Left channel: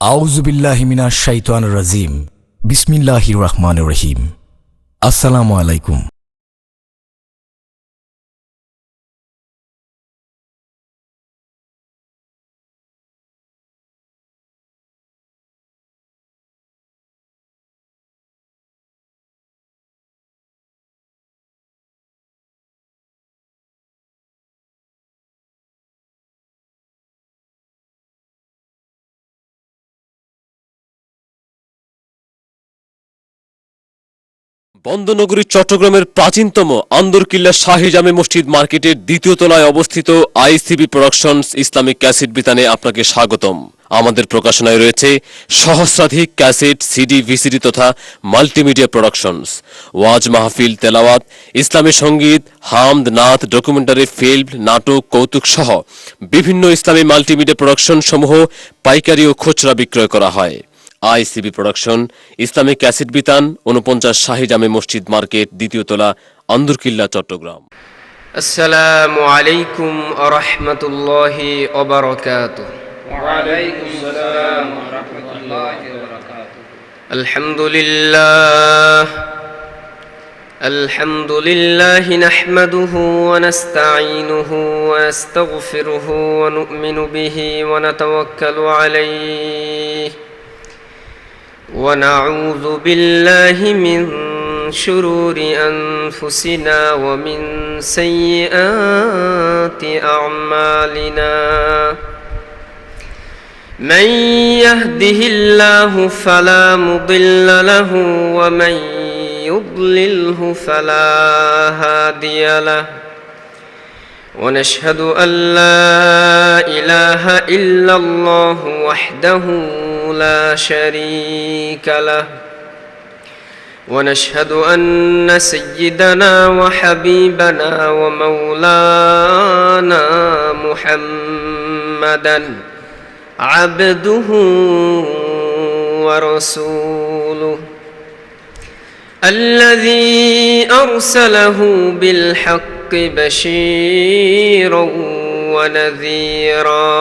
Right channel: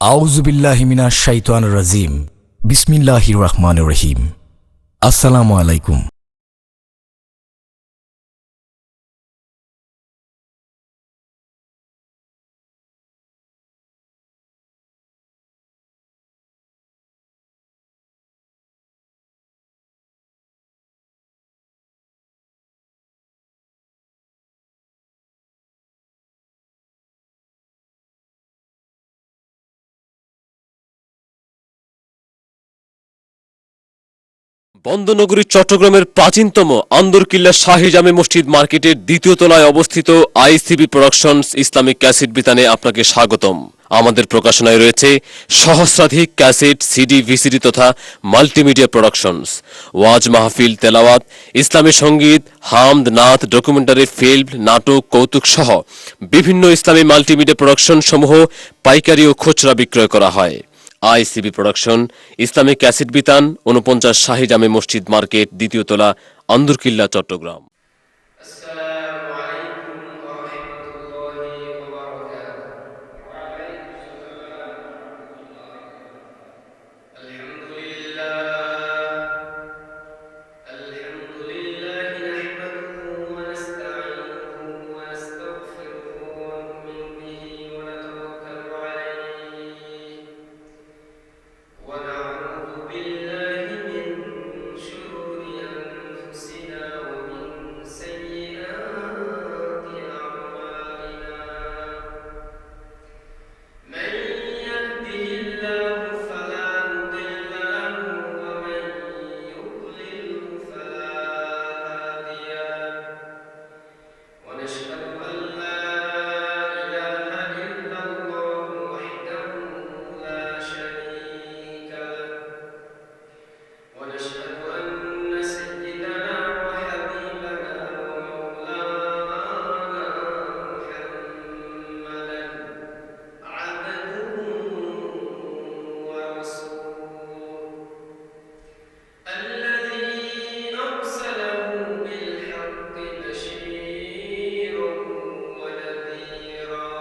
আউযু বিল্লাহি মিনাশ শাইতানির রাজিম। বিসমিল্লাহির রহমানির রহিম। আসসালামু আলাইকুম। বন্দনগরী চট্টগ্রামের প্রাচীনতম আন্দরকিল্লা শাহী জামে মসজিদ মার্কেটের দ্বিতীয় তলায় অবস্থিত আইসিবি প্রোডাকশনস ইসলামিক ক্যাসেট বিতানে আপনাকে স্বাগতম। আমাদের প্রকাশনায় রয়েছে সহস্রাধিক ক্যাসেট, সিডি, ভিসিডি তথা মাল্টিমিডিয়া প্রোডাকশনস, ওয়াজ মাহফিল, তেলাওয়াত, ইসলামী সঙ্গীত, হামদ, নাত, ডকুমেন্টারি ফিল্ম, নাটক, কৌতুক সহ বিভিন্ন ইসলামী মাল্টিমিডিয়া প্রোডাকশন সমূহ পাইকারি ও খুচরা বিক্রয় করা হয়। আইসিবি প্রোডাকশন, ইসলামিক ক্যাসেট বিতান, 49 শাহী জামে মসজিদ মার্কেট, দ্বিতীয় তলা, আন্দরকিল্লা, চট্টগ্রাম। আসসালামু আলাইকুম ওয়া রাহমাতুল্লাহি ওয়া বারাকাতুহু। ওয়া আলাইকুম আসসালাম ওয়া রাহমাতুল্লাহি ওয়া বারাকাতুহু। আলহামদুলিল্লাহ নাহমাদুহু ওয়া নাস্তাঈনুহু ওয়া নাস্তাগফিরুহু ওয়া নু'মিনু বিহি ওয়া নাতাওয়াক্কালু আলাইহি ওয়া নাউযু বিল্লাহি মিন شرور أنفسنا ومن سيئات أعمالنا من يهده الله فلا مضل له ومن يضلله فلا هادي له ونشهد أن لا إله إلا الله وحده لا شريك له ونشهد أن سيدنا وحبيبنا ومولانا محمدا عبده ورسوله الذي أرسله بالحق بشيرا ونذيرا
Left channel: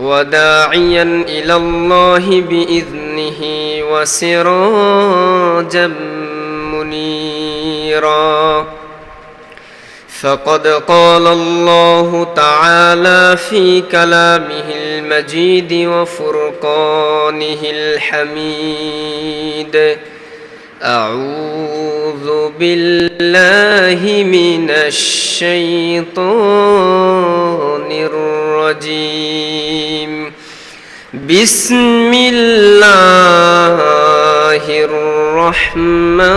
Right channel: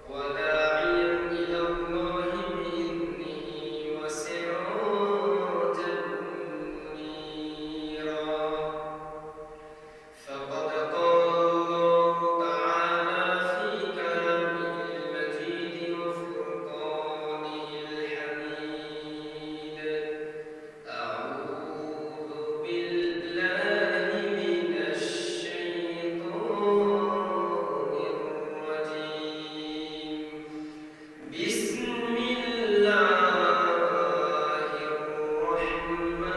وداعيا إلى الله بإذنه وسراجا منيرا فقد قال الله تعالى في كلامه المجيد وفرقانه الحميد أعوذ بالله من الشيطان الرجيم بسم الله الرحمن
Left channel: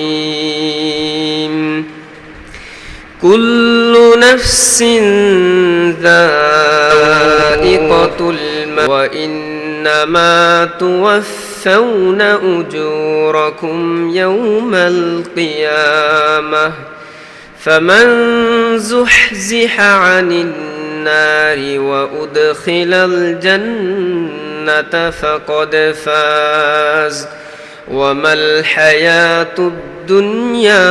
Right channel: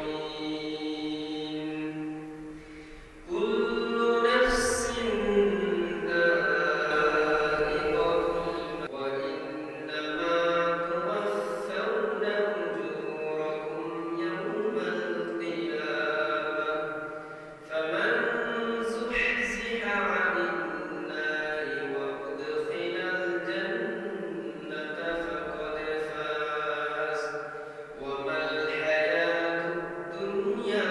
الرحيم كل نفس ذائقة الموت وإنما توفون أجوركم يوم القيامة فمن زحزح عن النار وأدخل الجنة فقد فاز وما الحياة الدنيا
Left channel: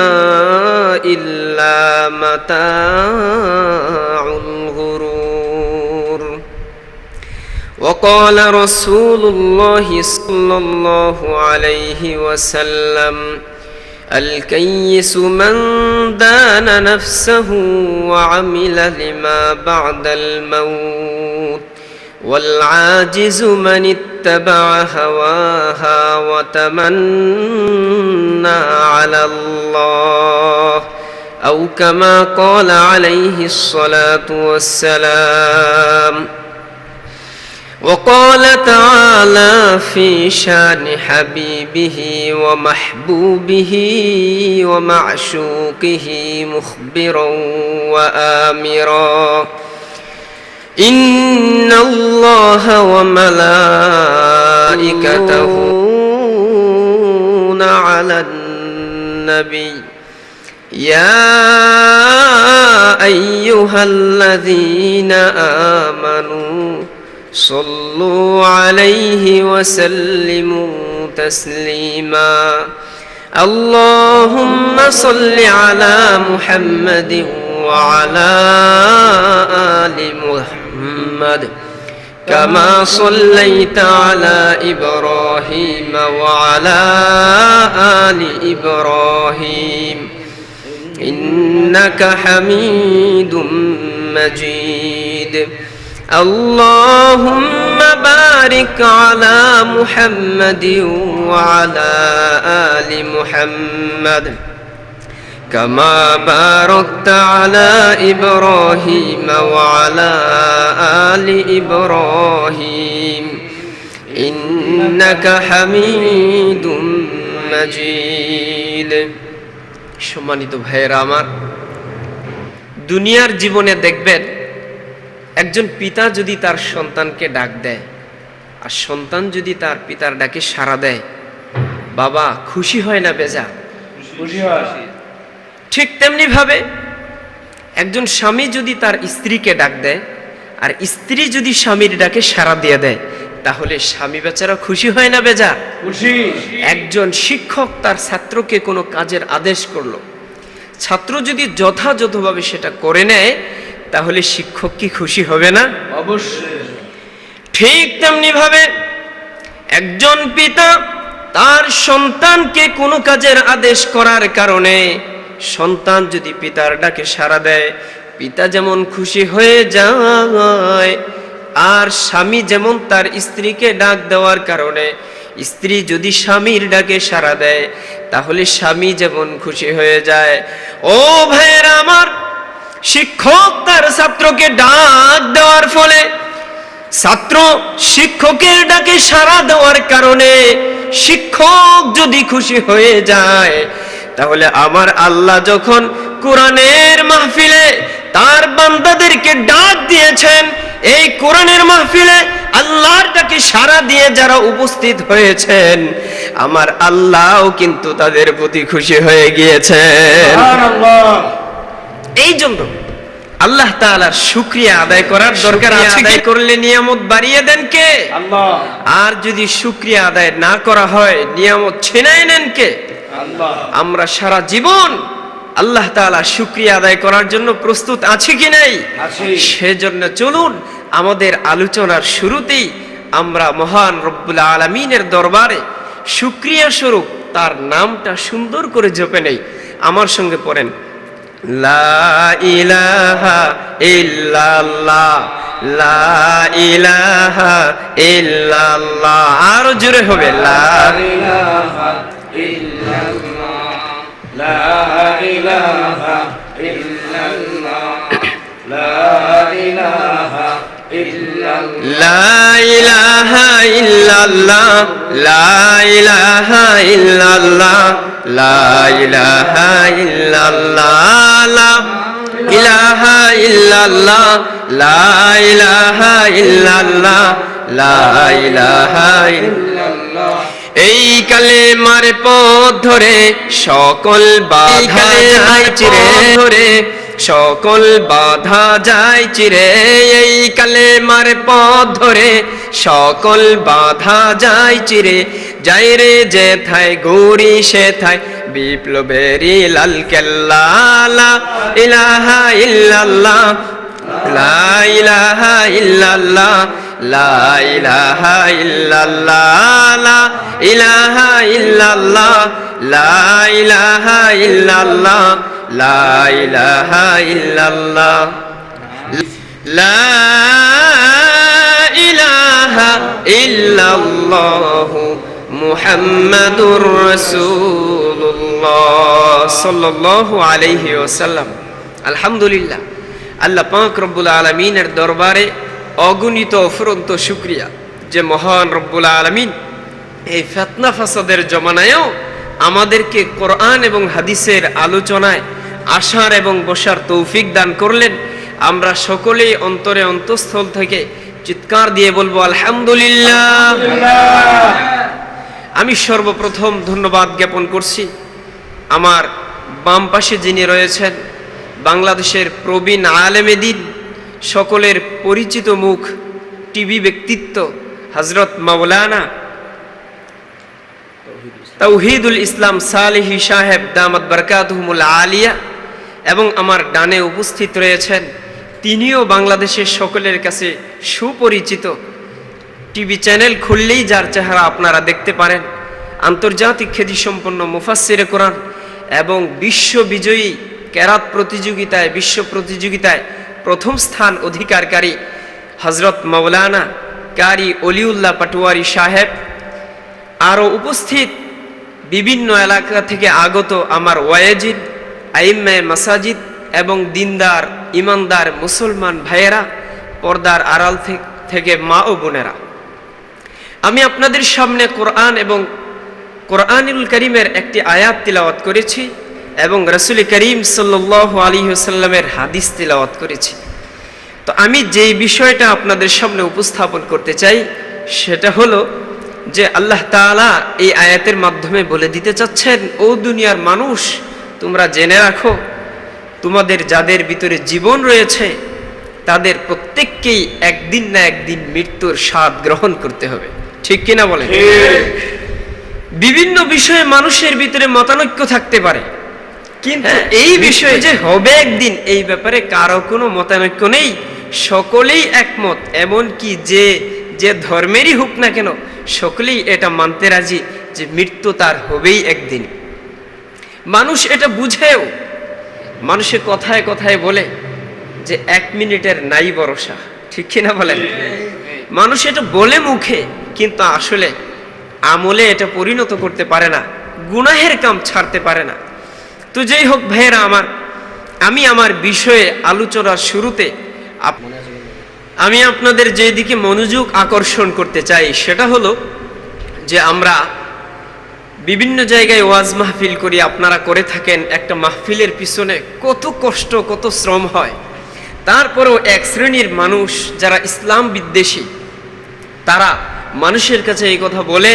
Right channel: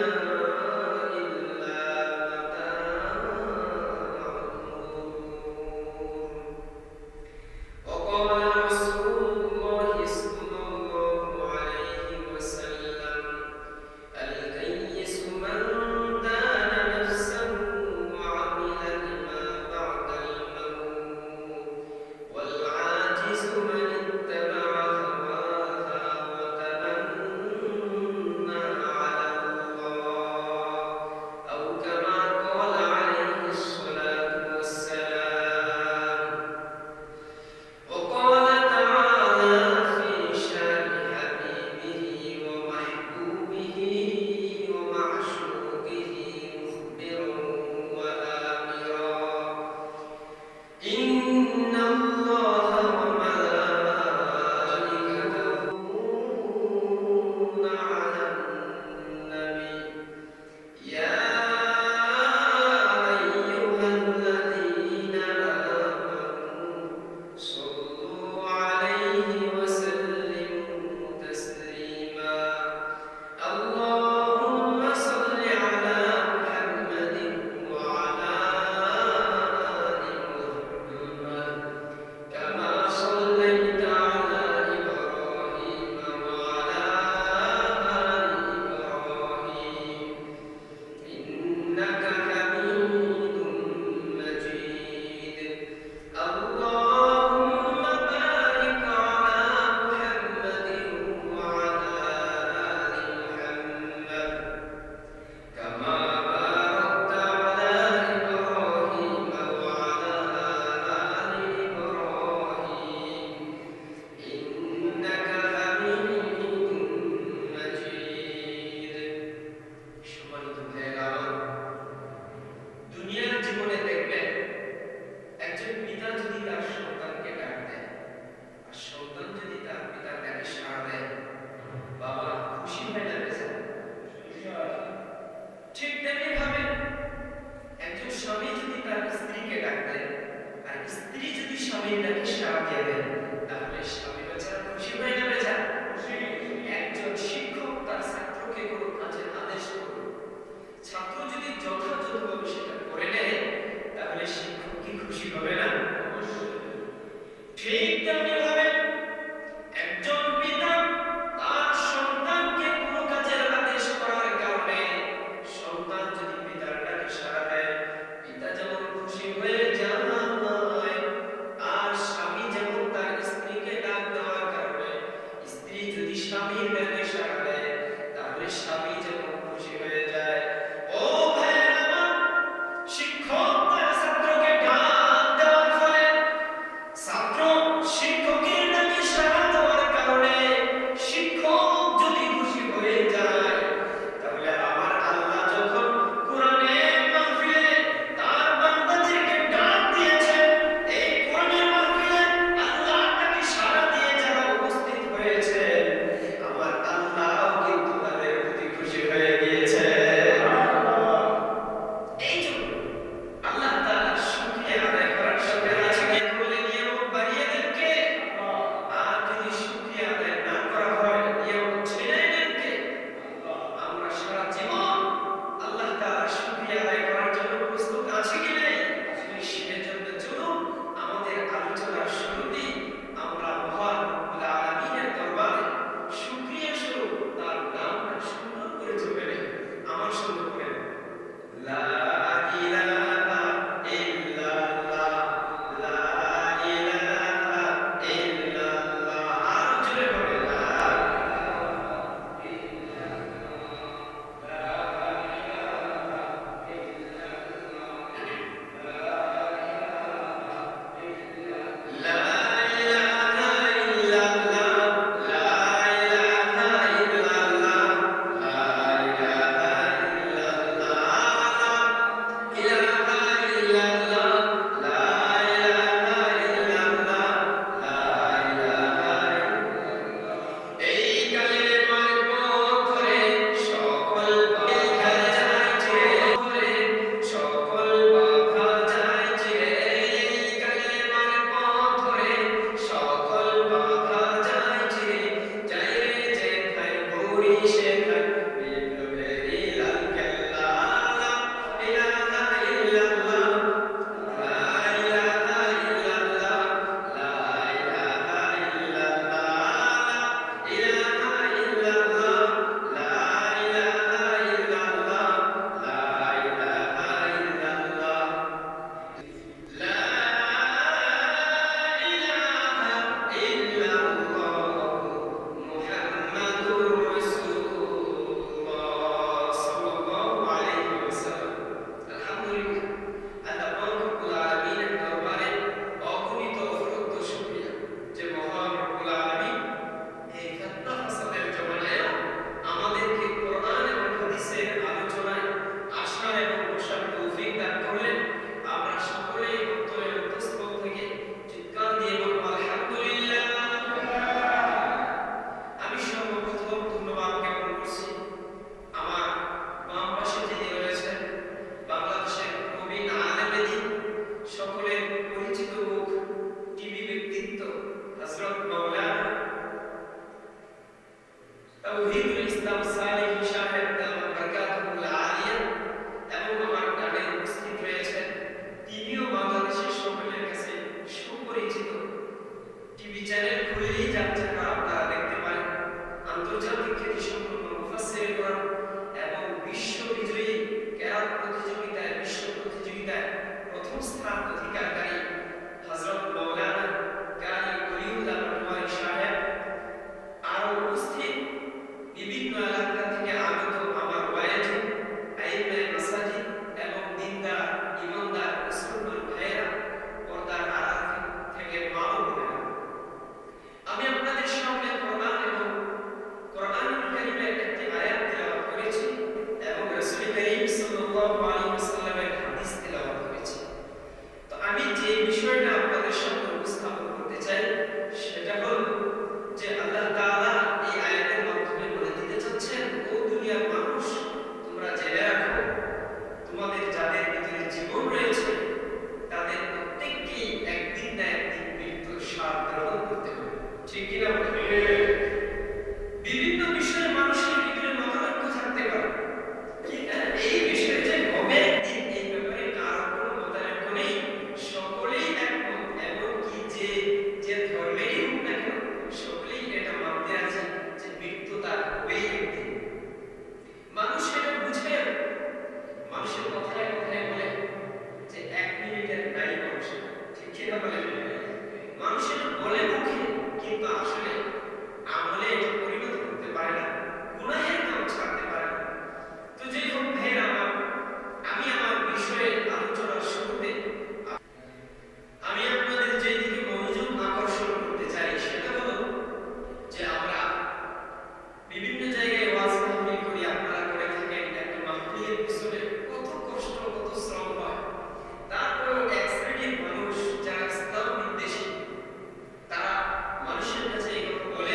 إلا متاع الغرور وقال رسول الله صلى الله عليه وسلم الكيس من دان نفسه وعمل لما بعد الموت والعاجز من اتبع هواها وتمنى على الله أو كما قال عليه الصلاة والسلام وقال تعالى في شان حبيبه ومحبوبه ومعشوقه مخبرا وآمرا إن الله وملائكته على النبي يا أيها الذين آمنوا صلوا عليه وسلموا تسليما اللهم صل على محمد وعلى آل محمد محمد كما صليت على إبراهيم وعلى آل إبراهيم إنك حميد مجيد اللهم بارك على محمد وعلى آل محمد كما باركت على إبراهيم وعلى آل إبراهيم إنك حميد مجيد সম্মানিত ভাইয়েরা আমার, দুনিয়ার জীবনে দেখবেন একজন পিতা যদি তার সন্তানকে ডাক দেয় আর সন্তান যদি তার পিতার ডাকে সাড়া দেয়, বাবা খুশি হয় না বেজা? খুশি হয়। ঠিক তেমনি ভাবে একজন স্বামী যদি তার স্ত্রীকে ডাক দেয় আর স্ত্রী যদি স্বামীর ডাকে সাড়া দিয়ে দেয়, তাহলে স্বামী বেচারা খুশি হয় না বেজা? খুশি। একজন শিক্ষক তার ছাত্রকে কোনো কাজের আদেশ করলো, ছাত্র যদি যথাযথভাবে সেটা করে নেয়, তাহলে শিক্ষক কি খুশি হবে না? অবশ্যই। ঠিক তেমনি ভাবে একজন পিতা তার সন্তানকে কোনো কাজের আদেশ করার কারণে সন্তান যদি পিতার ডাকে সাড়া দেয়, পিতা যেমন খুশি হয়ে যায়, আর স্বামী যেমন তার স্ত্রীকে ডাক দেওয়ার কারণে স্ত্রী যদি স্বামীর ডাকে সাড়া দেয়, তাহলে স্বামী যেমন খুশি হয়ে যায়। ও ভাইয়েরা আমার, শিক্ষক তার ছাত্রকে ডাক দেওয়ার ফলে ছাত্র শিক্ষকের ডাকে সাড়া দেওয়ার কারণে শিক্ষক যদি খুশি হয়ে যায়, তাহলে আমার আল্লাহ যখন কোরআনের মাহফিলে তার বান্দাদেরকে ডাক দিয়েছেন, এই কোরআনের মাহফিলে আল্লাহর ডাকে সাড়া দিয়ে যারা উপস্থিত হয়েছেন, আমার আল্লাহও কিন্তু তাদের প্রতি খুশি হয়ে গিয়েছেন। এই জন্য আল্লাহ তাআলার শুকরিয়া আদায় করার দরকার আছে। আদায় করলে নিয়ামত বাড়িয়ে দেন কে? আল্লাহ। আর যদি শুকরিয়া আদায় না করা হয়, নিয়ামত ছিনায় নেন কে? আল্লাহ। আমরা সারা জীবন আল্লাহ তাআলা শুকরিয়া আদায় করার জন্য প্রস্তুত আছি কি নাই? সেজন্য চলুন আমাদের আলোচনার শুরুতেই আমরা মহান রব্বুল আলামিনের দরবারে শুকরিয়া স্বরূপ তার নামটা সুন্দর করে জপে নেই। আমার সঙ্গে পড়েন, লা ইলাহা ইল্লাল্লাহ, লা ইলাহা ইল্লাল্লাহ। আরো জোরে হবে, লা ইলাহা ইল্লাল্লাহ, লা ইলাহা ইল্লাল্লাহ, লা ইলাহা ইল্লাল্লাহ, লা ইলাহা ইল্লাল্লাহ, লা ইলাহা ইল্লাল্লাহ, লা ইলাহা ইল্লাল্লাহ, লা ইলাহা ইল্লাল্লাহ, লা ইলাহা ইল্লাল্লাহ, লা ইলাহা ইল্লাল্লাহ। এই কালেমার পথ ধরে সকল বাধা যায় চিরে, ধরে সকল বাধা যায় চিরে। এই কালেমার পথ ধরে সকল বাধা যায় চিরে। যাই রে যেথায় গৌরী সেথায় বিপ্লবেরই লাল কেল্লা। লা ইলাহা ইল্লাল্লাহ, লা ইলাহা ইল্লাল্লাহ, লা ইলাহা ইল্লাল্লাহ, লা ইলাহা ইল্লাল্লাহ, লা ইলাহা ইল্লাল্লাহ, লা ইলাহা ইল্লাল্লাহ, লা ইলাহা ইল্লাল্লাহ মুহাম্মাদুর রাসূলুল্লাহ সাল্লাল্লাহু আলাইহি ওয়াসাল্লাম। আলহামদুলিল্লাহ, আল্লাহ পাক রব্বুল আলামিনের দরবারে অগণিত অফুরন্ত শুকরিয়া যে মহান রব্বুল আলামিন এই ফিতনা ফাসাদের জমানায়ও আমাদেরকে কোরআন এবং হাদিসের আলোচনায় আসার এবং বসার তৌফিক দান করলেন। আমরা সকলেই অন্তরে অন্তঃস্থল থেকে চিৎকার দিয়ে বলবো আলহামদুলিল্লাহ। আমি সর্বপ্রথম ধন্যবাদ জ্ঞাপন করছি আমার বাম পাশে যিনি রয়েছেন, বাংলাদেশের প্রবীণ আলেমে দ্বীন, সকলের পরিচিত মুখ, টিভি ব্যক্তিত্ব হযরত মাওলানা তাওহীদুল ইসলাম সালেহী সাহেব দামাত বরকাতুহুমুল আলিয়া, এবং আমার ডানে উপস্থিত রয়েছেন তিনিও বাংলাদেশের সকলের কাছে সুপরিচিত। টিভি চ্যানেল খুললেই যার চেহারা আপনারা দেখতে পারেন। আন্তর্জাতিক খ্যাতিসম্পন্ন মুফাসসিরে কোরআন এবং বিশ্ববিজয়ী কেরাত প্রতিযোগিতায়, বিশ্ব প্রতিযোগিতায় প্রথম স্থান অধিকারকারী হযরত মাওলানা কারি অলিউল্লাহ পাটোয়ারি সাহেব, আরও উপস্থিত বিভিন্ন এলাকা থেকে আগত আমার ওয়াইজিদ, আইম্মায়ে মাসাজিদ এবং দিনদার ইমানদার মুসলমান ভাইয়েরা, পর্দার আড়াল থেকে মা ও বোনেরা, আমি আপনাদের সামনে কোরআন এবং কোরআনুল কারীমের একটি আয়াত তিলাওয়াত করেছি এবং রাসূল করিম সাল্লাল্লাহু আলাইহি ওয়াসাল্লামের হাদিস তিলাওয়াত করেছি। তো আমি যেই বিষয়টা আপনাদের সামনে উপস্থাপন করতে চাই সেটা হলো যে আল্লাহ তাআলা এই আয়াতের মাধ্যমে বলে দিতে চাচ্ছেন, ও দুনিয়ার মানুষ, তোমরা জেনে রাখো, তোমাদের যাদের ভিতরে জীবন রয়েছে তাদের প্রত্যেককেই একদিন না একদিন মৃত্যুর স্বাদ গ্রহণ করতে হবে। ঠিক কিনা বলেন? বিভিন্ন বিষয়ে মানুষের ভিতরে মতানৈক্য থাকতে পারে, কিন্তু এই বিষয়ে যে হবে একদিন, এই ব্যাপারে কারো কোনো মতানৈক্য নেই, সকলেই একমত। এমনকি যে ধর্মেরই হোক না কেন, সকলেই এটা মানতে রাজি যে মৃত্যু তার হবেই একদিন। মানুষ এটা বুঝেও, মানুষে কথায় কথায় বলে যে 1 মিনিটের নাই ভরসা। ঠিক কিনা বলেন? মানুষ এটা বলে মুখে, কিন্তু আসলে আমলে এটা পরিণত করতে পারে না, গুনাহের কাম ছাড়তে পারে না। তো যেই হোক ভাইয়েরা আমার, আমি আমার বিষয়ে আলোচনার শুরুতে আমি আপনাদের যেদিকে মনোযোগ আকর্ষণ করতে চাই সেটা হলো যে আমরা বিভিন্ন জায়গায় ওয়াজ মাহফিল করি, আপনারা করে থাকেন। একটা মাহফিলের পিছনে কত কষ্ট, কত শ্রম হয়। তারপরেও এক শ্রেণীর মানুষ যারা ইসলাম বিদ্বেষী, তারা মানুষের কাছে এই কথা বলে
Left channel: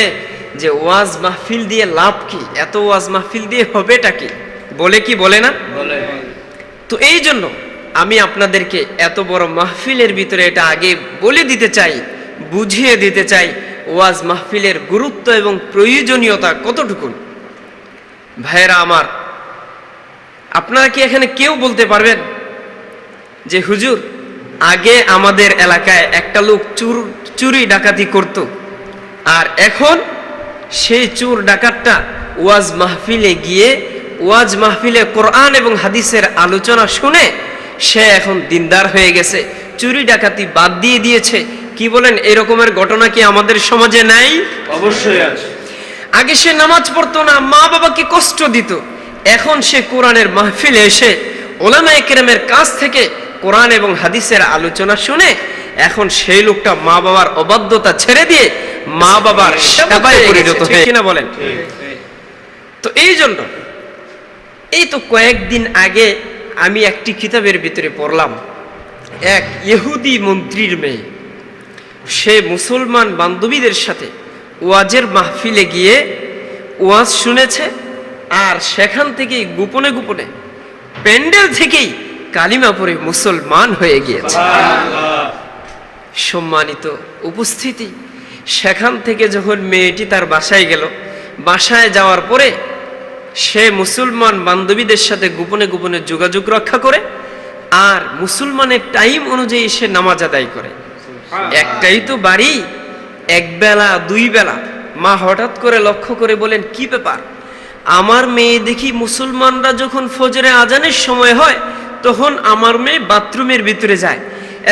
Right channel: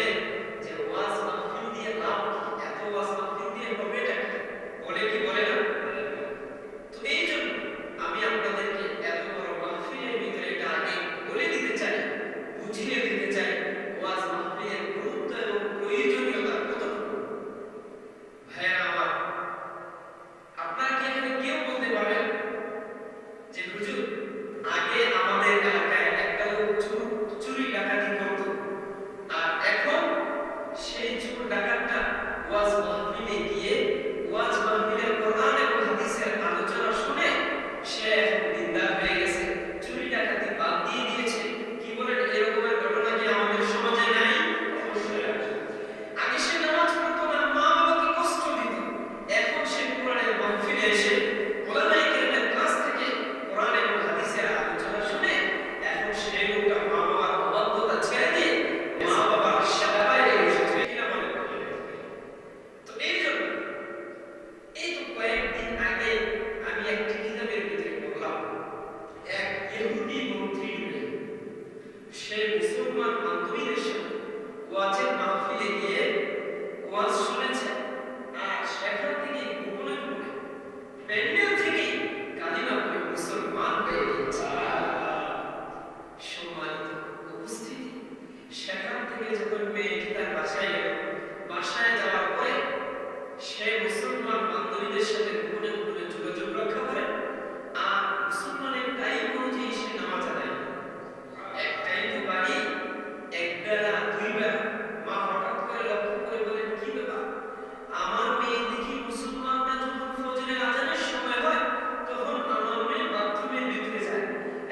যে ওয়াজ মাহফিল দিয়ে লাভ কি, এত ওয়াজ মাহফিল দিয়ে হবেটা কি, বলে কি বলে না? তো এই জন্য আমি আপনাদেরকে এত বড় মাহফিলের ভিতরে এটা আগে বলে দিতে চাই, বুঝিয়ে দিতে চাই ওয়াজ মাহফিলের গুরুত্ব এবং প্রয়োজনীয়তা কতটুকু। ভাইয়েরা আমার, আপনারা কি এখানে কেউ বলতে পারবেন যে হুজুর, আগে আমাদের এলাকায় একটা লোক চুরি ডাকাতি করত, আর এখন সেই চোর ডাকাতটা ওয়াজ মাহফিলে গিয়ে ওয়াজ মাহফিলে কোরআন এবং হাদিসের আলোচনা শুনে সে এখন দিনদার হয়ে গেছে, চুরি ডাকাতি বাদ দিয়ে দিয়েছে? কি বলেন, এরকমের ঘটনা কি আমাদের সমাজে নাই? অবশ্যই আছে। আগে সে নামাজ পড়তো না, মা বাবাকে কষ্ট দিত, এখন সে কোরআনের মাহফিলে এসে ওলামায়ে কেরামের কাছ থেকে কোরআন এবং হাদিসের আলোচনা শুনে এখন সেই লোকটা মা বাবার অবাধ্যতা ছেড়ে দিয়ে মা বাবার সেবায় পরিণত হয়ে, কিনা বলেন? তো এই জন্য এই তো কয়েকদিন আগে আমি একটি কিতাবের ভিতরে পড়লাম, এক ইহুদি মন্ত্রীর মেয়ে, সে মুসলমান বান্ধবীদের সাথে ওয়াজের মাহফিলে গিয়ে ওয়াজ শুনেছে, আর সেখান থেকেই গোপনে গোপনে প্যান্ডেল থেকেই কালিমা পড়ে মুসলমান হয়ে গিয়েছে। সম্মানিত উপস্থিতি, সেখান থেকে যখন মেয়েটি তার বাসায় গেল, বাসায় যাওয়ার পরে সে মুসলমান বান্ধবীদের সাথে গোপনে গোপনে যোগাযোগ রক্ষা করে, আর মুসলমানের টাইম অনুযায়ী সে নামাজ আদায় করে। একটাই তো বাড়ি, এক বেলা দুই বেলা। মা হঠাৎ করে লক্ষ্য করে বলেন, কি ব্যাপার, আমার মেয়ে দেখি মুসলমানরা যখন ফজরে আজানের সময় হয় তখন আমার মেয়ে বাথরুমের ভিতরে যায়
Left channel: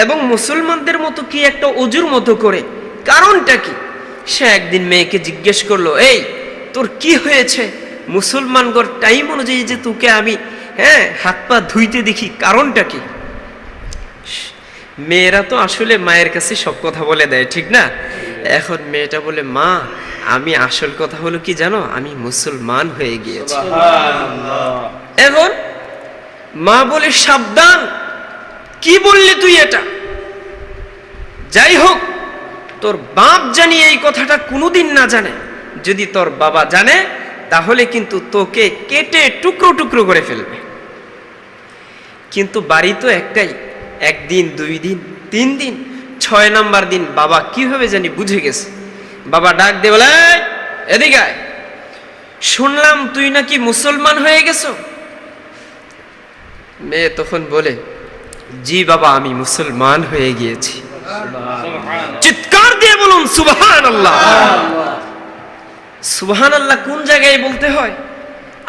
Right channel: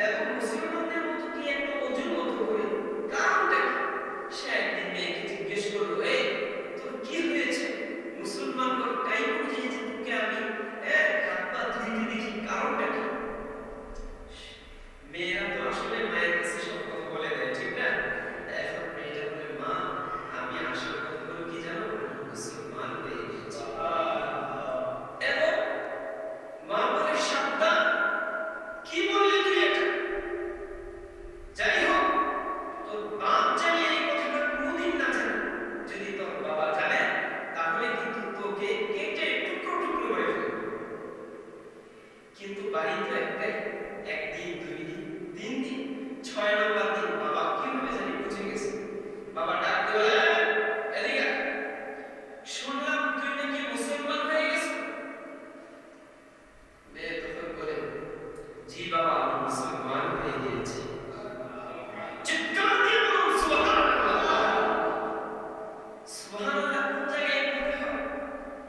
এবং মুসলমানদের মতো কি একটা অজুর মতো করে, কারণটা কি? সে একদিন মেয়েকে জিজ্ঞেস করলো, এই তোর কি হয়েছে, মুসলমানগর টাইম অনুযায়ী যে তোকে আমি হাত পা ধুইতে দেখি, কারণটা কি? মেয়েরা তো আসলে মায়ের কাছে সব কথা বলে দেয়, ঠিক না? এখন মেয়েটা বলে, মা আমি আসল কথা হলো কি জানো, আমি মুসলমান হয়ে গিয়েছি। এখন মা বলে, সাবধান, কি বললি তুই এটা? যাই হোক, তোর বাপ জানি এই কথাটা কোনোদিন না জানে, যদি তোর বাবা জানে তাহলে কিন্তু তোকে কেটে টুকরো টুকরো করে ফেলবে। কিন্তু বাড়ি তো একটাই, একদিন দুই দিন তিন দিন, 6 নাম্বার দিন বাবা কিভাবে জানি বুঝে গেছে। বাবা ডাক দিয়ে বলে, এদিকে আয়, শুনলাম তুই নাকি মুসলমান হয়ে গেছো। মেয়ে তখন বলে, জি বাবা, আমি মুসলমান হয়ে গিয়েছি। চিৎকার দিয়ে বলুন সুবহানাল্লাহ। সুবহানাল্লাহ কোন জায়গায় বলতে হয়?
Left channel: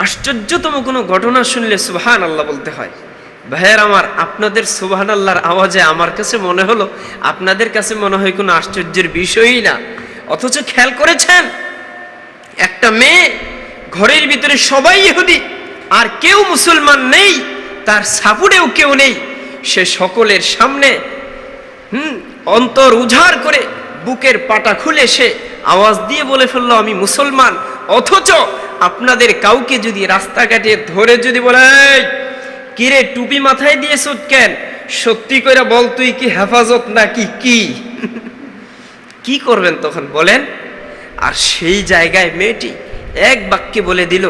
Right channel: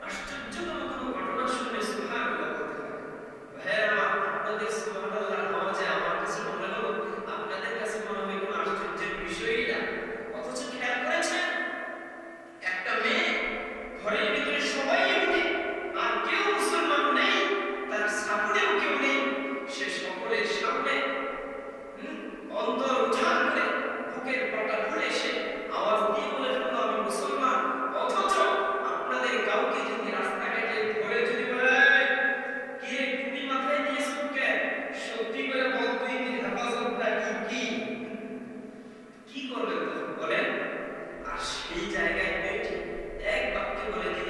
আশ্চর্যতম কোনো ঘটনা শুনলে সুবহানাল্লাহ বলতে হয়। ভাইয়ের আমার, আপনাদের সুবহানাল্লাহর আওয়াজে আমার কাছে মনে হলো আপনাদের কাছে মনে হয় কোনো আশ্চর্যের বিষয়ই না। অথচ খেয়াল করেছেন, একটা মেয়ে ঘরের ভিতরে সবাই ইহুদি আর কেউ মুসলমান নেই, তার সাপুড়েও কেউ নেই, সে সকলের সামনে অন্তর উজাড় করে বুকের পাটা খুলে সে আওয়াজ দিয়ে বলে ফেললো আমি মুসলমান। অথচ আপনাদের কাউকে যদি রাস্তাঘাটে ধরে যদি বলে এই কিরে টুপি মাথায় দিয়েছ কেন, সত্যি করে বল তুই কি হেফাজত নাকি কি, কি করবেন তখন বলেন? আর সেই জায়গায় মেয়েটি এক বাক্যে বলে দিল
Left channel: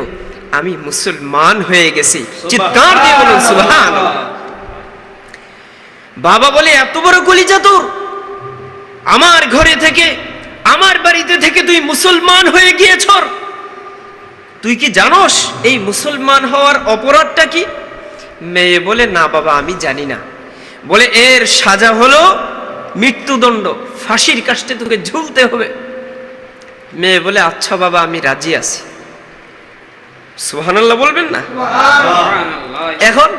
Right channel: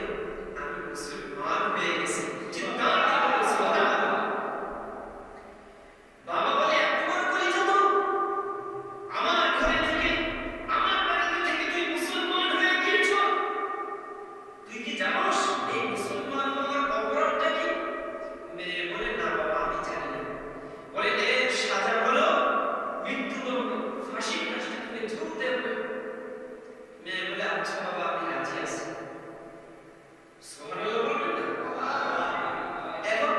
আমি মুসলমান হয়ে গেছি। চিৎকার দিয়ে বলুন সুবহানাল্লাহ। বাবা বলে এত বড় কলিজা তোর, আমার ঘরে থেকে আমার বাড়িতে থেকে তুই মুসলমান হয়ে গিয়েছ, তুই কি জানোস এই মুসলমান হওয়ার অপরাধটা কি? মেয়ে বলে না বাবা আমি জানি না। বলে এর সাজা হলো মৃত্যুদণ্ড, ফাঁসির কাস্টে তোকে ঝুলতে হবে। মেয়ে বলে আচ্ছা বাবা আমি রাজি আছি। সুবহানাল্লাহ বলবেন না? এখন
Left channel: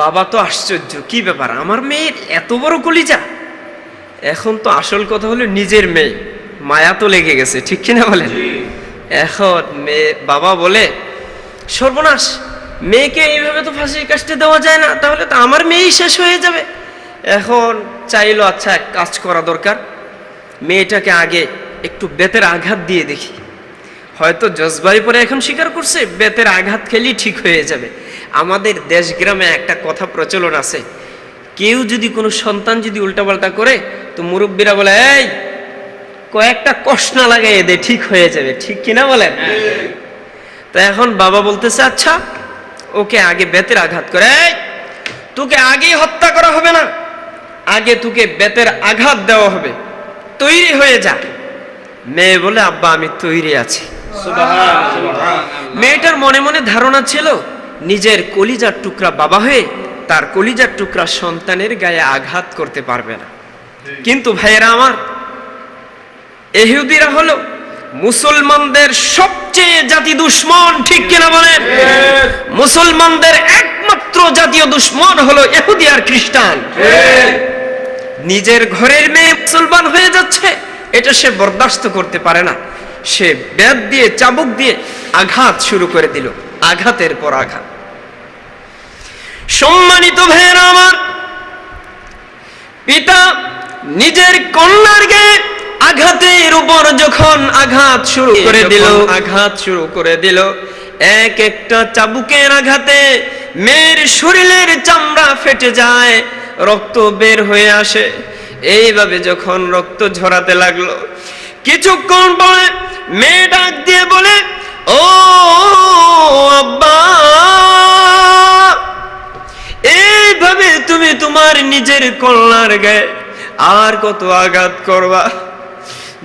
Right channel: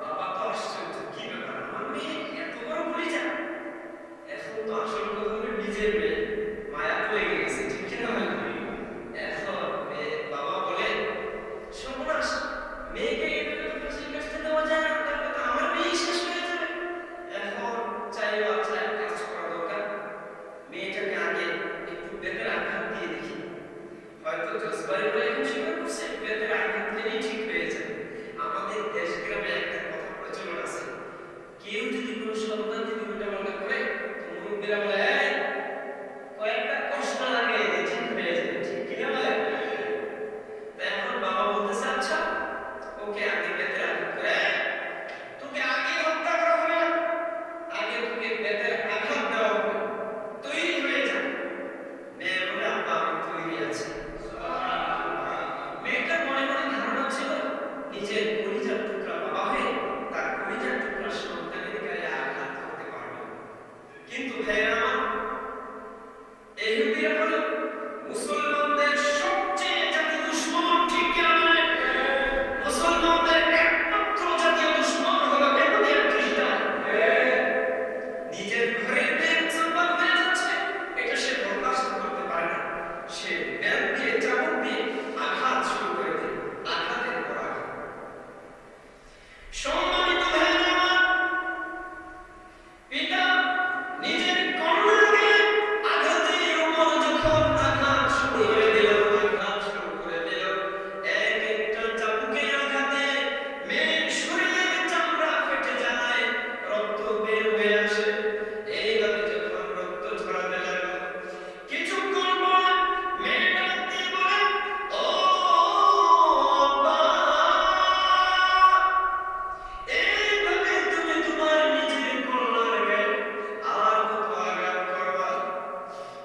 বাবা তো আশ্চর্য, কি ব্যাপার আমার মেয়ের এত বড় কলিজা। এখন তো আসল কথা হলো নিজের মেয়ে, মায়া তো লেগে গেছে, ঠিক কিনা বলেন? এখন মেয়ে বাবা বলে সর্বনাশ, মেয়েকে এইভাবে তো ফাঁসির কাস্টে দেওয়া যায় না, তাহলে তো আমার মেয়েই শেষ হয়ে যাবে। এখন চাইলো আচ্ছা এক কাজ করা দরকার, মেয়েটাকে আগে একটু বেতের আঘাত দিয়ে দেখি, হয়তো জজবাই পরে এখন স্বীকার করছে বেতের আঘাত খেলেই ঠিক হয়ে যাবে। আমাদের দেশ গ্রামে একটা কথা প্রচলন আছে, কেউ যদি কোনো সন্তান যদি উল্টাপাল্টা করে তো মুরব্বীরা বলে এই কয়েকটা কষনা লাগাইয়ে দে ঠিক হয়ে যাবে, ঠিক কিনা বলেন? তো এখন বাবা বলতেছে আচ্ছা ওকে আগে বেতের আঘাত করে, এই তোকে আগে হত্যা করা হবে না, আগে তোকে বেতের আঘাত দেওয়া হবে, তৈরি হয়ে যা। মেয়ে বলে আব্বা আমি তৈরি আছি। মেয়েটার মনে মনে ধারণা ছিল নিজের কলিজার টুকরা বাবা হয়ে তার কলিজার টুকরা সন্তানের গায়ে আঘাত করতে পারবে না। কিন্তু ভাইয়েরা আমার, ইহুদিরা হলো মুসলমানদের সবচেয়ে জাতি দুশ্মন, ঠিক কিনা বলেন? মুসলমানদের একমাত্র জাতীয় দুশ্মন হলো ইহুদি আর খ্রিস্টান। নিজের ঘরের মেয়ে মুসলমান হয়ে যাচ্ছে, এটা সে বরদাস্ত করতে পারে না। সে বেত দিয়ে চাবুক দিয়ে আঘাত শুরু করে দিল, আঘাতের পর আঘাত। সম্মানিত ভাইয়েরা আমার, পিতা নিজের কন্যার গায়ে আঘাতের উপর যখন আঘাত শুরু করে দিল, এক একটা চাবুকের আঘাতে মেয়ের শরীরের চামড়া ফেটে যায়, রক্ত বের হয়ে আসে। এইভাবে যখন রক্ত ঝরাতে লাগলো, কিছুক্ষণ পরে মেয়ে ডাক দিয়ে বলে ও আব্বা, এইভাবে তুমি তোমার নিজের কন্যার গায়ে আর কত আঘাত করবা?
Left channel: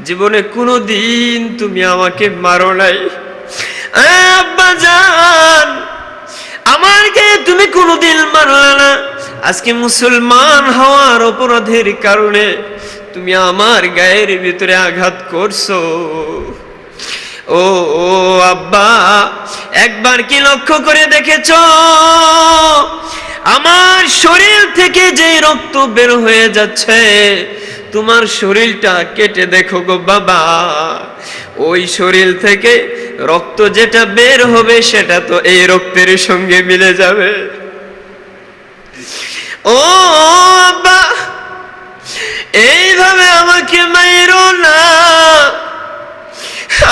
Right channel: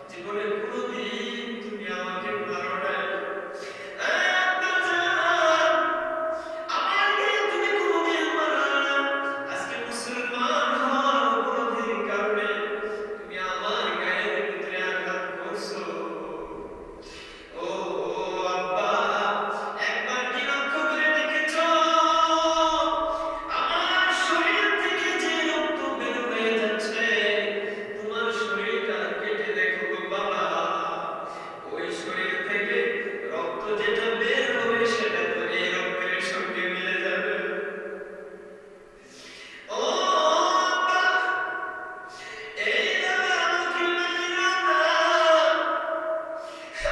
জীবনে কোনোদিন তুমি আমাকে মারো নাই। আব্বা জান, আমার গায়ে তুমি কোনোদিন মারলা না, আজকে মুসলমান হওয়ার অপরাধের কারণে তুমি আমার গায়ের ভিতরে আঘাত করছো। ও আব্বা, একবার কি লক্ষ্য করে দেখেছো আমার শরীর থেকে যে রক্ত বের হয়ে যাচ্ছে, তোমার শরীরটা কেটে দেখো গো বাবা, ওই শরীর থেকে রক্ত যেটা বের হবে সেটা তো এই রক্তের সঙ্গে মিলে যাবে। ও আব্বা, এইভাবে আমাকে মাইরো না,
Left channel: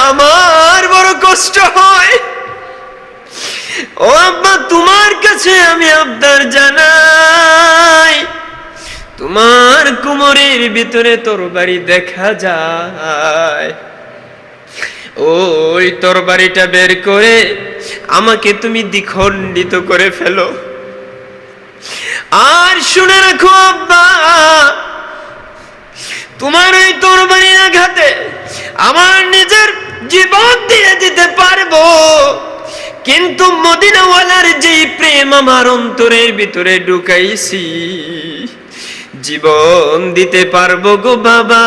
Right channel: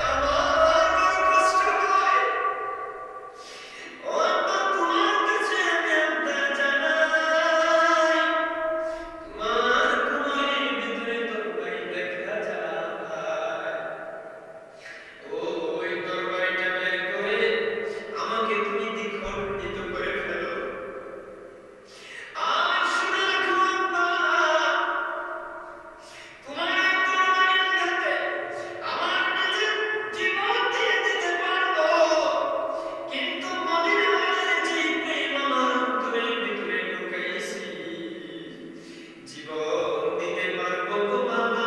আমার বড় কষ্ট হয়। ও আব্বা, তোমার কাছে আমি আবদার জানাই, তোমার কোমরের ভিতরে তরবারি দেখা যায়, ওই তরবারিটা বের করে আমাকে তুমি দ্বিখণ্ডিত করে ফেলো। আর শুনে রাখো আব্বা, তোমার এই তরবারির আঘাতে আমার নিজের জীবন দিয়ে দিতে পারবো, কিন্তু মদিনাওয়ালার যেই প্রেম আমার অন্তরের ভিতরে ঢুকাইছি, জীবন দিতে পারবো গো বাবা,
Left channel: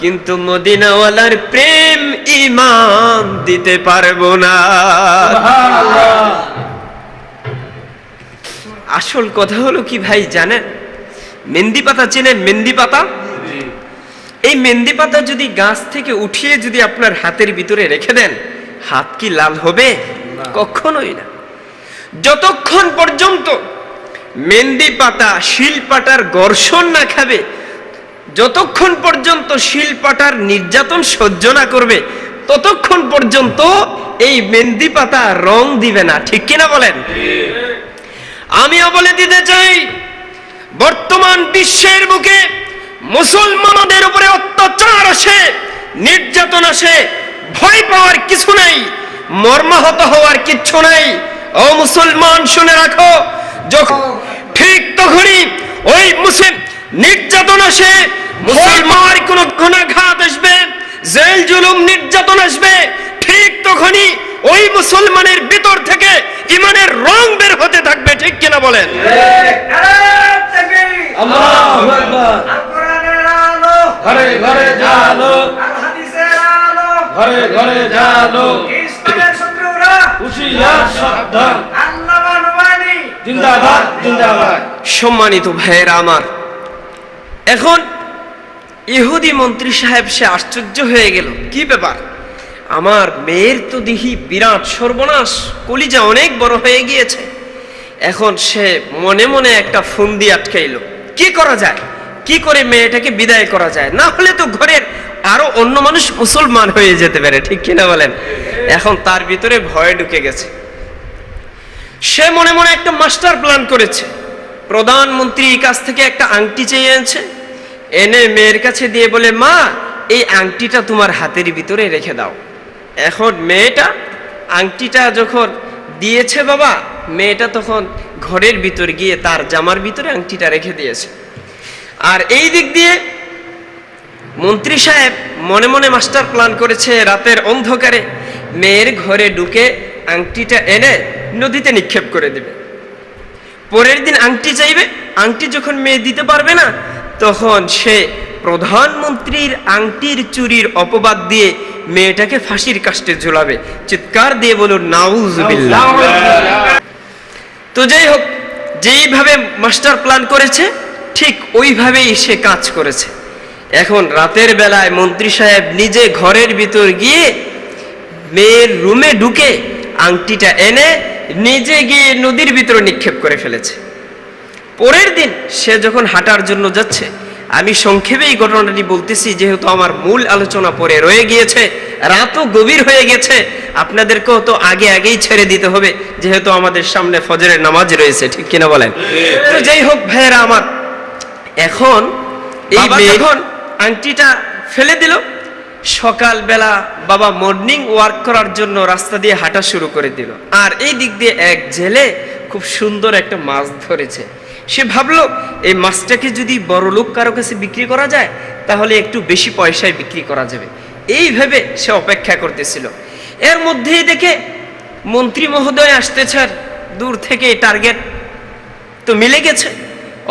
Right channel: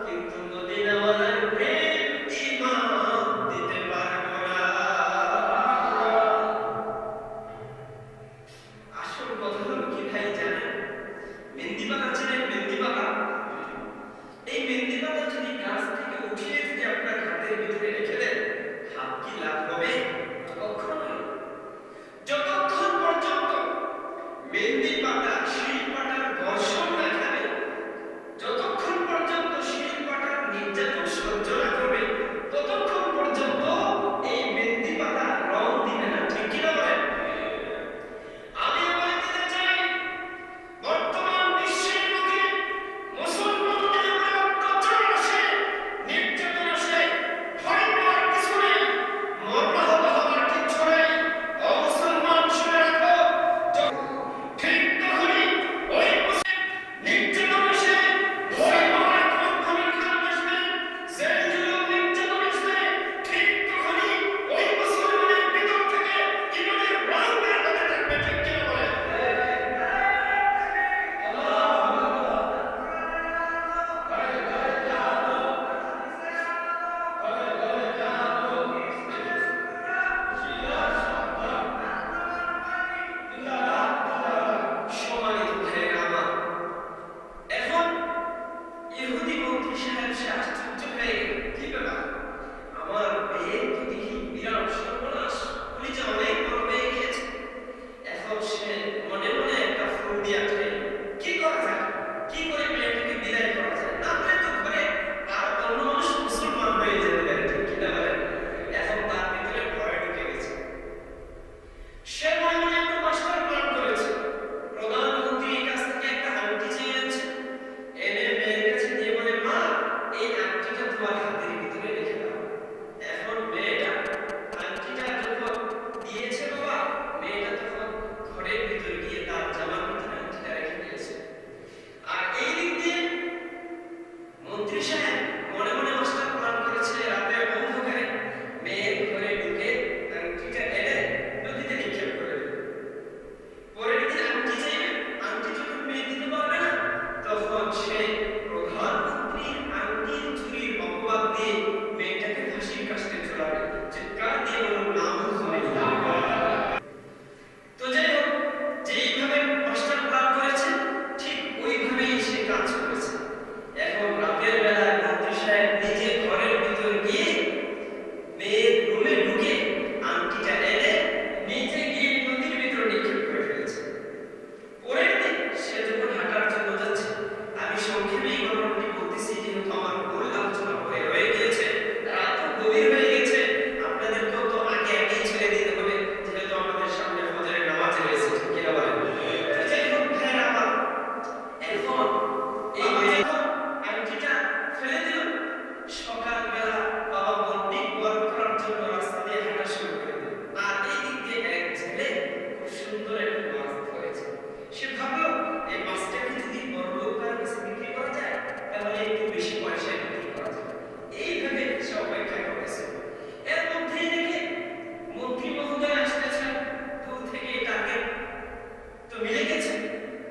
কিন্তু মদিনাওয়ালার প্রেম ঈমান দিতে পারবো না। আসল কথা হলো কি ভাই জানেন, মেহেন্দি পাতা চেনেন? মেহেন্দি পাতা, এই মেহেন্দি পাতা যদি গাছ থেকে উঠিয়ে যদি আপনার হাতের ভিতরে রেখে দেন, হাত কি লাল হবে? কখনোই না। যতক্ষণ পর্যন্ত মেহেন্দি পাতা শিলপাটার ঘর্ষণ না খাবে, যতক্ষণ পর্যন্ত শিলপাটার নির্যাতন সহ্য না করবে, ততক্ষণ পর্যন্ত এই মেহেন্দি পাতা রং দিবে না। ঠিক কিনা বলেন? আমিও বলে দিতে চাই, বর্তমান বিশ্বের বুকে মুসলমানদের উপরে অত্যাচার আসে, নির্যাতন আসে, ভয় পাওয়ার কিছু নাই, মর্মাহত হওয়ার কিচ্ছু নাই। ও মুসলমান শুনে রাখো, যখন ঠিক তখনই ওই মুসলিম নির্যাতন আসে, মুসলমান কোন গুনাহগার আসবে, জেল জুলুম নির্যাতন আসবে, ঠিক তখনই ওই মুসলমানের ভিতর থেকে ঈমানের রং বের হতে থাকবে। ঠিক কিনা বলেন? আল্লাহু আকবার। কোরআনের আলো ঘরে ঘরে জালো, হাদিসের আলো ঘরে ঘরে জালো, ইসলামের শত্রুরা হুঁশিয়ার সাবধান, আল্লাহ মানবানি জিন্দাবাদ জিন্দাবাদ। সম্মানিত ভাইয়েরা আমার, এখন ইহুদি মন্ত্রী সাহেব সে আশ্চর্য হয়ে গেল, কি ব্যাপার, আমার মেয়ের তো দেখি বিরাট সর্বনাশ, কলিজা অনেক বড় হয়ে গিয়েছে। এখন সে মনে মনে একটা ফন্দি আটকাইলো, কি করা যায়, কি করে মেয়েটাকে বিদায় করা যায়, না হলে তো ঘরের আরো অন্য মানুষ মুসলমান হয়ে যেতে পারে। ঠিক কিনা বলেন? এখন তার ভিতরে ভয় ঢুকে গেছে। সে মনে মনে একটা মাস্টার প্ল্যান করেছে। প্রধানমন্ত্রীর কাছ থেকে একটা আংটি চেয়ে এনেছে, এনে মেয়ের কাছে দিয়ে বলে, মা এই আংটিটা তোমার হাতের ভিতরে রেখে দাও। এখন মেয়েটা আংটিটা যখন দিয়েছে বাবা, মেয়েটা তখন ঘরের ভিতর গিয়ে তার জামার ভিতরে আংটিটা রেখে দিয়েছে। আর এই দিক দিয়ে মন্ত্রী সাহেব মনে মনে মাস্টার প্ল্যান করেছে, রাতের অন্ধকারে মেয়ের ঘরে ঢুকে আংটিটা এনে নদীতে নিক্ষেপ করে দেবে। পরের দিন আংটি চাইবে, আংটি যখন মেয়ে দিতে পারবে না, তখন সে প্রধানমন্ত্রীর আংটির চুরির অপবাদ দিয়ে মেয়েটাকে ফাঁসির কাস্টে ঝুলাবে। চিৎকার দিয়ে বলুন নাউজুবিল্লাহ। তো যাই হোক, যেইভাবে মাস্টার প্ল্যান করেছে ঠিক ওইভাবেই সে কাজ করেছে। এখন রাতের বেলায় মন্ত্রী সাহেব নিজে ঘরের ভিতর গিয়ে মেয়ের রুমে ঢুকে আংটিটা এনে নিজে গিয়ে নদীর ভিতরে নিক্ষেপ করে ফেলেছে। পরের দিন সে যখন হাঁটার জন্য যাচ্ছে, আমি সংক্ষেপে এই ঘটনাটি বলতেছি যেহেতু আমার মূল আলোচনা পরে রয়ে গিয়েছে, রাতও গভীর হয়ে গেছে, আপনাদেরকেও তো আগেই ছেড়ে দিতে হবে যেহেতু আমাদের সামনে ফজরের নামাজ রয়েছে। ঠিক কিনা বলেন? তো যাই হোক ভাইয়েরা আমার, এখন এই যখন আংটিটা ফেলে দিল, সকালবেলা বাবা মর্নিং ওয়ার্ক করার জন্য রাস্তা দিয়ে হাঁটা শুরু করে দিল। আর এই দিক দিয়ে এক জেলে খুব সুন্দর একটা মাছ ধরেছে। সে ভাবলো এই মাছটাকে যদি বড় লোক কারো কাছে বিক্রি করা যায় তাহলে একটু বেশি পয়সায় বিক্রি করা যাবে, এই ভেবে সে অপেক্ষা করতেছিল। এর মধ্যেই দেখে মন্ত্রী মহোদয় আসতেছে, আর দূর থেকে টার্গেট তো মিলে গেছে।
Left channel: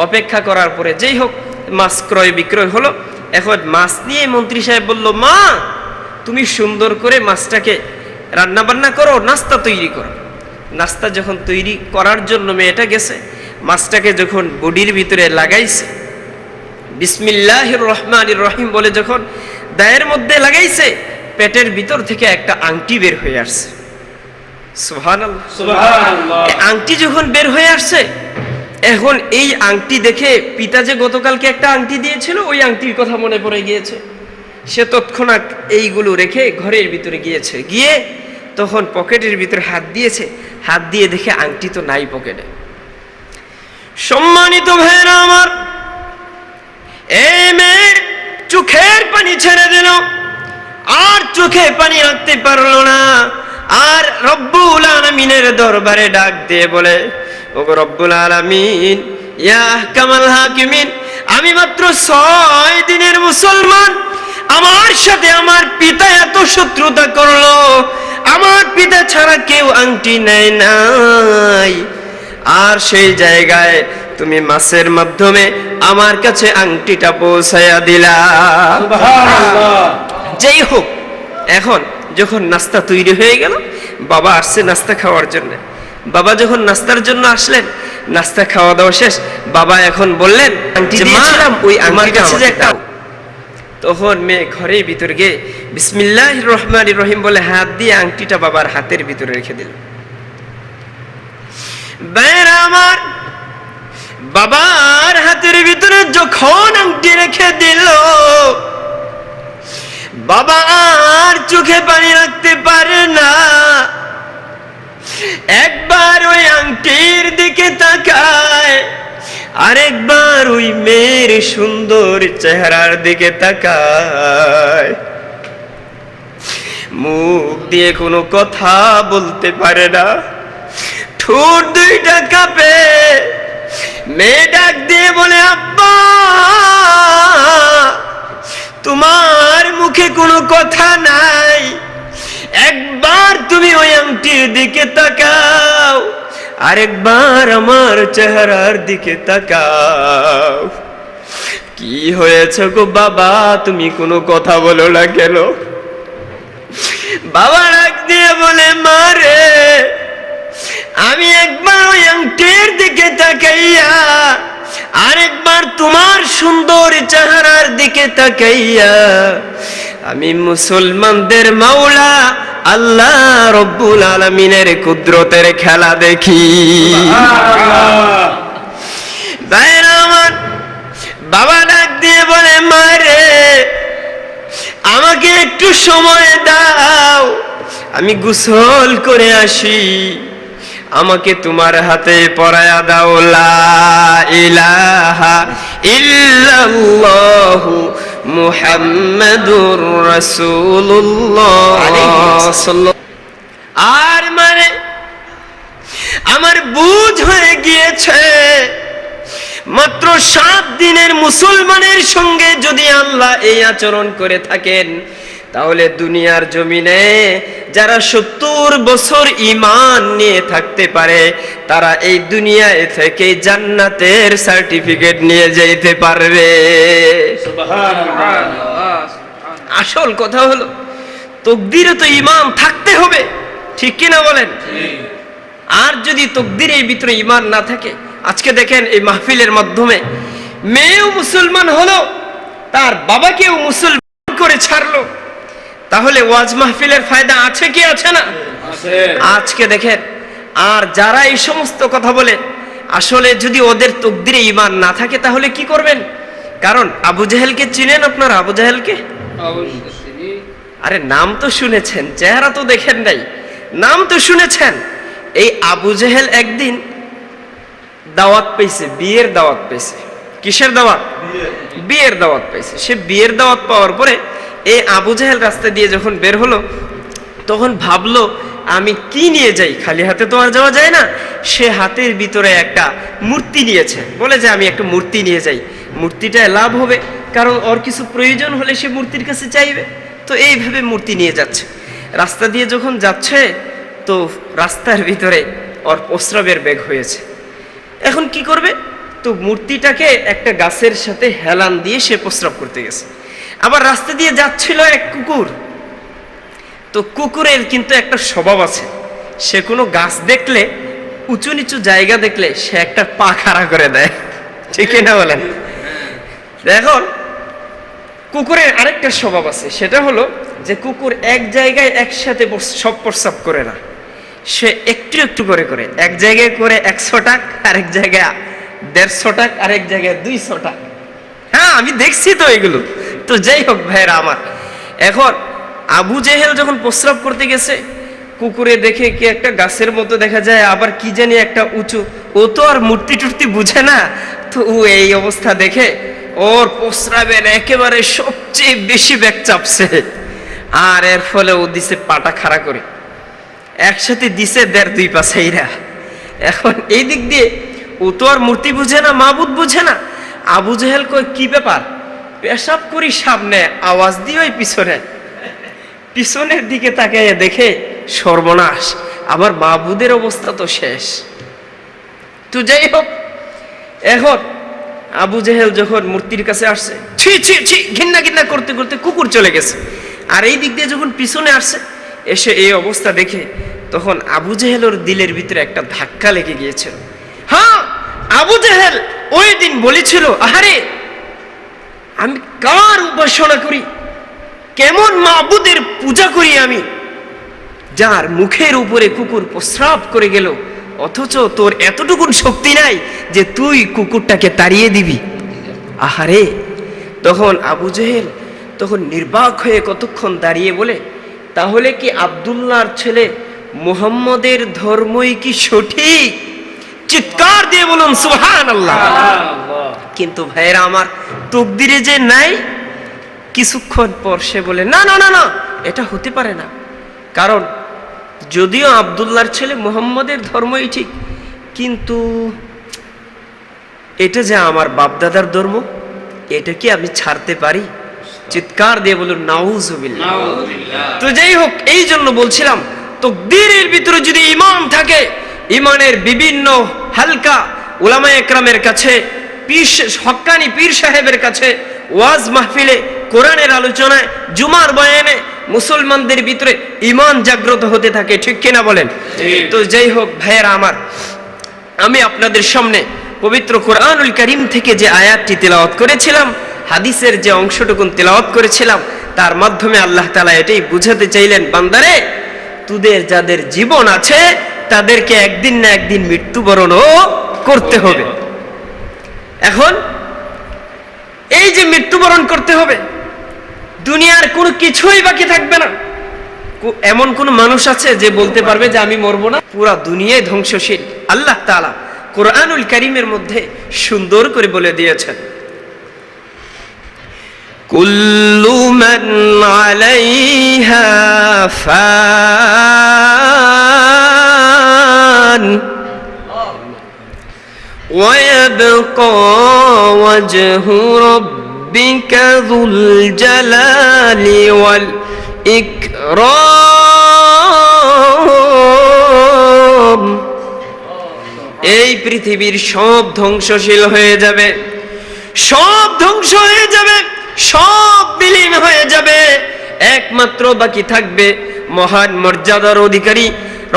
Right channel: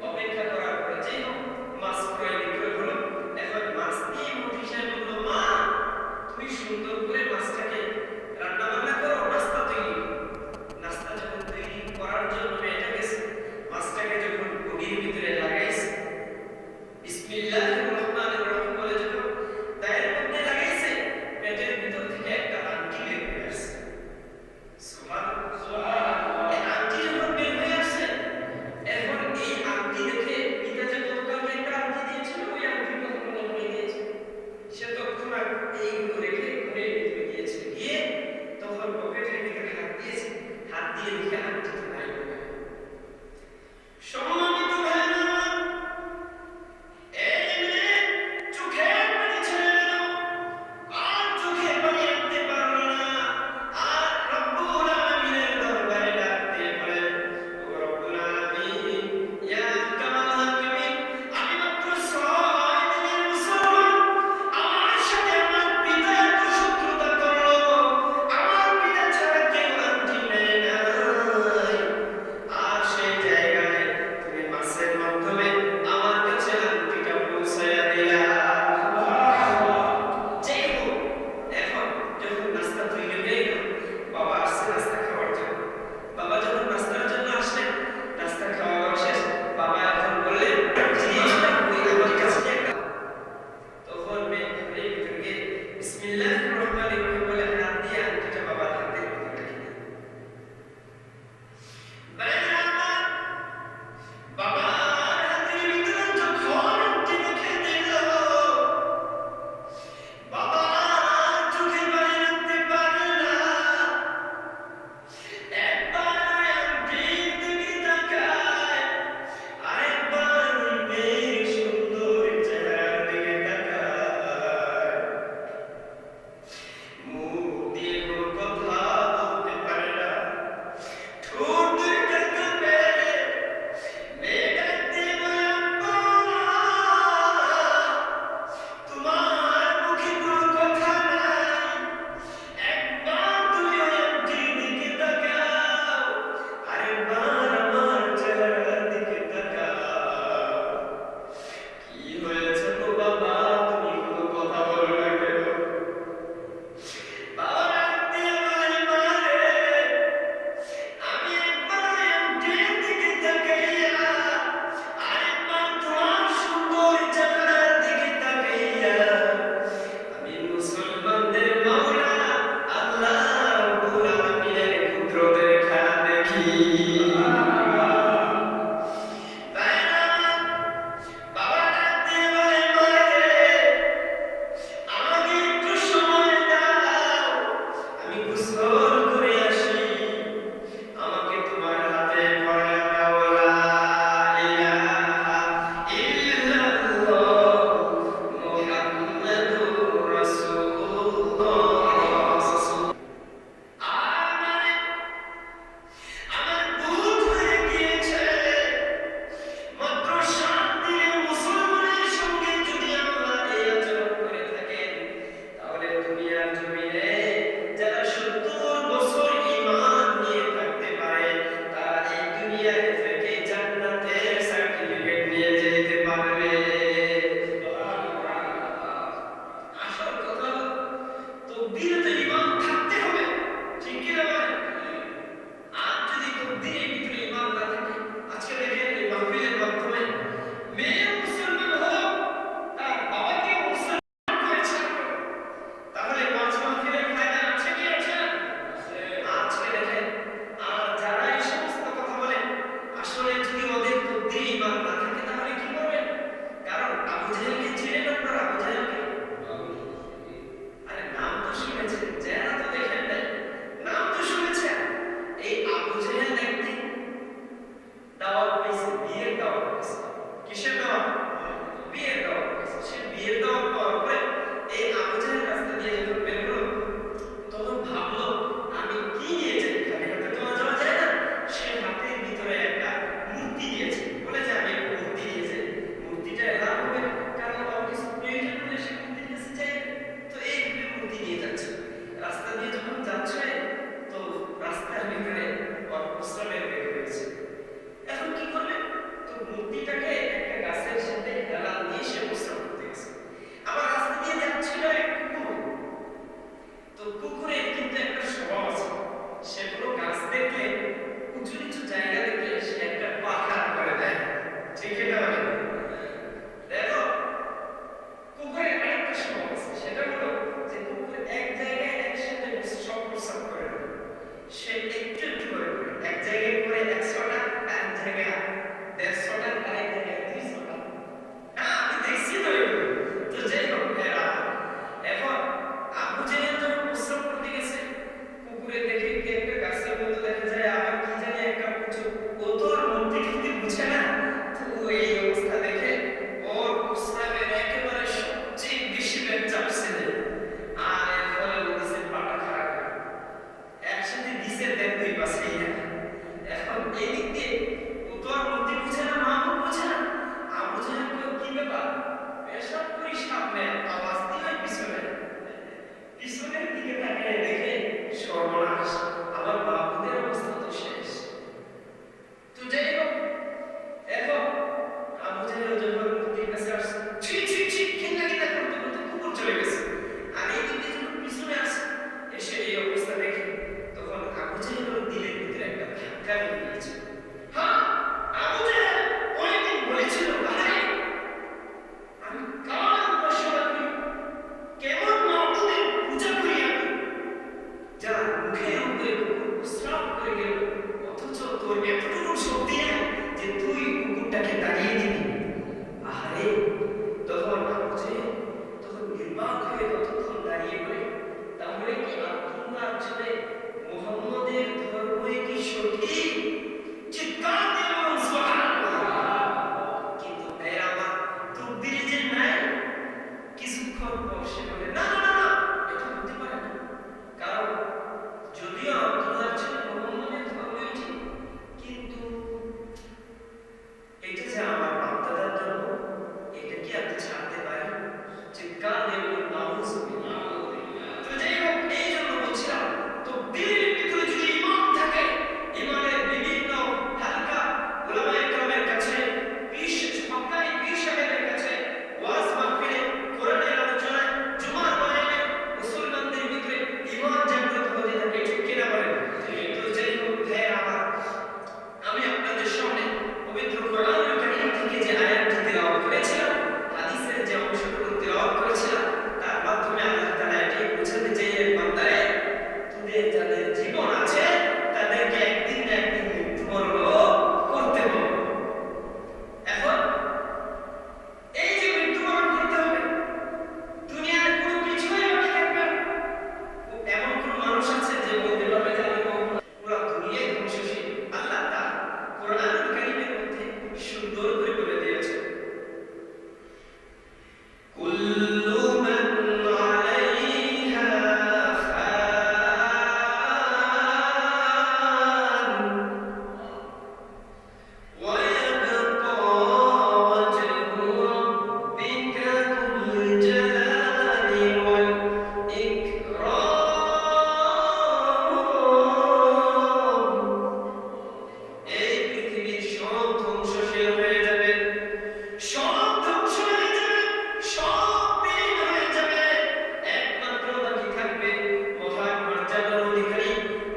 অপেক্ষা করার পরে যেই হোক মাছ ক্রয় বিক্রয় হলো। এখন মাছ নিয়ে মন্ত্রী সাহেব বলল, মা তুমি সুন্দর করে মাছটাকে রান্না বান্না করো, নাস্তা তৈরি করো। নাস্তা যখন তৈরি করার জন্য মেয়েটা গেছে, মাছটাকে যখন বডির ভিতরে লাগাইছে, বিসমিল্লাহির রহমানির রহিম বলে যখন দায়ের মধ্যে লাগাইছে, পেটের ভিতর থেকে একটা আংটি বের হয়ে আসছে। সুবহানাল্লাহ সুবহানাল্লাহ। আংটি যখন বের হয়ে আসছে, এখন এই আংটি দেখে পিতা যে গতকালকে একটা আংটি দিয়েছিল ওই আংটির কথা মনে পড়ে গিয়েছে। সে তৎক্ষণাৎ এইগুলো রেখে ঘরের ভিতরে গিয়েছে, গিয়ে তখন পকেটের ভিতরে হাত দিয়েছে, হাত দিয়ে দেখে আংটি তো নাই পকেটে। সম্মানিত ভাইরা আমার, এই মেয়ে চোখের পানি ছেড়ে দিল, আর চোখে পানি রাখতে পারলো না, আর রব্বুল আলামিনের দরবারে ডাক দিয়ে বলে, ওগো রব্বুল আলামিন, ইয়া আহকামাল হাকিমিন, আমি মাত্র 6 দিনের মুসলমান, আমার সাথে আমার পিতা এত শত্রুতা করলো, আমার পিতা ছাড়া কেউ আংটি নেয় নাই, আর সেই জায়গায় তুমি মাছের মাধ্যমে আমার কাছে আংটিটা পৌঁছায়া দিলা। সুবহানাল্লাহ। যেই হোক, এখন যখন নাস্তা তৈরি হয়ে গেল, বাবা আসছে নাস্তা খাওয়ার জন্য। বাবা যখন নাস্তার জন্য আসলেন, নাস্তা খাওয়া দাওয়া শেষ, বাবা এখন বললেন যে মা, ওই আমার কাছে যে একটা, তখন মেয়ে ঘরের ভিতর গিয়ে বিসমিল্লাহির রহমানির রহিম বলে হাত দিয়ে আংটিটা বাবার হাতের ভিতরে রেখে দিল। ভাইরা আমার, বাবার হাতের ভিতরে যখন আংটি রেখে দিল, বাবা আর চোখে পানি রাখতে পারে না। একবার ওই আংটির দিকে তাকায়, আরেকবার ওই মেয়ের সুন্দর চেহারার দিকে তাকায়। মুখ দিয়ে কোনো কথা বলতে পারে না, ঠোঁট দুইটা কাঁপে। মেয়ে ডাক দিয়ে বলে, আব্বা, তোমার মুখে কোনো কথা নাই, একবার তুমি ওই আংটির দিকে তাকাও, আরেকবার আমার চেহারার দিকে তাকাও। কি হয়েছে গো বাবা, তুমি কোনো কথা বলো না কেন? বাবা ডাক দিয়ে বলে, মা রে, আমি একবার ওই আংটির দিকে তাকাইয়া, আরেকবার তোমার সুন্দর চেহারার দিকে তাকাইয়া আমি মুসলমানদের মাওলা আল্লাহ রব্বুল আলামিনের কুদরতের খেলা দেখি। ভাইরা আমার, বাবা ডাক দিয়ে বলে, মা রে, আমাকে একটু সময় দাও, আমি গোসল করে আসি, আমাকে তোমার হাতে পরায়া দাও লা ইলাহা ইল্লাল্লাহু মুহাম্মাদুর রাসূলুল্লাহ। আর মানে আমার বুঝ হয়ে গিয়েছে, মাত্র 7 দিনের মুসলমানের সঙ্গে যদি আল্লাহ এই আচরণ করে থাকেন, তাহলে দুনিয়ার জমিনে যারা 70 বছর ঈমান নিয়ে থাকতে পারে, তারা এই দুনিয়ায় থেকে জান্নাতের সার্টিফিকেট নিয়ে যেতে পারবে। আসল কথা হলো, তাকদীরে তো ঈমান থাকতে হবে, ঠিক কিনা বলেন? আর যদি তাকদীরের ভিতরে ঈমান না থাকে, আজকে দেখেন এই মাহফিলের মাধ্যমে মেয়েও মুসলমান হলো, তার বাবাকেও মুসলমান করে ছাড়লো, তাহলে ওয়াজ মাহফিলের ফায়দা আছে কি আছে না? আজকে দেখেন, আর যারা এই সমস্ত কথা বলে, আসলে যদি ওদের তাকদীরে ঈমান না থাকে তাহলে কি করবেন? কারণ আবু জাহেলকে চিনেন আপনারা? আবু জাহেলকে আরে নাম তো শুনেছেন, চেহারা তো দেখেন নাই, নাম তো শুনেছেন। এই আবু জাহেল একদিন দাওয়াত পেয়েছে, বিয়ের দাওয়াত পেয়েছে। কিসের দাওয়াত? বিয়ের দাওয়াত পেয়েছে। সে বিয়ের দাওয়াত পাওয়ার পরে এই আবু জাহেল রাস্তা দিয়ে যখন বের হলো, তখন ভাবলো আমি কি নিয়ে যাই, খালি হাতে তো আর যাওয়া যায় না। সে হাতের ভিতরে একটা মূর্তি নিয়েছে, বলে যে আমি একটা মূর্তি নিয়ে যাই, মূর্তিটায় লাভ হবে, কারণ ওর কিছু প্রয়োজন হলে সে মূর্তির কাছে চাইবে। তো এইভাবে মূর্তি নিয়ে যাচ্ছে, রাস্তা দিয়ে যখন যাচ্ছে, তো রাস্তার ভিতরে ওর প্রস্রাবের বেগ হয়েছে। এখন কি করবে? তো মূর্তিটাকে একটা গাছের সাথে হেলান দিয়ে সে প্রস্রাব করতে গেছে। আবার রাস্তা দিয়ে যাচ্ছিল এক কুকুর, তো কুকুরের কিন্তু একটা স্বভাব আছে, সে কোনো গাছ দেখলে, উঁচু নিচু জায়গা দেখলে সে একটা পা খাড়া করে দেয়, ঠিক না বলেন? এখন কুকুরের আরেকটা স্বভাব আছে, সেটা হলো যে কুকুর এক জায়গায় একসাথে সব প্রস্রাব করে না, সে একটু একটু করে করে, এক জায়গায় করে 100 টাক, আরেক জায়গায় 150 টাক, আরেক জায়গায় 200 টাক। হ্যাঁ, আমি দেখছি তো এগুলো। তো যাই হোক ভাইরা আমার, এখন আবু জেহেল যখন প্রস্রাব করতে গেছে, কুকুরে দেখে কি একটা গাছের মতো দেখা যায়, আবার কি জানি একটা উঁচু, ও তো আর মূর্তি টুর্তি বুঝে না, তো ও এই অবস্থা দেখে ওর প্রস্রাবের একেবারে সবচেয়ে বেশি ব্যাগ চাপছে, আর এর ফলে ও দিছে পাটা খাড়া করে, একসাথে দিছে 1.5-2 পা ছাইরা। এখন এই দিক দিয়ে ও তো আর মূর্তি বুঝে না, মাবুদ বুঝে না। আবু জেহেল কই কি ব্যাপার, পেশাব করি সামনে, আওয়াজ দিয়ে ওই পিছনের দিকে তাকিয়ে দেখে সর্বনাশ, আবার মাবুদের অবস্থা তো শেষ। তো যাই হোক, এখন আবু জেহেল যখন মূর্তির কাছে আসছে, ছি ছি ছি ঘৃণা ঘৃণা করতে করতে কুকুর চলে গেছে। আর এই দিক দিয়ে যখন পিছনে আসছে, এসে এই অবস্থা দেখে তখন আবু জেহেলের দিলের ভিতরে একটা ধাক্কা লেগে গিয়েছিল। হ্যাঁ, আবু জেহেল ওই দিন বলেছিল, আহারে আমি কার উপাসনা করি, কেমন মাবুদের পূজা করি আমি, যার মুখের উপরে কুকুর প্রস্রাব করে গেল, অথচ তোর এতটুকুন শক্তি নাই যে তুই কুকুরটাকে তাড়িয়ে দিবি। আহারে, তখন আবু জেহেল তখন নির্বাক হয়ে কতক্ষণ দাঁড়িয়ে বলে, তাহলে কি আব্দুল্লাহর ছেলে মুহাম্মদের ধর্মই কি সঠিক? চিৎকার দিয়ে বলুন সুবহানাল্লাহ। কিন্তু ভাইয়েরা আমার, তকদিরে যে নাই। কিছুক্ষণ পর সে বলে, না না না না, এটা হতে পারে না, কারণ যদিও আব্দুল্লাহর ছেলে মুহাম্মদের ধর্মই ঠিক, কিন্তু এটা যে আমার বাপদাদার ধর্ম, এটা কি আমি ছাড়তে পারি? চিৎকার দিয়ে বলুন নাউজুবিল্লাহ। তো যাই হোক, এই জন্য বলছিলাম, তাকদীরের ভিতরে যদি ঈমান থাকে, ঈমানের বিভিন্ন হালকা উলামায়ে কেরামের কাছে, হক্কানি পীর সাহেবের কাছে, ওয়াজ মাহফিলে, কোরআনের আলোচনায়, জুমার বয়ানে মুসলমানদের ভিতরে ঈমান জাগ্রত হতে থাকে, ঠিক কিনা বলেন? তো যাই হোক ভাইয়েরা আমার, আমি আপনাদের সামনে পবিত্র কোরআনুল কারীম থেকে যে আয়াতটি তেলাওয়াত করেছিলাম, হাদিসের যে অংশটুকুন তেলাওয়াত করেছিলাম, তার মাধ্যমে আল্লাহ তাআলা এটাই বুঝাতে চাইলেন, বান্দারে তোদের যাদের জীবন আছে তাদেরকে একদিন না একদিন মৃত্যুবরণও করতে হবে। এখন এই যে মৃত্যুবরণ করতে হবে, দুনিয়ার কোনো কিছুই বাকি থাকবে না। এমন কোন মানুষ আছে যে বলতে পারবে যে আমি মরবো না? পুরা দুনিয়ায় ধ্বংসশীল। আল্লাহ তাআলা কোরআনুল কারীমের মধ্যে সুন্দর করে বলে দিয়েছেন, কুল্লু মান আলাইহা ফান ওয়া ইয়াবকা ওয়াজহু রাব্বিকা যুল জালালি ওয়াল ইকরাম। এই পৃথিবীর সব ধ্বংসশীল হয়ে যাবে, সব ধ্বংস হয়ে যাবে, সব বিলীন হয়ে যাবে, একমাত্র বাকি থাকবে মহান মর্যাদার অধিকারী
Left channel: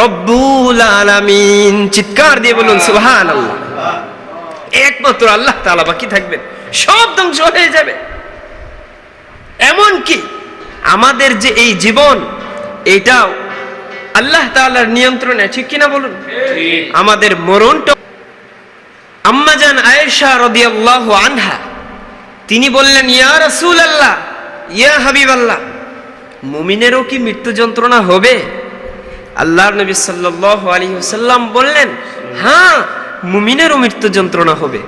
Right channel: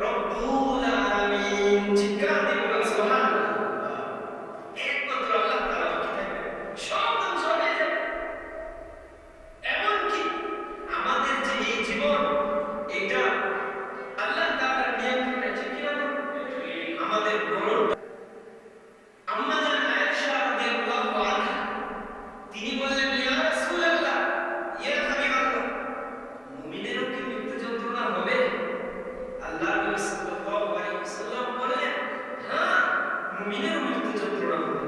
রব্বুল আলামিন। চিৎকার দিয়ে বলুন সুবহানাল্লাহ। একমাত্র আল্লাহ তাআলা বাকি থাকবেন, সব ধ্বংস হয়ে যাবে। এমন কি আমাদের যে এই জীবন, এটাও আল্লাহ তাআলার নিয়ন্ত্রণে, ঠিক কিনা বলুন? আমাদের মরণটা, আম্মা জান আয়েশা রাদিয়াল্লাহু আনহা তিনি বললেন, ইয়া রাসূলুল্লাহ, ইয়া হাবিবাল্লাহ, মুমিনেরও কি মৃত্যু যন্ত্রণা হবে? আল্লাহর নবী সাল্লাল্লাহু আলাইহি ওয়াসাল্লাম বললেন, হ্যাঁ, মুমিনেরও মৃত্যু যন্ত্রণা হবে।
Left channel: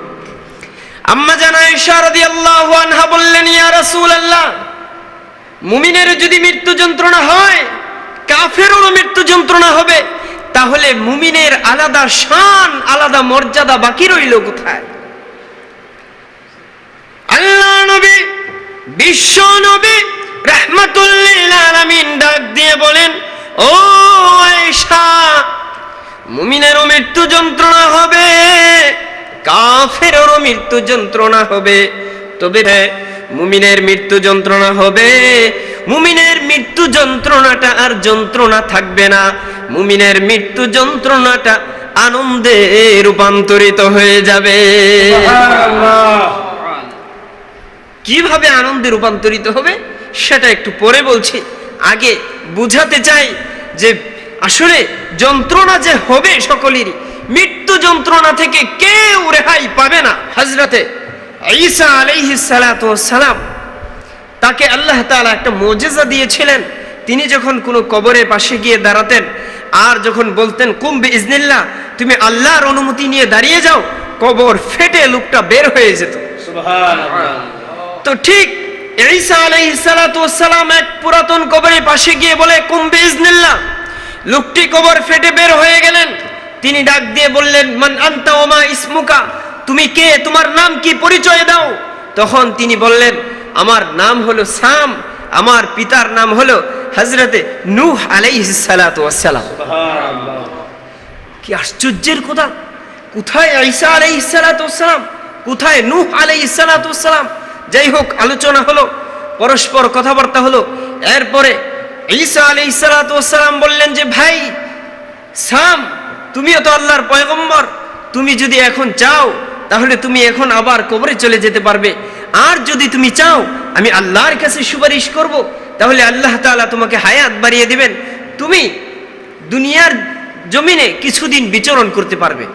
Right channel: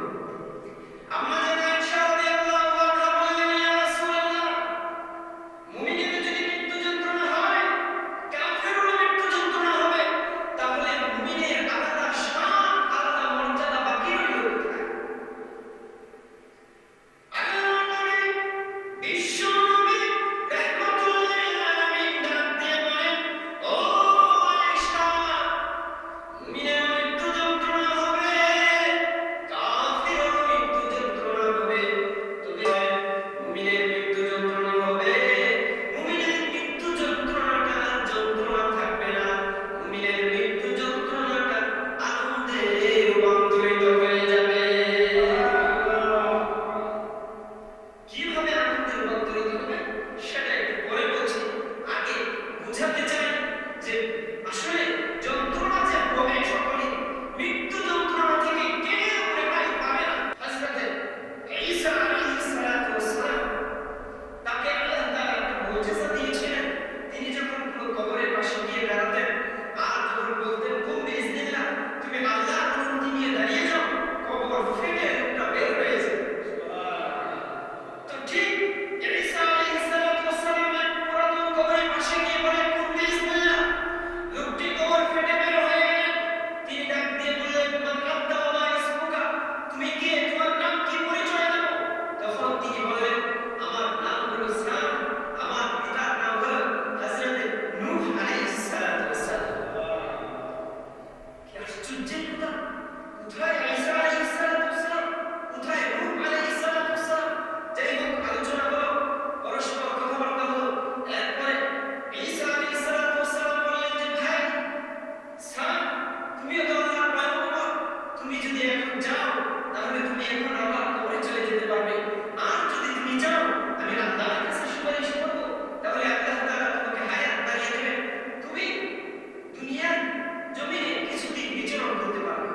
আম্মা জান আয়েশা রাদিয়াল্লাহু আনহা বললেন, ইয়া রাসূলুল্লাহ, মুমিনের যদি মৃত্যু যন্ত্রণা হয়, কাফেরেরও মৃত্যু যন্ত্রণা হবে, তাহলে মুমিনের আলাদা শান, আলাদা মর্যাদা বাকি রইল কোথায়? আল্লাহ নবী, বিশ্ব নবী রাহমাতুল লিল আলামিন ডাক দিয়ে বলেন, ও আয়েশা, মুমিনেরও মৃত্যু যন্ত্রণা হবে, কাফেরেরও মৃত্যু যন্ত্রণা হবে, তবে মুমিনের মৃত্যু যন্ত্রণা হবে, মুমিনের মৃত্যু যন্ত্রণাটা আর যন্ত্রণা থাকবে না, মুমিনের মৃত্যু যন্ত্রণাটা আনন্দে রূপান্তরিত হয়ে যাবে। কিভাবে আনন্দে রূপান্তরিত হবে সেটা একটু পরে বলছি, আগে বুঝাতে চাই যে আসলে যন্ত্রণা যে হবে সকলেরই, মৃত্যু যন্ত্রণা থেকে কেউ রেহাই পাবে না। হযরতে ঈসা আলাইহিস সালাতু ওয়াস সালাম, তাকে আল্লাহ তাআলা একটা মুজিজা দিয়েছিলেন। তিনি যখন কোনো কবরের পাশে গিয়ে দাঁড়াতেন, আর যখন বলতেন কুম বিইজনিল্লাহ, তুমি আল্লাহর অনুমতি নিয়ে দাঁড়িয়ে যাও, কবর ফেটে লোকটা বের হয়ে যেত। সুবহানাল্লাহ। তো ঠিক ঈসা আলাইহিস সালাতু ওয়াস সালাম এক পুরাতন কবরের পাশে গিয়ে বলে কুম বিইজনিল্লাহ, লোকটি কবর ফেটে বের হয়ে গেলেন। তিনি ডাক দিয়ে বললেন, মান আনতা ওয়া মা ইসমুকা, তুমি কে, তোমার নাম কি, পরিচয় দাও। তখন তিনি বললেন, আমার নাম হলো সাম, আমার পিতার নাম হলো হযরতে নূহ আলাইহিস সালাতু ওয়াস সালাম। সুবহানাল্লাহ। কি আশ্চর্যের কথা! কোথায় ঈসা আলাইহিস সালাতু ওয়াস সালাম, কোথায় নূহ আলাইহিস সালাতু ওয়াস সালাম। যাই হোক, আলোচনা হলো, পরস্পর কথাবার্তা হলো। এরপরে ঈসা আলাইহিস সালাতু ওয়াস সালাম বললেন যে ভাই সাম, তুমিও তো আল্লাহর পয়গম্বর, তুমি যদি এখন চাও তাহলে তুমি এখন আবার কবরে চলে যেতে পারবে, আর যদি তুমি চাও আমি আল্লাহর কাছে সুপারিশ করব, তাহলে আল্লাহ তাআলা তোমাকে হায়াত বাড়িয়ে দিবেন, তুমি দুনিয়ার জমিনে কিছুদিন বিচরণ করতে পারবে।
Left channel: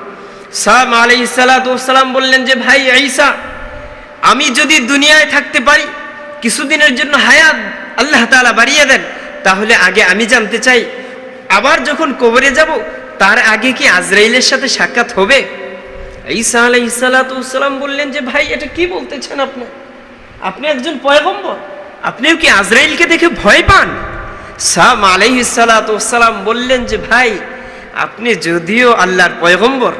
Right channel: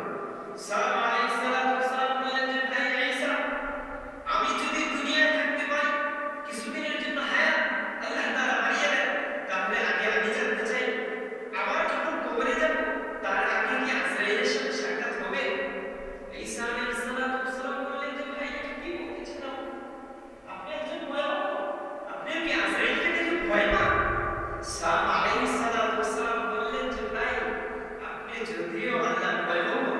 সাম আলাইহিস সালাতু ওয়াস সালাম বললেন যে ভাই ঈসা, আমি যদি দুনিয়ায় থাকতে পারি, কিছুদিনের জন্য হায়াত আল্লাহ তাআলা বাড়িয়ে দেন, তাহলে আগে আমি জানতে চাই, আবার যখন কবরে যাব তার আগে কি আজরাইলের সাথে সাক্ষাৎ হবে? ঈসা আলাইহিস সালাতু ওয়াস সালাম বললেন যে ভাই এটা কি বলতেছেন আপনি? আপনি একজন পয়গম্বর, আপনিও কি আজরাইলকে দেখে ভয় পান? সাম আলাইহিস সালাতু ওয়াস সালাম বললেন যে ভাই, আপনি যদিও আল্লাহর পয়গম্বর,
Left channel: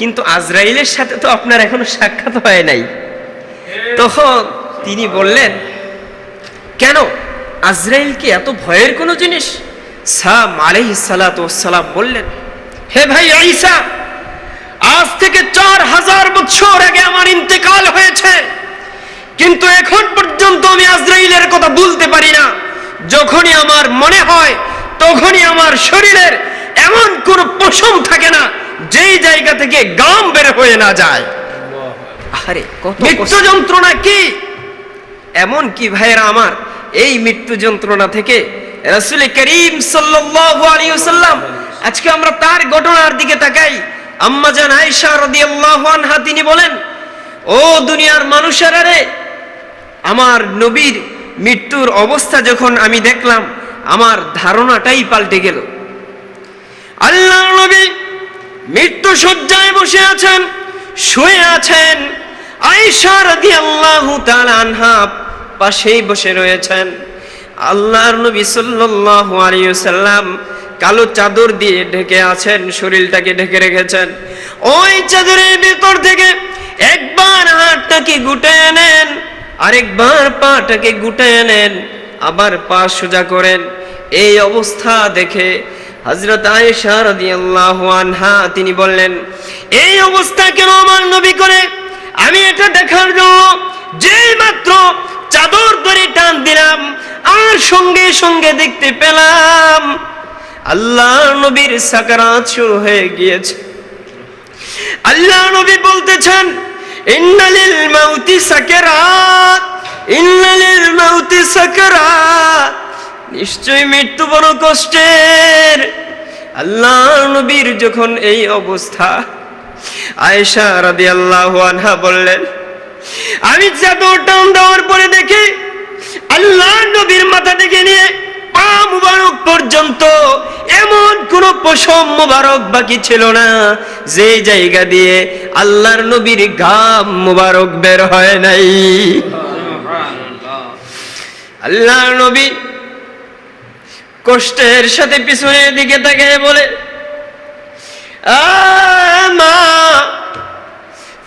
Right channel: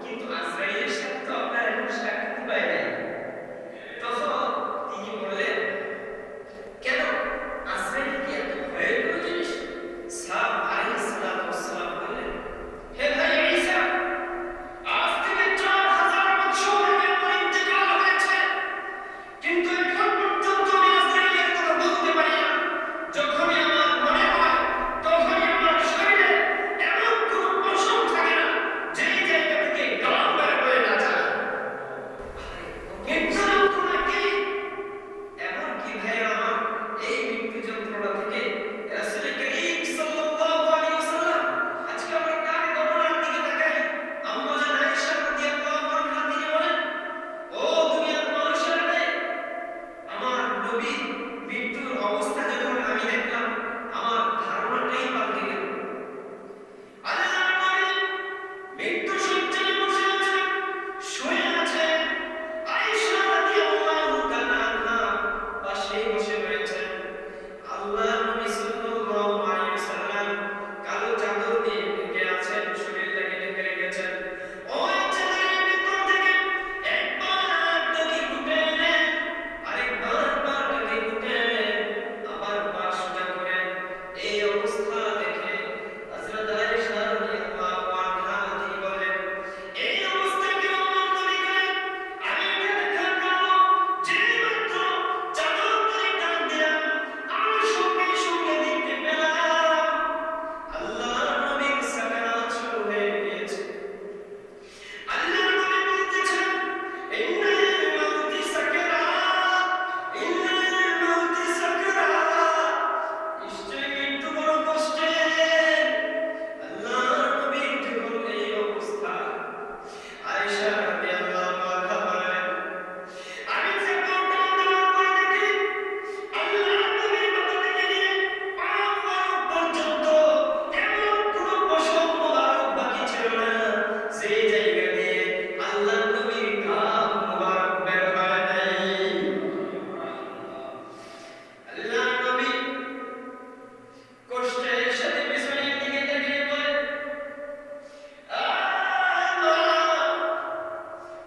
কিন্তু আজরাইলের সাথে তো আপনার এখনো সাক্ষাৎ হয় নাই। তখন তিনি বললেন, কেন, আজরাইল কি এত ভয়ের কোনো জিনিস? সাম আলাইহিস সালাতু ওয়াস সালাম বললেন, হে ভাই ঈসা, আজ থেকে 4000 বছর আগে আমার ইন্তেকাল হয়েছে, কিন্তু এখন পর্যন্ত আমি আজরাইলের কথা বলতে পারি না। যখনই আমার মনে হয় তখনই আমার শরীরের এমন কোন পশম থাকে না যেই জায়গা থেকে গাম বের হয়ে না যায়। আরে কত মৃত্যু যন্ত্রণা কি! এমন কি ভাইরা আমার, এই মৃত্যু যন্ত্রণা থেকে রাসূল করিম সাল্লাল্লাহু আলাইহি ওয়াসাল্লাম, আজকে আমরা তার ঘটনার দিকে তাকাই। আম্মা জান আয়েশা রাদিয়াল্লাহু আনহা তিনি বলেন, ও দুনিয়ার মানুষেরা রে, আমার নবীর মৃত্যুর অবস্থা যখন আমি দেখলাম, আমার ধারণাটাই পাল্টে গেল। আল্লাহর নবী মৃত্যু শয্যায় বসে আছেন, শুয়ে আছেন, আয়েশা রাদিয়াল্লাহু তাআলা আনহা পাশেই বসে রয়েছেন। আল্লাহর নবী সাল্লাল্লাহু আলাইহি ওয়াসাল্লাম কালো চাদর দিয়ে ঢেকে আছেন, শরীরটাকে ঢেকে রেখেছেন। ওই চাদরের ভিতর থেকে একবার হাতটাকে গুটিয়ে নেন, আরেকবার পাটাকে গুটিয়ে নেন, আবার পা সোজা করেন। এই অবস্থা দেখে হযরত আয়েশা রাদিয়াল্লাহু আনহা তিনি বললেন, এই অবস্থা কেন আমার নবী করে? আমি এটা দেখার জন্য যেই মাত্র চাদর ধরে টান দিলাম, আর সঙ্গে সঙ্গে দেখতে পেলাম আল্লাহর নবীর সাকারাত শুরু হয়ে গিয়েছে। আল্লাহর নবী বলতেছেন, ইন্নালিল মাউতি সাকারাত, ইন্নালিল মাউতি সাকারাত, নিশ্চয়ই মৃত্যু বড় কষ্টের। আল্লাহর নবীর যখন এই অবস্থা, আয়েশা রাদিয়াল্লাহু আনহা বললেন, আমি চাদর টান দেওয়ার পরে দেখি আল্লাহর নবীর মাথা থেকে নিয়ে পা মুবারক পর্যন্ত এমন কোন পশম মুবারক বাকি ছিল না যে জায়গা দিয়ে আল্লাহর নবীর ঘাম মুবারক বের হয় নাই। আল্লাহর নবী কষ্টের সাথে পিছনের দিকে তাকিয়ে বলে, মা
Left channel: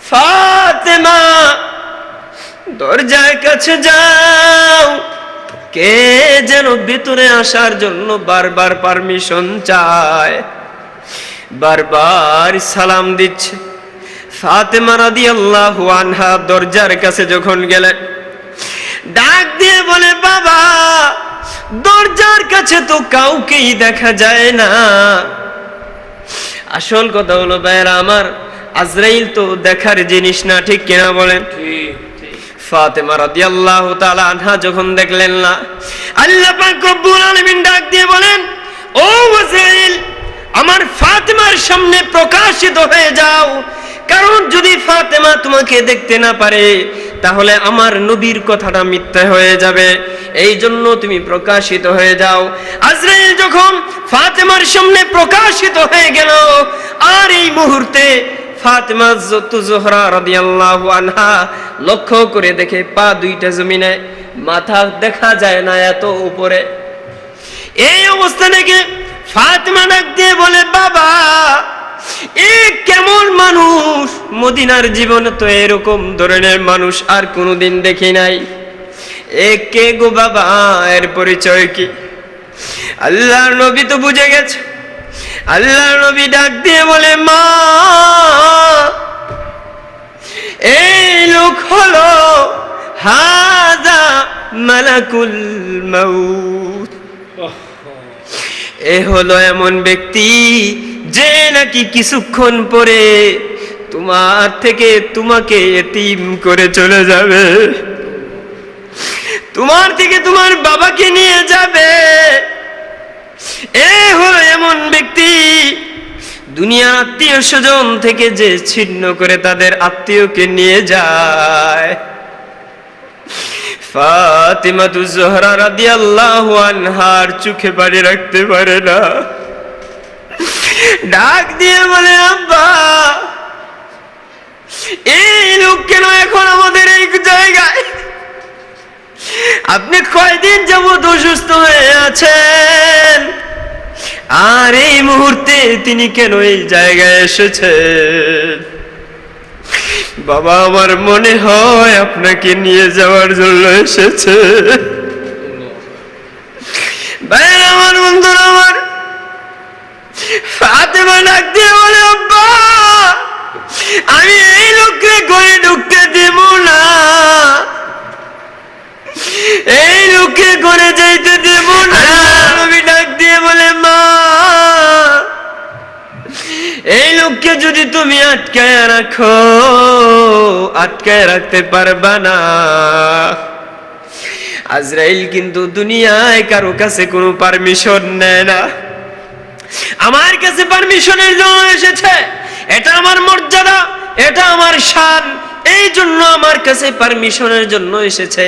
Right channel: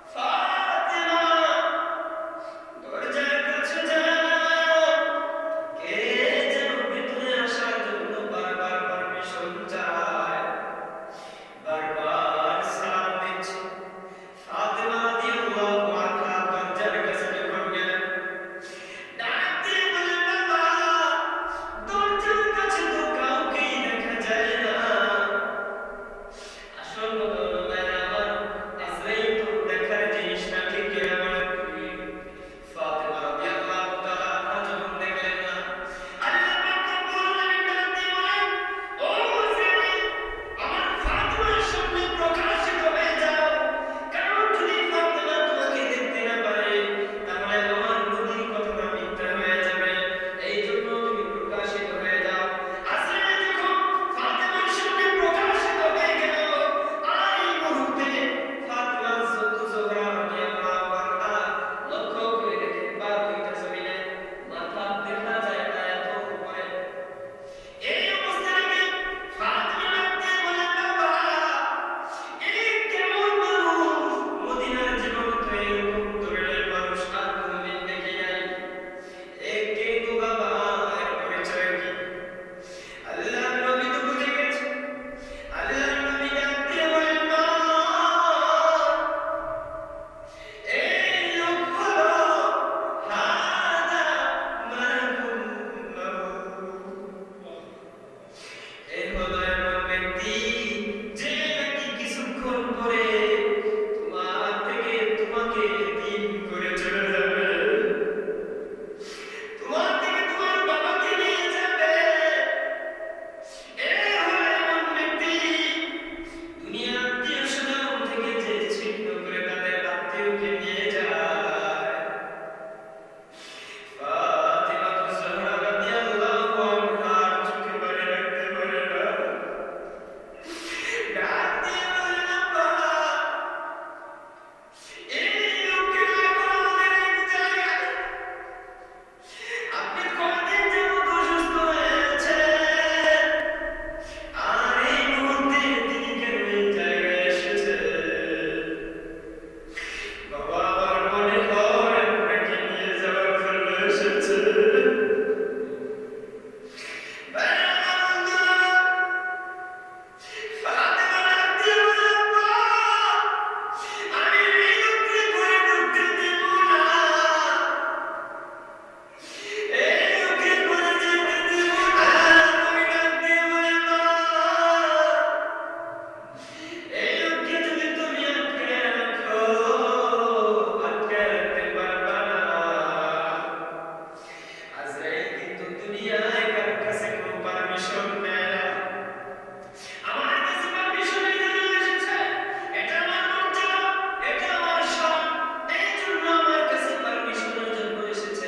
ফাতেমা, দরজার কাছে যাও। কে যেন ভিতরে আসার জন্য বারবার পারমিশন চায়, বারবার সালাম দিচ্ছে। ফাতেমা রাদিয়াল্লাহু আনহা দরজার কাছে যখন গেলেন, ডাক দিয়ে বলে, বাবা, দরজার কাছে তো কাউকেই দেখা যায় না। আসল কথা হলো ভাইরা আমার, আজরাইল তো দেখার জিনিস না, ঠিক কিনা বলেন? ফাতেমা রাদিয়াল্লাহু তাআলা আনহা যখন দেখলেন না, আল্লাহ পাক রব্বুল আলামিন ডাক দিয়ে বলেন, ও আজরাইল, আমার ফাতেমার সামনে প্রকাশিত হয়ে যাও, কারণ যদি ফাতেমা তোমাকে দেখতে না পারে তাহলে আমার নবীর কথাটা মিথ্যা হয়ে যাবে, এই জন্য তুমি প্রকাশিত হয়ে যাও। আজরাইল যখন ফাতেমার সামনে প্রকাশিত হয়ে গেল, আর এই মুহূর্তে ফাতেমা জোহরা রাদিয়াল্লাহু আনহা লক্ষ্য করে দেখে পা দুইটা জমিনে, মাথা দেখা যায় না এত উপরে। এই অবস্থা দেখে ফাতেমা ডাক দিয়ে বলে, বাবা, এ কেমন মানুষ! মদিনার জীবনে তো এরকম ধরনের মানুষ আর কোনোদিন দেখি নাই। এ কে গো বাবা, এর পরিচয় কি? আল্লাহর নবী তো বুঝে গেছে আল্লাহ নবী ডাক দিয়ে বলে, মা, এই লোক হলো হাযা মালাকুল মাউত। এ হলো এমন ব্যক্তি যে নাকি কিছুক্ষণ পরে তোমার থেকে তোমাকে এতিম করে চলে যাবে, তোমার থেকে তোমার বাবাকে নিয়ে যাবে। এ হলো এমন ব্যক্তি দুনিয়ার আত্মীয় স্বজন থেকে যে ছিন্ন করে তাদের আত্মীয়কে নিয়ে যায়। ফাতিমাতুজ জোহরা রাদিয়াল্লাহু আনহার চোখে পানি রাখতে পারে না, ডাক দিয়ে বলে, আব্বা, এই লোক কেন এখন আমাদের এই জায়গায়? আপনি কয়দিন যাবত অসুস্থ হয়ে আছেন, আর এই মুহূর্তে তিনি কেন এই জায়গায় এসেছেন? বাবা, আমার মনে হয় আপনাকে নিয়ে যাওয়ার জন্য এসেছে। ভাই আমার, বন্ধুরা আমার, ফাতেমা ডাক দিয়ে বলে, আব্বা, আমি এই লোককে ঘরে ঢুকতে দেব না, এই লোককে ঘরে যাইতে দেব না। আমি ডাক দিয়ে বলে, মা, এই লোককে যদি তুমি আটকায় রাখো, আটকায় রাখতে পারবা না। আজরাইল কিন্তু দুনিয়ায় কারো কাছে কোনো পারমিশন নেয় না, আমার কাছে পারমিশনের জন্য এসেছে। এটা আমার মর্যাদা, এটা আমার শান, এই জন্য আমার কাছে পারমিশনের জন্য এসেছে।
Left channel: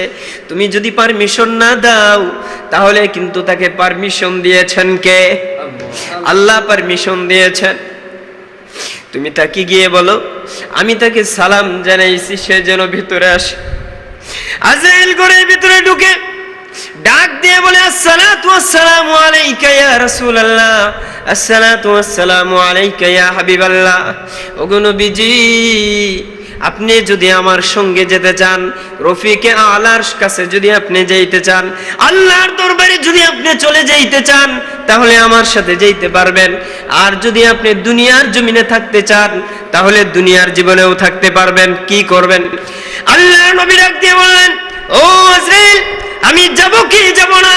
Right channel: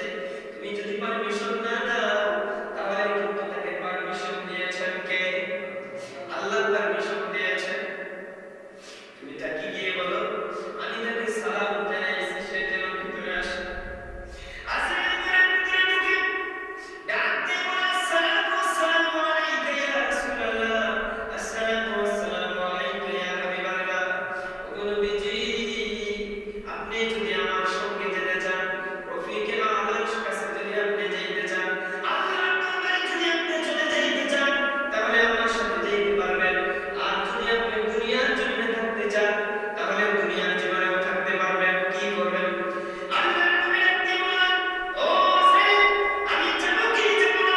তুমি যদি পারমিশন না দাও, তাহলে কিন্তু তাকে পারমিশন দিয়েছেন কে? আল্লাহ পারমিশন দিয়েছেন। তুমি তাকে গিয়ে বলো, আমি তাকে সালাম জানাইছি, সে যেন ভিতরে আসে। আজরাইল ঘরের ভিতরে ঢুকে ডাক দিয়ে বলে, আসসালাতু ওয়াসসালামু আলাইকা ইয়া রাসূলুল্লাহ, আসসালাতু ওয়াসসালামু আলাইকা ইয়া হাবিবাল্লাহ। ওগো নবীজি, আপনি যদি আমার সঙ্গে যেতে চান, রফিকে আলার কাছে যদি আপনি যাইতে চান, আল্লাহর দরবারে যদি আপনি চলে যাইতে চান, তাহলে আমার সাথে যাইতে পারবেন। আর যদি আপনি দুনিয়ার জমিনে থাকতে চান, তাহলে দুনিয়ার জীবনেও থাকতে পারবেন। কি করবেন? আল্লাহর নবী ডাক দিয়ে বললেন, ও আজরাইল, আমি যাব কি যাব না,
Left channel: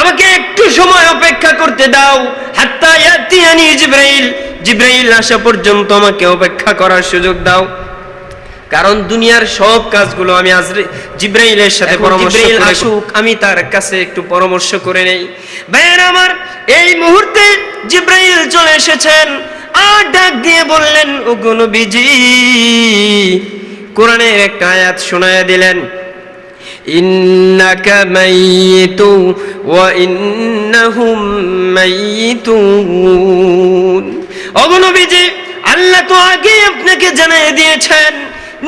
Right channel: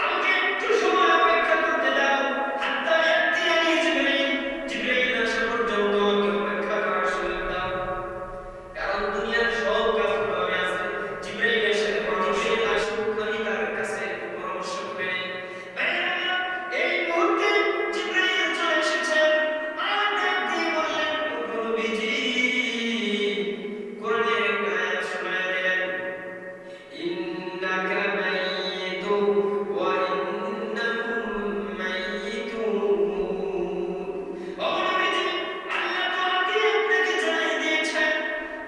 আমাকে একটু সময় অপেক্ষা করতে দাও। হাত্তা ইয়াতিয়ানি জিবরাইল, জিবরাইল আসা পর্যন্ত আমাকে অপেক্ষা করার সুযোগ দাও। কারণ দুনিয়ার সব কাজগুলো আমি জিবরাইলের সাথে পরামর্শ করে আসুক, আমি তার কাছে একটু পরামর্শ করে নেই। ভাইয়েরা আমার, এই মুহূর্তে জিবরাইল চলে এসেছেন আর ডাক দিয়ে বললেন, ওগো নবীজি, কোরআনের একটা আয়াত শোনায়া দিলেন, ইন্নাকা মাইয়িতু ওয়া ইন্নাহুম মাইয়িতুন। ওগো নবীজি, আল্লাহ তো আগেই আপনাকে জানিয়ে দিয়েছেন,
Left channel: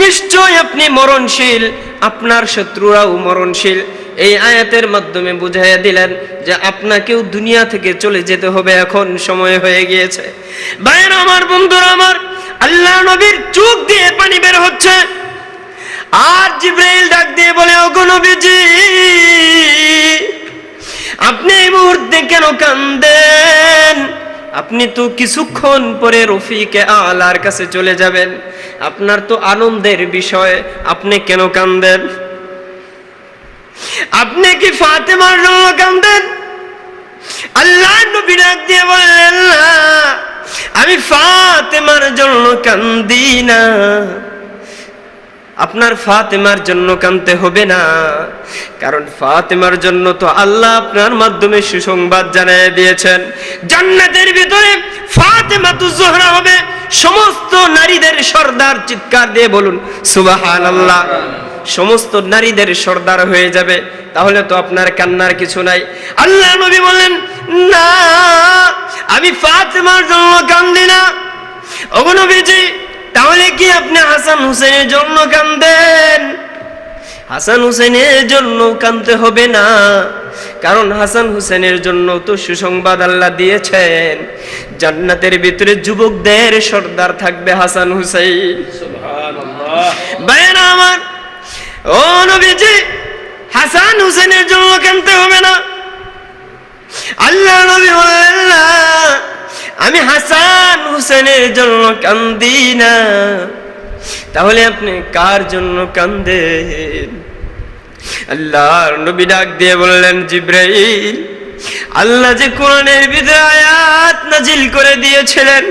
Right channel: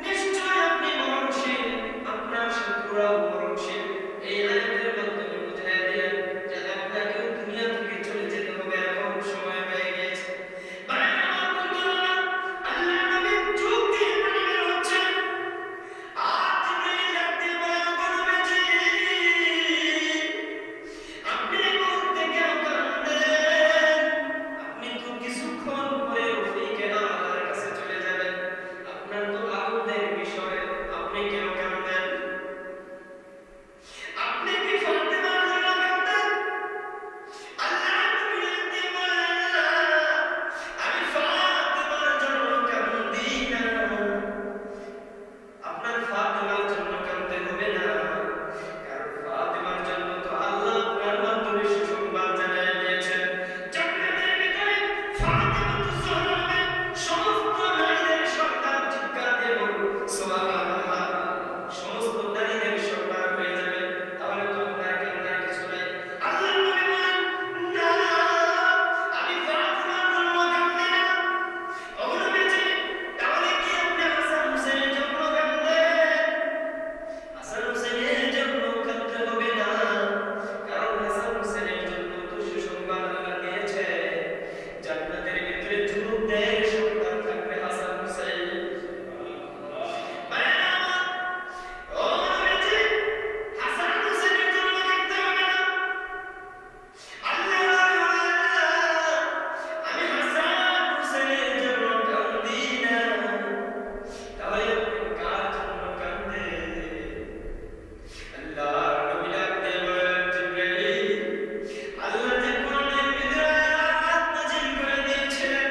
নিশ্চয় আপনি মরণশীল, আপনার শত্রুরাও মরণশীল। এই আয়াতের মাধ্যমে বুঝাইয়া দিলেন যে আপনাকেও দুনিয়া থেকে চলে যেতে হবে, এখন সময় হয়ে গিয়েছে। ভাইয়েরা আমার, বন্ধুরা আমার, আল্লাহ নবীর চোখ দিয়ে পানি বের হচ্ছে। আর জিবরাইল ডাক দিয়ে বলে, ওগো নবীজি, আপনি এই মুহূর্তে কেন কান্দেন? আপনি তো কিছুক্ষণ পরে রফিকে আলার কাছে চলে যাবেন, আপনার তো আনন্দের বিষয়, আপনি কেন কান্দেন? আপনি কি ফাতেমার জন্য কান্দেন? আল্লাহ নবী ডাক দিয়ে বললেন, না, আমি ফাতেমার জন্য কান্দি না। আপনার ফাতেমার জন্য কাঁদতে হবে না, কারণ ফাতেমার জন্য তো আল্লাহ আপনার মাধ্যমে সুসংবাদ জানিয়ে দিয়েছেন। জান্নাতের ভিতরে ফাতেমাতুজ জোহরা হবে সমস্ত নারীদের সর্দার। চিৎকার দিয়ে বলুন সুবহানাল্লাহ। সমস্ত নারীদের সর্দার হয়ে যাবে, তাহলে তো আপনার কান্নার কিছু নাই। আল্লাহ নবী বললেন, না, আমি ফাতেমার জন্য কান্দি না। ওগো নবীজি, তাহলে কি আপনি হাসান হুসেনের জন্য কাঁদেন? হাসান হুসেনের জন্য কাঁদতে হবে না, কারণ হাসান হুসেনের জন্য তো সুসংবাদ আল্লাহ দিয়েছেন, জান্নাতের ভিতরে যুবকদের সর্দার থাকবে হাসান হুসেন। সুবহানাল্লাহ। ভাইরা আমার, ও নবীজি, হাসান হুসেনের জন্য কাঁদতে হবে না। আল্লাহ নবী বললেন, না, আমি হাসান হুসেনের জন্য কান্দি না, তাহলে আপনি কার জন্য কান্দেন? আল্লাহর নবী ডাক দিয়ে বললেন, জিবরাইল, আল্লাহ যে কোরআনের ভিতরে আয়াত নাজিল করে দিয়েছিলেন,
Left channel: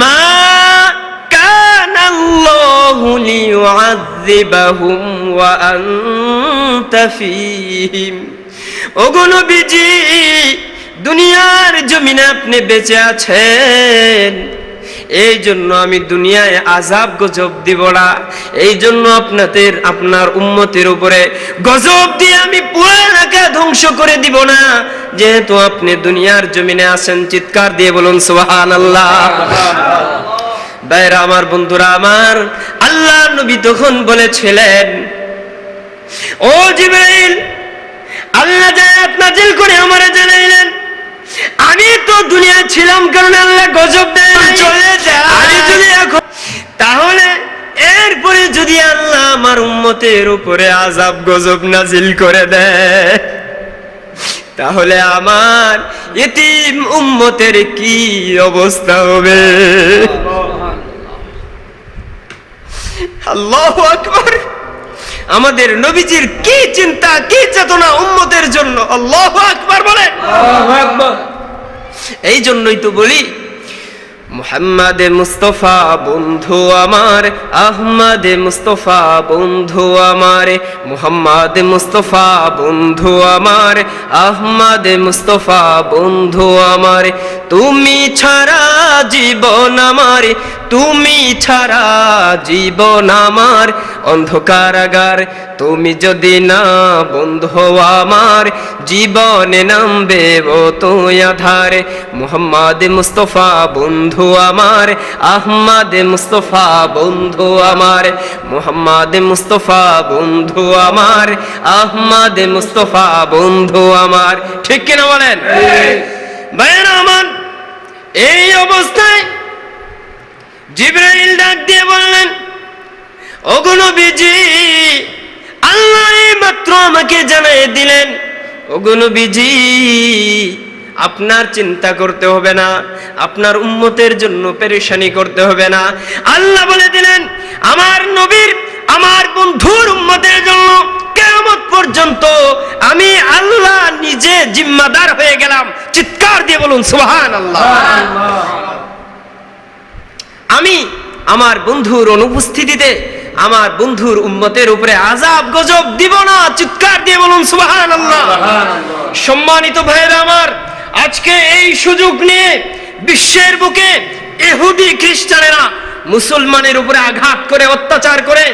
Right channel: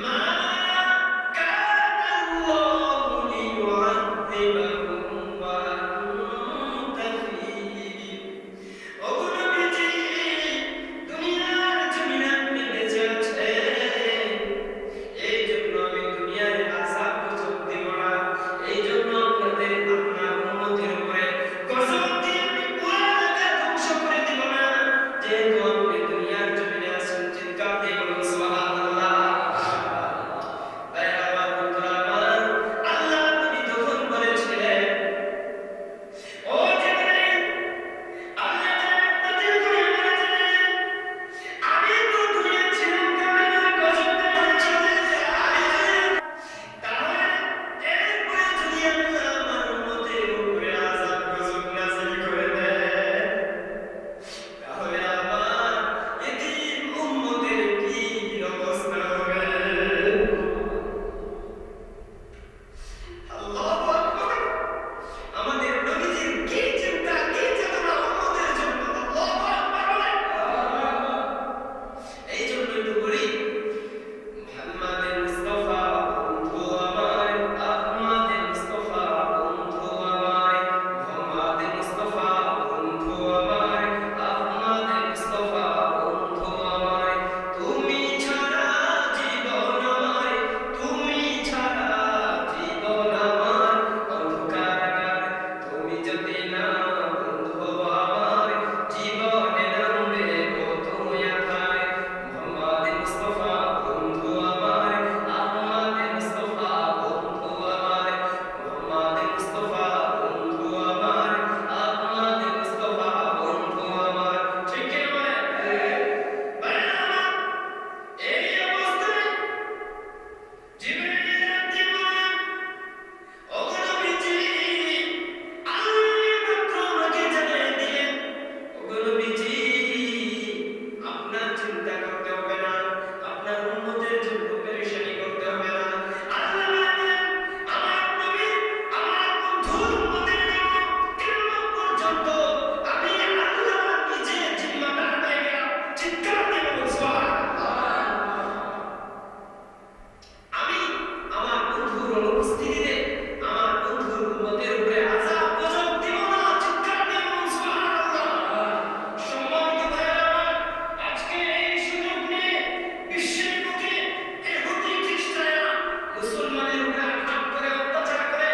মা কানাল্লাহু লিয়ুআযযিবাহুম ওয়া আনতা ফীহিম। ওগো নবীজি, দুনিয়ার জমিনে আপনি বেঁচে আছেন, এই জন্য আমি দুনিয়ায় আযাব গজব দিব না, এই জন্য আপনার উম্মতের উপরে গজব দিয়ে আমি পুরো এলাকা ধ্বংস করে দিব না, যেহেতু আপনি দুনিয়ার জমিনে আছেন। চিৎকার দিয়ে বলুন সুবহানাল্লাহ। ভাইরা আমার, বন্ধুরা আমার, আল্লাহ নবী তখন বলেছিলেন, ও জিবরাইল, আল্লাহ যে আয়াত নাযিল করে আমারে জানাইলেন, আমি তো দুনিয়া ছিলাম কারণ আল্লাহ গজব দেয় চলে যায়, আমি যদি এখন, তাহলে এরপরে যদি আল্লাহ আমার উম্মতের উপরে আযাব গজব নাযিল করে দেয়, তাহলে আমার ইতিম উম্মতের কি অবস্থা হবে? আল্লাহু আকবার। আমাদের নবীজির কি চিন্তা, কি চেতনা উম্মতের জন্য! আল্লাহু আকবার বলে। এই জন্যই তো বলি, মুহাম্মাদে মুস্তাফা বন্ধু আমার, আহমদে মুস্তাফা বন্ধু আমার, মুহাম্মাদে মুস্তাফা বন্ধু আমার, আহমদে মুস্তাফা বন্ধু আমার, তুমি ছাড়া জীবন আমার, তুমি ছাড়া জীবন আমার অন্ধকারাগার, তুমি যদি না বন্ধু আমার, জীবনে নামবে তো আধার। মুহাম্মাদে মুস্তাফা বন্ধু আমার, আহমদে মুস্তাফা বন্ধু আমার, মুহাম্মাদে মুস্তাফা বন্ধু আমার, আহমদে মুস্তাফা বন্ধু আমার। ঠিক কিনা বলেন ভাইরা আমার? এই অবস্থায় জিবরাইল ডাক দিয়ে বললেন, ওগো নবীজি, আল্লাহ মাত্র আমাকে জানিয়ে দিলেন, ওগো নবীজি, আপনার চিন্তা করতে হবে না, আপনার উম্মতের জন্য পেরেশানি করতে হবে না। আল্লাহ বলে দিলেন, আমার নবীর, আমার বন্ধুর উম্মতের জন্য কিয়ামত পর্যন্ত আমি আল্লাহ নিজে জিম্মাদার হয়ে গেলাম। চিৎকার দিয়ে বলুন সুবহানাল্লাহ। আমি আমার বন্ধুর অনুপস্থিতিতে আমার বন্ধুর উম্মতের উপরে আযাব গজব দিব না। চিৎকার দিয়ে বলুন সুবহানাল্লাহ। সম্মানিত ভাইরা আমার, আজকে এই সুযোগ নিয়ে বিশ্বের বুকে ইহুদি খ্রিস্টানেরা মুসলমানের উপরে আঘাত করে, অত্যাচার করে,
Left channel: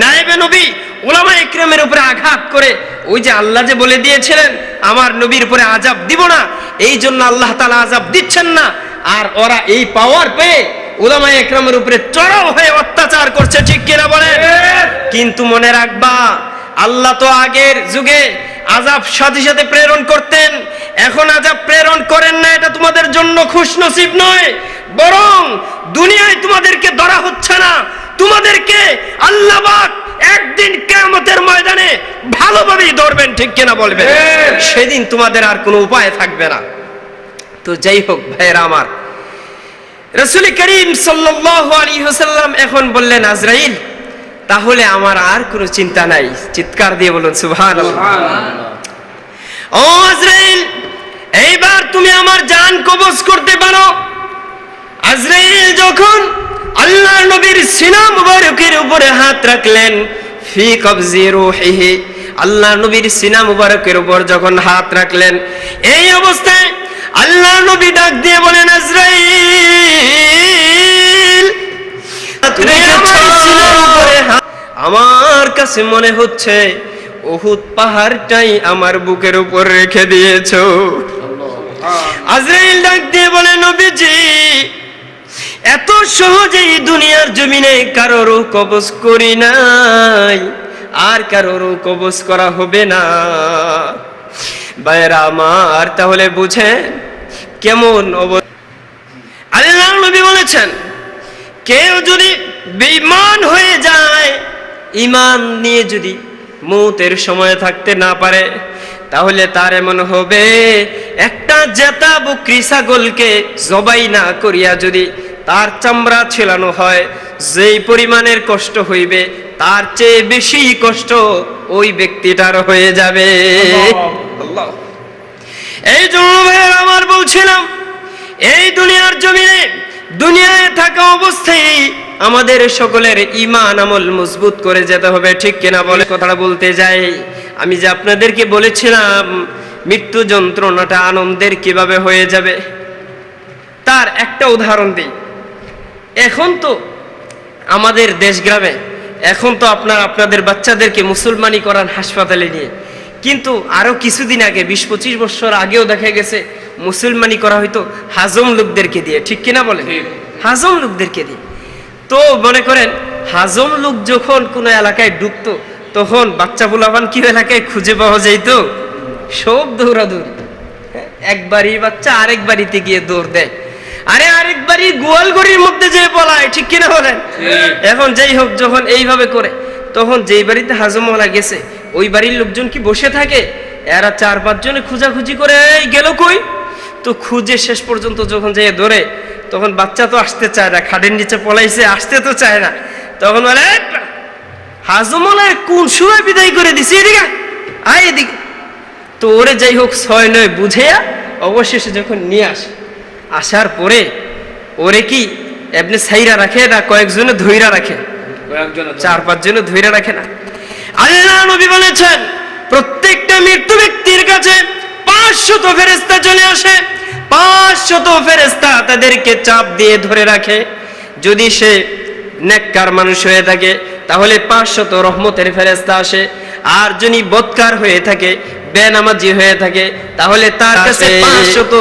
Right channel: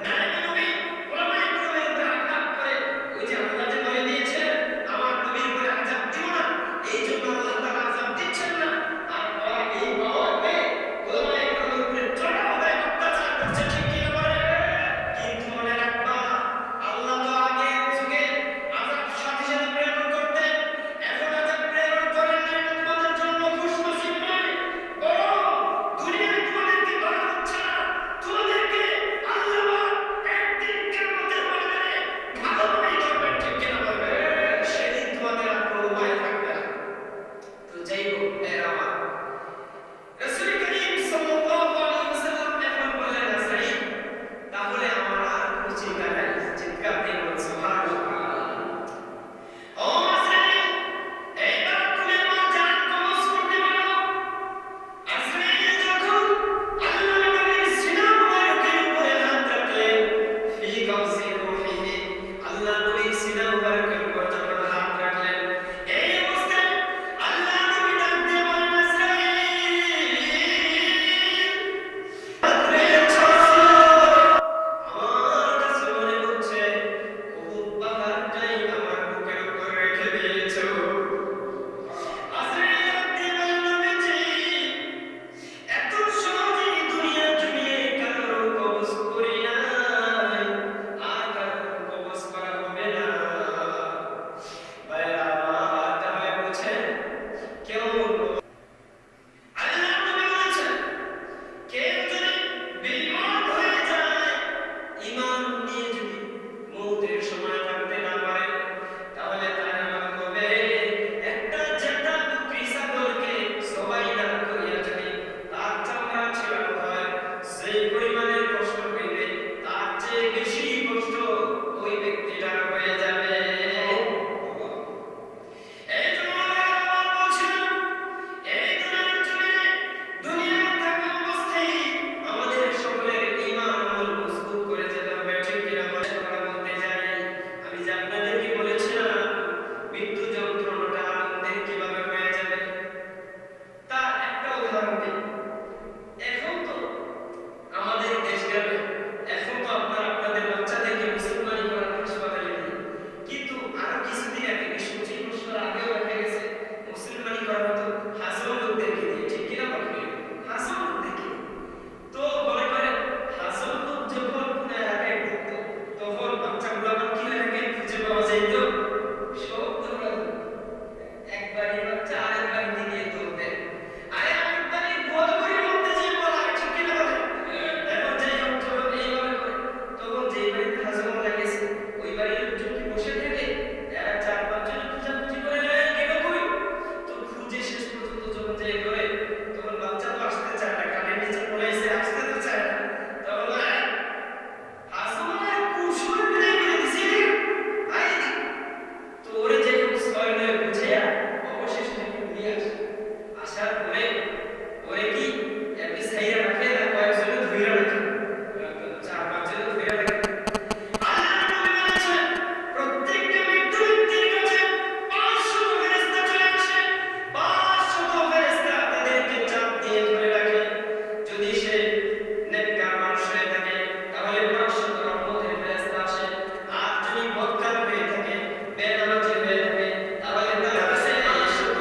নায়েবে নবী উলামায়ে ইকরামের উপরে আঘাত করে, ওই যে আল্লাহ যে বলে দিয়েছিলেন আমার নবীর উপরে আযাব দিব না, এই জন্য আল্লাহ তাআলা আযাব দিচ্ছেন না। আর ওরা এই পাওয়ার পেয়ে উলামায়ে ইকরামের উপরে চড়াও হয়ে অত্যাচার করছে। ঠিক কিনা বলেন? কিন্তু মনে রাখবা, আল্লাহ তো আগের যুগে আযাব সাথে সাথে প্রেরণ করতেন, এখন আযাব প্রেরণ করেন না। এটা তোমাদের জন্য খুশনসিব নয়, বরং দুনিয়ায় তোমাদেরকে ধরা হচ্ছে না, তোমাদেরকে আল্লাহ পাক একদিন কিয়ামতের ময়দানে ভালোভাবেই ধরবেন। ঠিক কিনা বলবেন? সেদিন তোমাদের আর কোনো উপায় থাকবে না। তো যাই হোক ভাইরা আমার, রাসূল করিম সাল্লাল্লাহু আলাইহি ওয়াসাল্লাম এখন বললেন, আজরাইল, তাহলে আমার আর কোনো চিন্তা নাই। চিৎকার দিয়ে বলুন সুবহানাল্লাহ। ও আজরাইল, এইবার তুমি আমার জান কবজ করতে পারো। আজরাইল যখন আল্লাহর নবীর সিনা মুবারকের উপরে হাত রাখলেন, ফি কবজি রূহিহি, আল্লাহর নবীর সিনা মুবারকের উপর যখন হাত রাখলেন, এই অবস্থায় আল্লাহর নবী ডাক দিয়ে বলেন, আজরাইল, আমার কাছে মনে হচ্ছে উহুদ পাহাড়টাই আমার বুকের উপর রেখে দিয়েছো। আজরাইল ডাক দিয়ে বলে, নবীজি, এত সহজেই দুনিয়ার জমিনে কারোর কবজ করি নাই, আর কারোর কবজ করা হবে না। ভাইরা আমার, তাহলে বুঝেন কেমন অবস্থা। আল্লাহ নবী বলেছেন, কেউ যদি বেঈমান হয়ে যায়, ঈমান নিয়ে যদি মৌতের সময় থাকতে না পারে, তাহলে তার এমন হবে, একটা জেতা বকরি ছাগলকে জবাই না করিয়া যদি তার চামড়া ছেলানো হয়, যেই পরিমাণের কষ্ট হইবে তার চেয়ে বেশি কষ্ট ওই ব্যক্তিটার হয়ে যাবে। আল্লাহ। এই জন্য ভাইয়ের আমার বলছিলাম, এই দুনিয়ার জমিনে দুনিয়ায় থাকা অবস্থায় আমাদের সকলের ঈমান আমল মজবুত করে যেতে হবে, ঠিক কিনা বলে? কথাটা বলতে যাই, আমি যে আপনাদেরকে বলেছিলাম মৃত্যু যন্ত্রণাটা আনন্দের কিভাবে হয়ে যাবে, তার একটা উদাহরণ দিই। এখন তো আমাদের দেশ গ্রামে এখন তো আপনাদের বাচ্চাদেরকে মুসলমানি করান হাসপাতালে নিয়ে, কিন্তু আরো কিছুদিন আগে 20-25 বছর আগেও দেখা গেছে মুসলমানি করা হয়তো হাজম লোকদেরকে দিয়ে, ঠিক কিনা বলে? হাজম লোকদেরকে দিয়ে। তো মনে করেন হাজম লোক যখন কোনো এলাকায় ঢুকতো, তখন বাচ্চা পোলাপান কি এলাকায় খুঁজে পাওয়া যাইতো? সব দৌড়াদৌড়ি, একবারই বাচ্চা আরেক বাড়িতে গিয়ে দৌড় দেয়, আরে আরেক বাড়ি গোয়ালঘরের মধ্যে যে পলায়, ঠিক কিনা বলেন? এখন যাই হোক, যখন এইভাবে করে, তখন যেই বাড়িতে হাজমওয়ালা গেছে ওই বাড়ির লোকজন কি বসে থাকে? এরা 4-5 জনে খোঁজাখুঁজি করে, এই গেল কই? তো খুঁজে শেষ পর্যন্ত যখন যাই ধরে, তখন বাচ্চা তো আসতে চায় না, খাটের নিচে পলাইছে, আসতে তো চায় না। তখন বলে, হাজমওয়ালা কোন সময় বিদায় করে দিছে, এদিকে আয় এদিকে। তো ওরে যাই হোক 6-9 বুঝেয়া অবশেষে যখন নিয়ে আসে, আসার পরে ওরে কি এমনি সাইরা রাখে না, কয়েকজনে ধইরা রাখে, 4-5 জনে ধইরা রাখে না। আল্লাহ নবী বলেছেন প্রত্যেকটা মৃত্যু ব্যক্তির কাছে 500 ফেরেশতা চলে আসে, 500 ফেরেশতা তাদেরকে চাপ দিয়ে ধরে রাখে। যদি সে নেককার মানুষ হয়ে থাকে তাহলে 500 রহমতের ফেরেশতা আসে, আর যদি বদকার হয়ে থাকে, বেনামাজি হয়ে থাকে, তাহলে তার কাছে 500।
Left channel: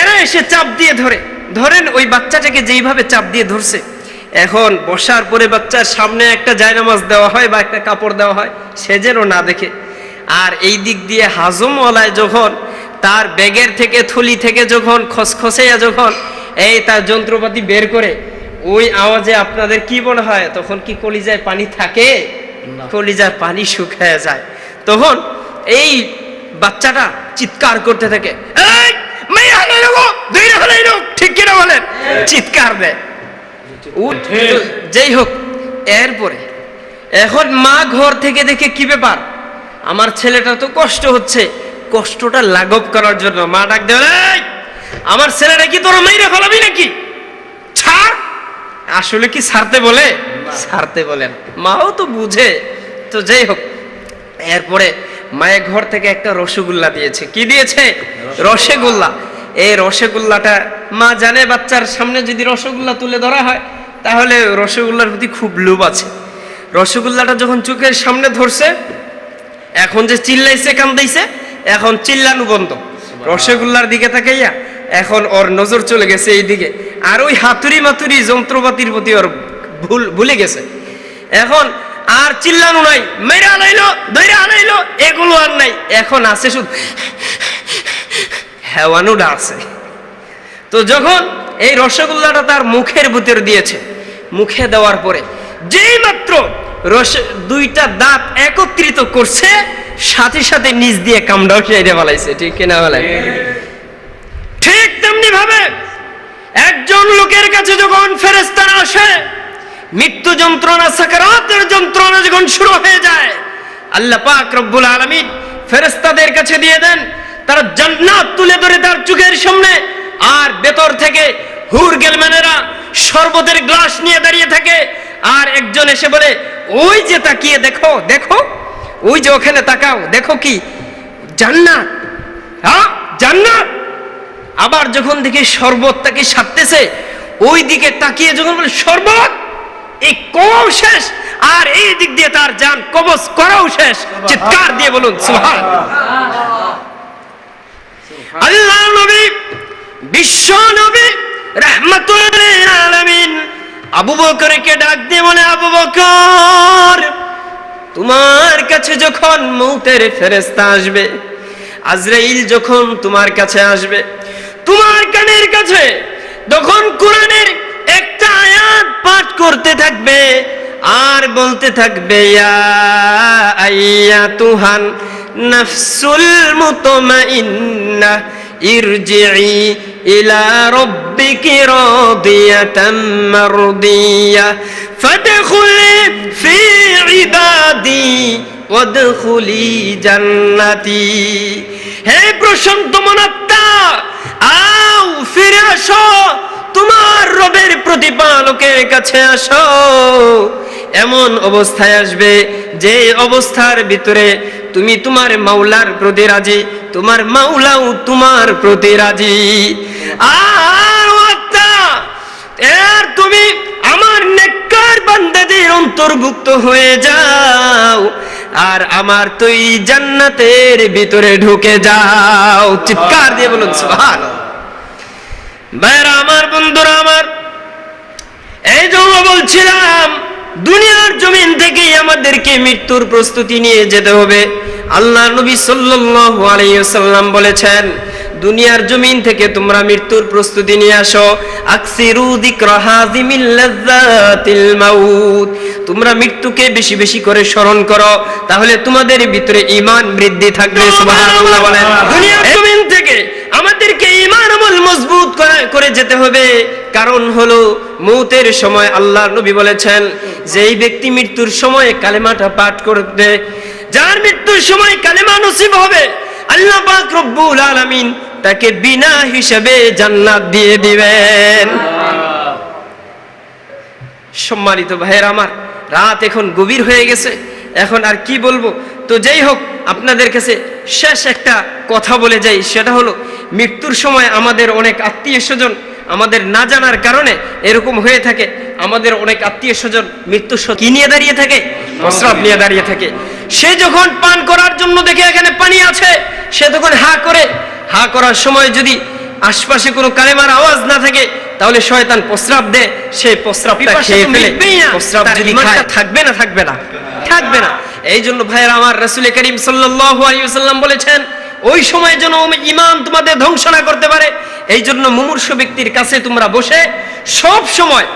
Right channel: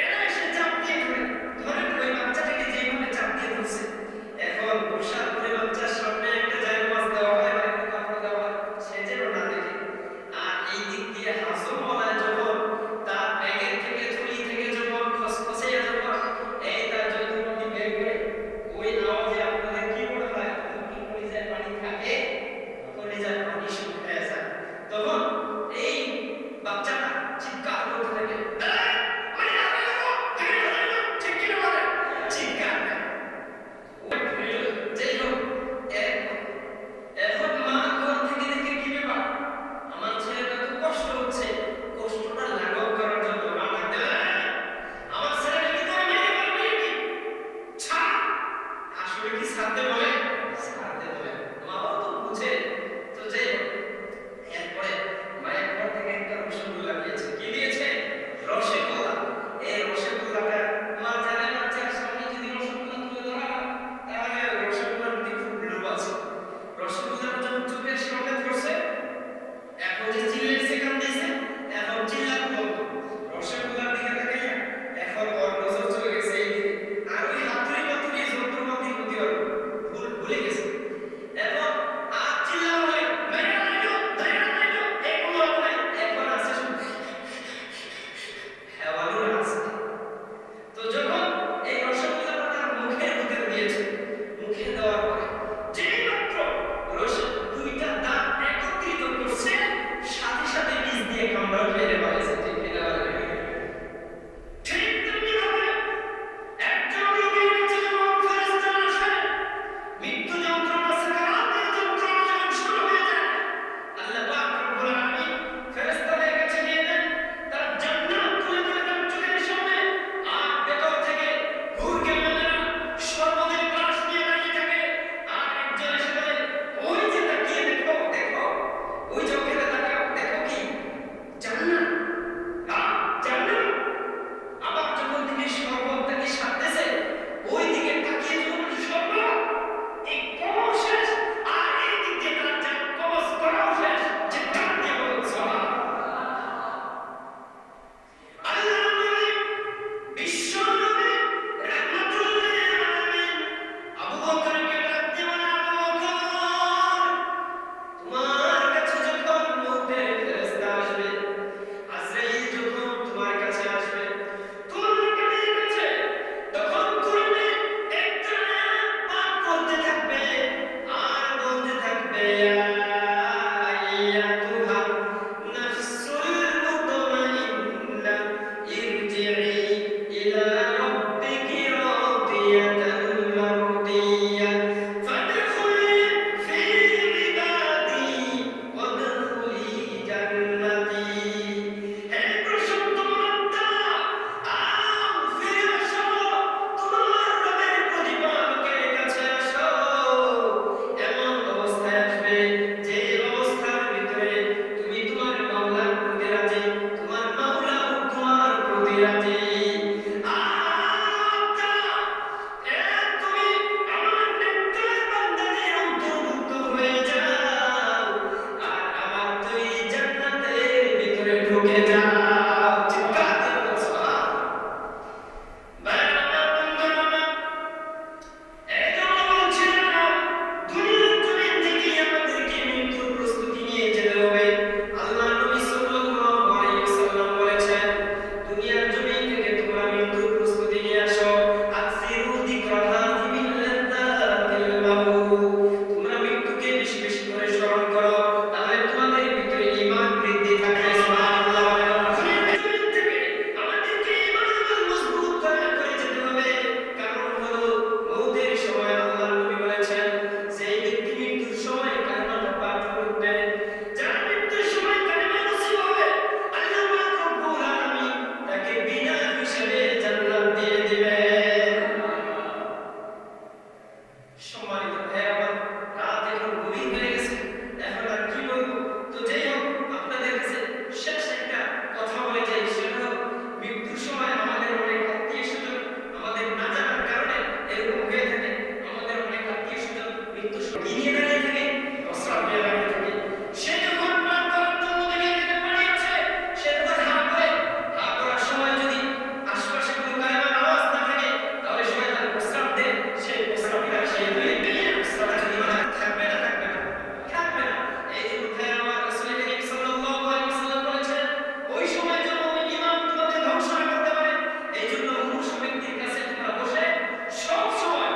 এরা এসে চাপ দিয়ে ধরেন ওই বাচ্চাটাকে যেইভাবে চাপ দিয়ে ধরছে, এখন বসার পরে বাচ্চার সামনে একটা জায়নামাজ দেওয়া হয় বা একটা কাপড় দেওয়া হয়, সে যেন না দেখে। আর এই দিক দিয়ে হাজমওয়ালায় যখন তার ব্যাগের থেকে থলি থেকে যখন খসখসাইয়া যখন এই তার যন্ত্রপাতি বের করে, ওই আওয়াজে আপনাদের কি মনে হয়? তখন কি কলিজায় পানি থাকে? কলিজার পানি শুকিয়ে যায়। তখন এই বাচ্চাটা চিৎকার করতে থাকে, ঠিক কিনা বলেন? চিৎকার দেয়। যাই হোক, এরপরে এখন মা ঘর থেকে দেখে কি ব্যাপার, আমার ছেলেটা তো কষ্ট হচ্ছে, কষ্টটা লাঘব করার জন্য মা ডাক দেয়, আমার ছেলেটা কি তোর মাইরে ফেলাবি নাকি? ছাড়। আসলে কি ছাড়তে বলে? ছাড়তে বলেন, মাও তো বুঝে। তো যাই হোক, এরপরে মায়ের ঘর থেকে একটা রসগোল্লা দিয়েছে। কি দিয়েছে? রসগোল্লা। এই রসগোল্লাটা মা জানে বাচ্চার সামনে যদি রসগোল্লা তুলে ধরা হয় তাহলে রসগোল্লার প্রতি খুব লোভ আছে। রসগোল্লাটা যখন চোখের সামনে ধরছে, এখন যে চিল্লাইছে কান্দাইছে, এখন চিল্লানো বন্ধ। রসগোল্লার দিকে তাকাইয়া এখন ওর নজর চলে গেছে এই দিকে, আর ওই হাতুড়ি মাতুরি যন্ত্রপাতির প্রতি ওর ভুলে গেছে। এখন আর চিল্লানো নাই, মেরে আনাইলো ধৈর্য আনাইলো, এগুলো আর নাই। এখন আছে শুধু হেওয়ানুটা আছে। তো যখন এই রসগোল্লাটা তার মুখের ভিতর দিয়েছে, মুখে দেওয়ার পরে যেই মাত্র দুইটা দাঁত একত্রিত করছে, সাথে সাথে নিচ দিয়ে কামড়াও খেয়ে ফেলাইছে, ঠিক কিনা বলে? ঠিক তেমনি ভাবে একজন লোকের কাছে যখন ফেরেশতা আসে, মৃত্যু যন্ত্রণা, সাকারাতের যন্ত্রণা যখন শুরু হয়ে যায়, আল্লাহ পাক রব্বুল আলামিন ফেরেশতাদের কাছে দিয়ে দেন, তারা জান্নাত তুলে ধরে তার চোখের সামনে, আর ভেতর থেকে হুর গেলম্যানেরা শরবতের গ্লাস নিয়ে দাঁড়িয়ে থাকে। আর একজন এসে বলে, ওই যে তাকিয়ে দেখো, দেখো ওই যে ওখানে তাকাও, দেখো কি জান্নাত, হ্যাঁ জান্নাত। আবার যখন দেখি শরবত তাকে সারতেছে, ওই দিকে তাকিয়ে যখন বলে শরবত, এই কও শেষ, আর এই দিক দিয়ে তার জান কবজ করাও শেষ। চিৎকার দিয়ে বলুন সুবহানাল্লাহ। আল্লাহ নবী, বিশ্ব নবী রাহমাতুল লিল আলামিন আবু বকরকে ডাক দিয়ে বলে, আবু বকর, তোমার কাছে যখন মউতের ফেরেশতা আসবে, আজরাইল যখন তোমার কাছে আসবে, তোমার কানের কাছে তখন কোরআনের একটা আয়াত পাঠ করতে থাকবে আর বলতে থাকবে, ইয়া আইয়াতুহান নাফসুল মুতমাইন্নাহ ইরজিই ইলা রাব্বিকি রাদিয়াতাম মারদিয়াহ ফাদখুলি ফি ইবাদি ওয়াদখুলি জান্নাতি। হে প্রশান্ত মনাত্মা, আও ফিরে আসো, তোমার রবের প্রতিপালকের কাছে আসো। এমন অবস্থায় আসবে যে অবস্থার ভিতরে তুমি তোমার মাওলার প্রতি রাজি, তোমার মাওলাও তোমার প্রতি রাজি। আর তুমি আমার নেককার বান্দাদের অন্তর্ভুক্ত হয়ে যাও, আর আমার তুই জান্নাতের ভিতরে ঢুকে যাও। চিৎকার দিয়ে বলুন সুবহানাল্লাহ। ভাইরা আমার, বন্ধুরা আমার, এই জন্য বলছিলাম দুনিয়ার জমিন থেকেই আমাদেরকে মৃত্যুর প্রস্তুতি নিয়ে যেতে হবে। আল্লাহ নবী সাল্লাল্লাহু আলাইহি ওয়াসাল্লাম বলেছেন, দুনিয়ার জমিন থেকে তোমরা মৃত্যুর প্রস্তুতি নিয়ে আসো। আকসিরু যিকরা হাযিমিল লাযযাতিল মাউত, তোমরা মৃত্যুকে বেশি বেশি করে স্মরণ করো, তাহলে তোমাদের ভিতরে ঈমান বৃদ্ধি থাকবে। সুবহানাল্লাহ বলেন। দুনিয়ার জমিন থেকে আমাদেরকে ঈমান আমল মজবুত করে যেতে হবে। কারণ হলো মৌতের সময় আল্লাহর নবী বলেছেন, যে এই ব্যক্তি মৃত্যুর সময় কালেমাটা পাঠ করবে, যার মৃত্যুর সময় কালেমা নসিব হবে, আল্লাহ পাক রব্বুল আলামিন তাকে বিনা হিসাবে জান্নাত দিয়ে দিবেন। সম্মানিত ভাইয়েরা আমার, রাত এখন গভীর হয়ে গেছে, এখন আর কি বলবো। তো যাই হোক, আপনাদের কাছে শেষ একটা কথা বলে যাই, সেটা হলো মৃত্যুর সময় আমাদের অনেক আত্মীয় স্বজন আমাদের না জানার কারণে এরকম হয়ে থাকে। আমাদের অনেক আত্মীয় স্বজন মৃত্যুর কি নিয়ে দাঁড়িয়ে থাকে? প্রস্রাব নিয়ে দাঁড়িয়ে থাকে। সে যখন পান করার জন্য দেখে এখানে পানি আছে, সে তখন হা করে, হা করার সময় যদি আশপাশে কোনো কালেমার আওয়াজ না থাকে, তাহলে শয়তান প্রস্রাব দেয়, সে প্রস্রাবটা খেয়ে ফেলে। প্রস্রাব যদি খায়, থাকবে না? থাকবে না, থাকবে না। এই জন্য ভাইয়েরা আমার, রাসূল করিম সাল্লাল্লাহু আলাইহি ওয়াসাল্লাম বলেছেন, ওই সময় যেন ঈমান তোমাদের ধ্বংস না করতে পারে, এই জন্য মুমূর্ষু ব্যক্তির কাছে তোমরা বসে সব সময়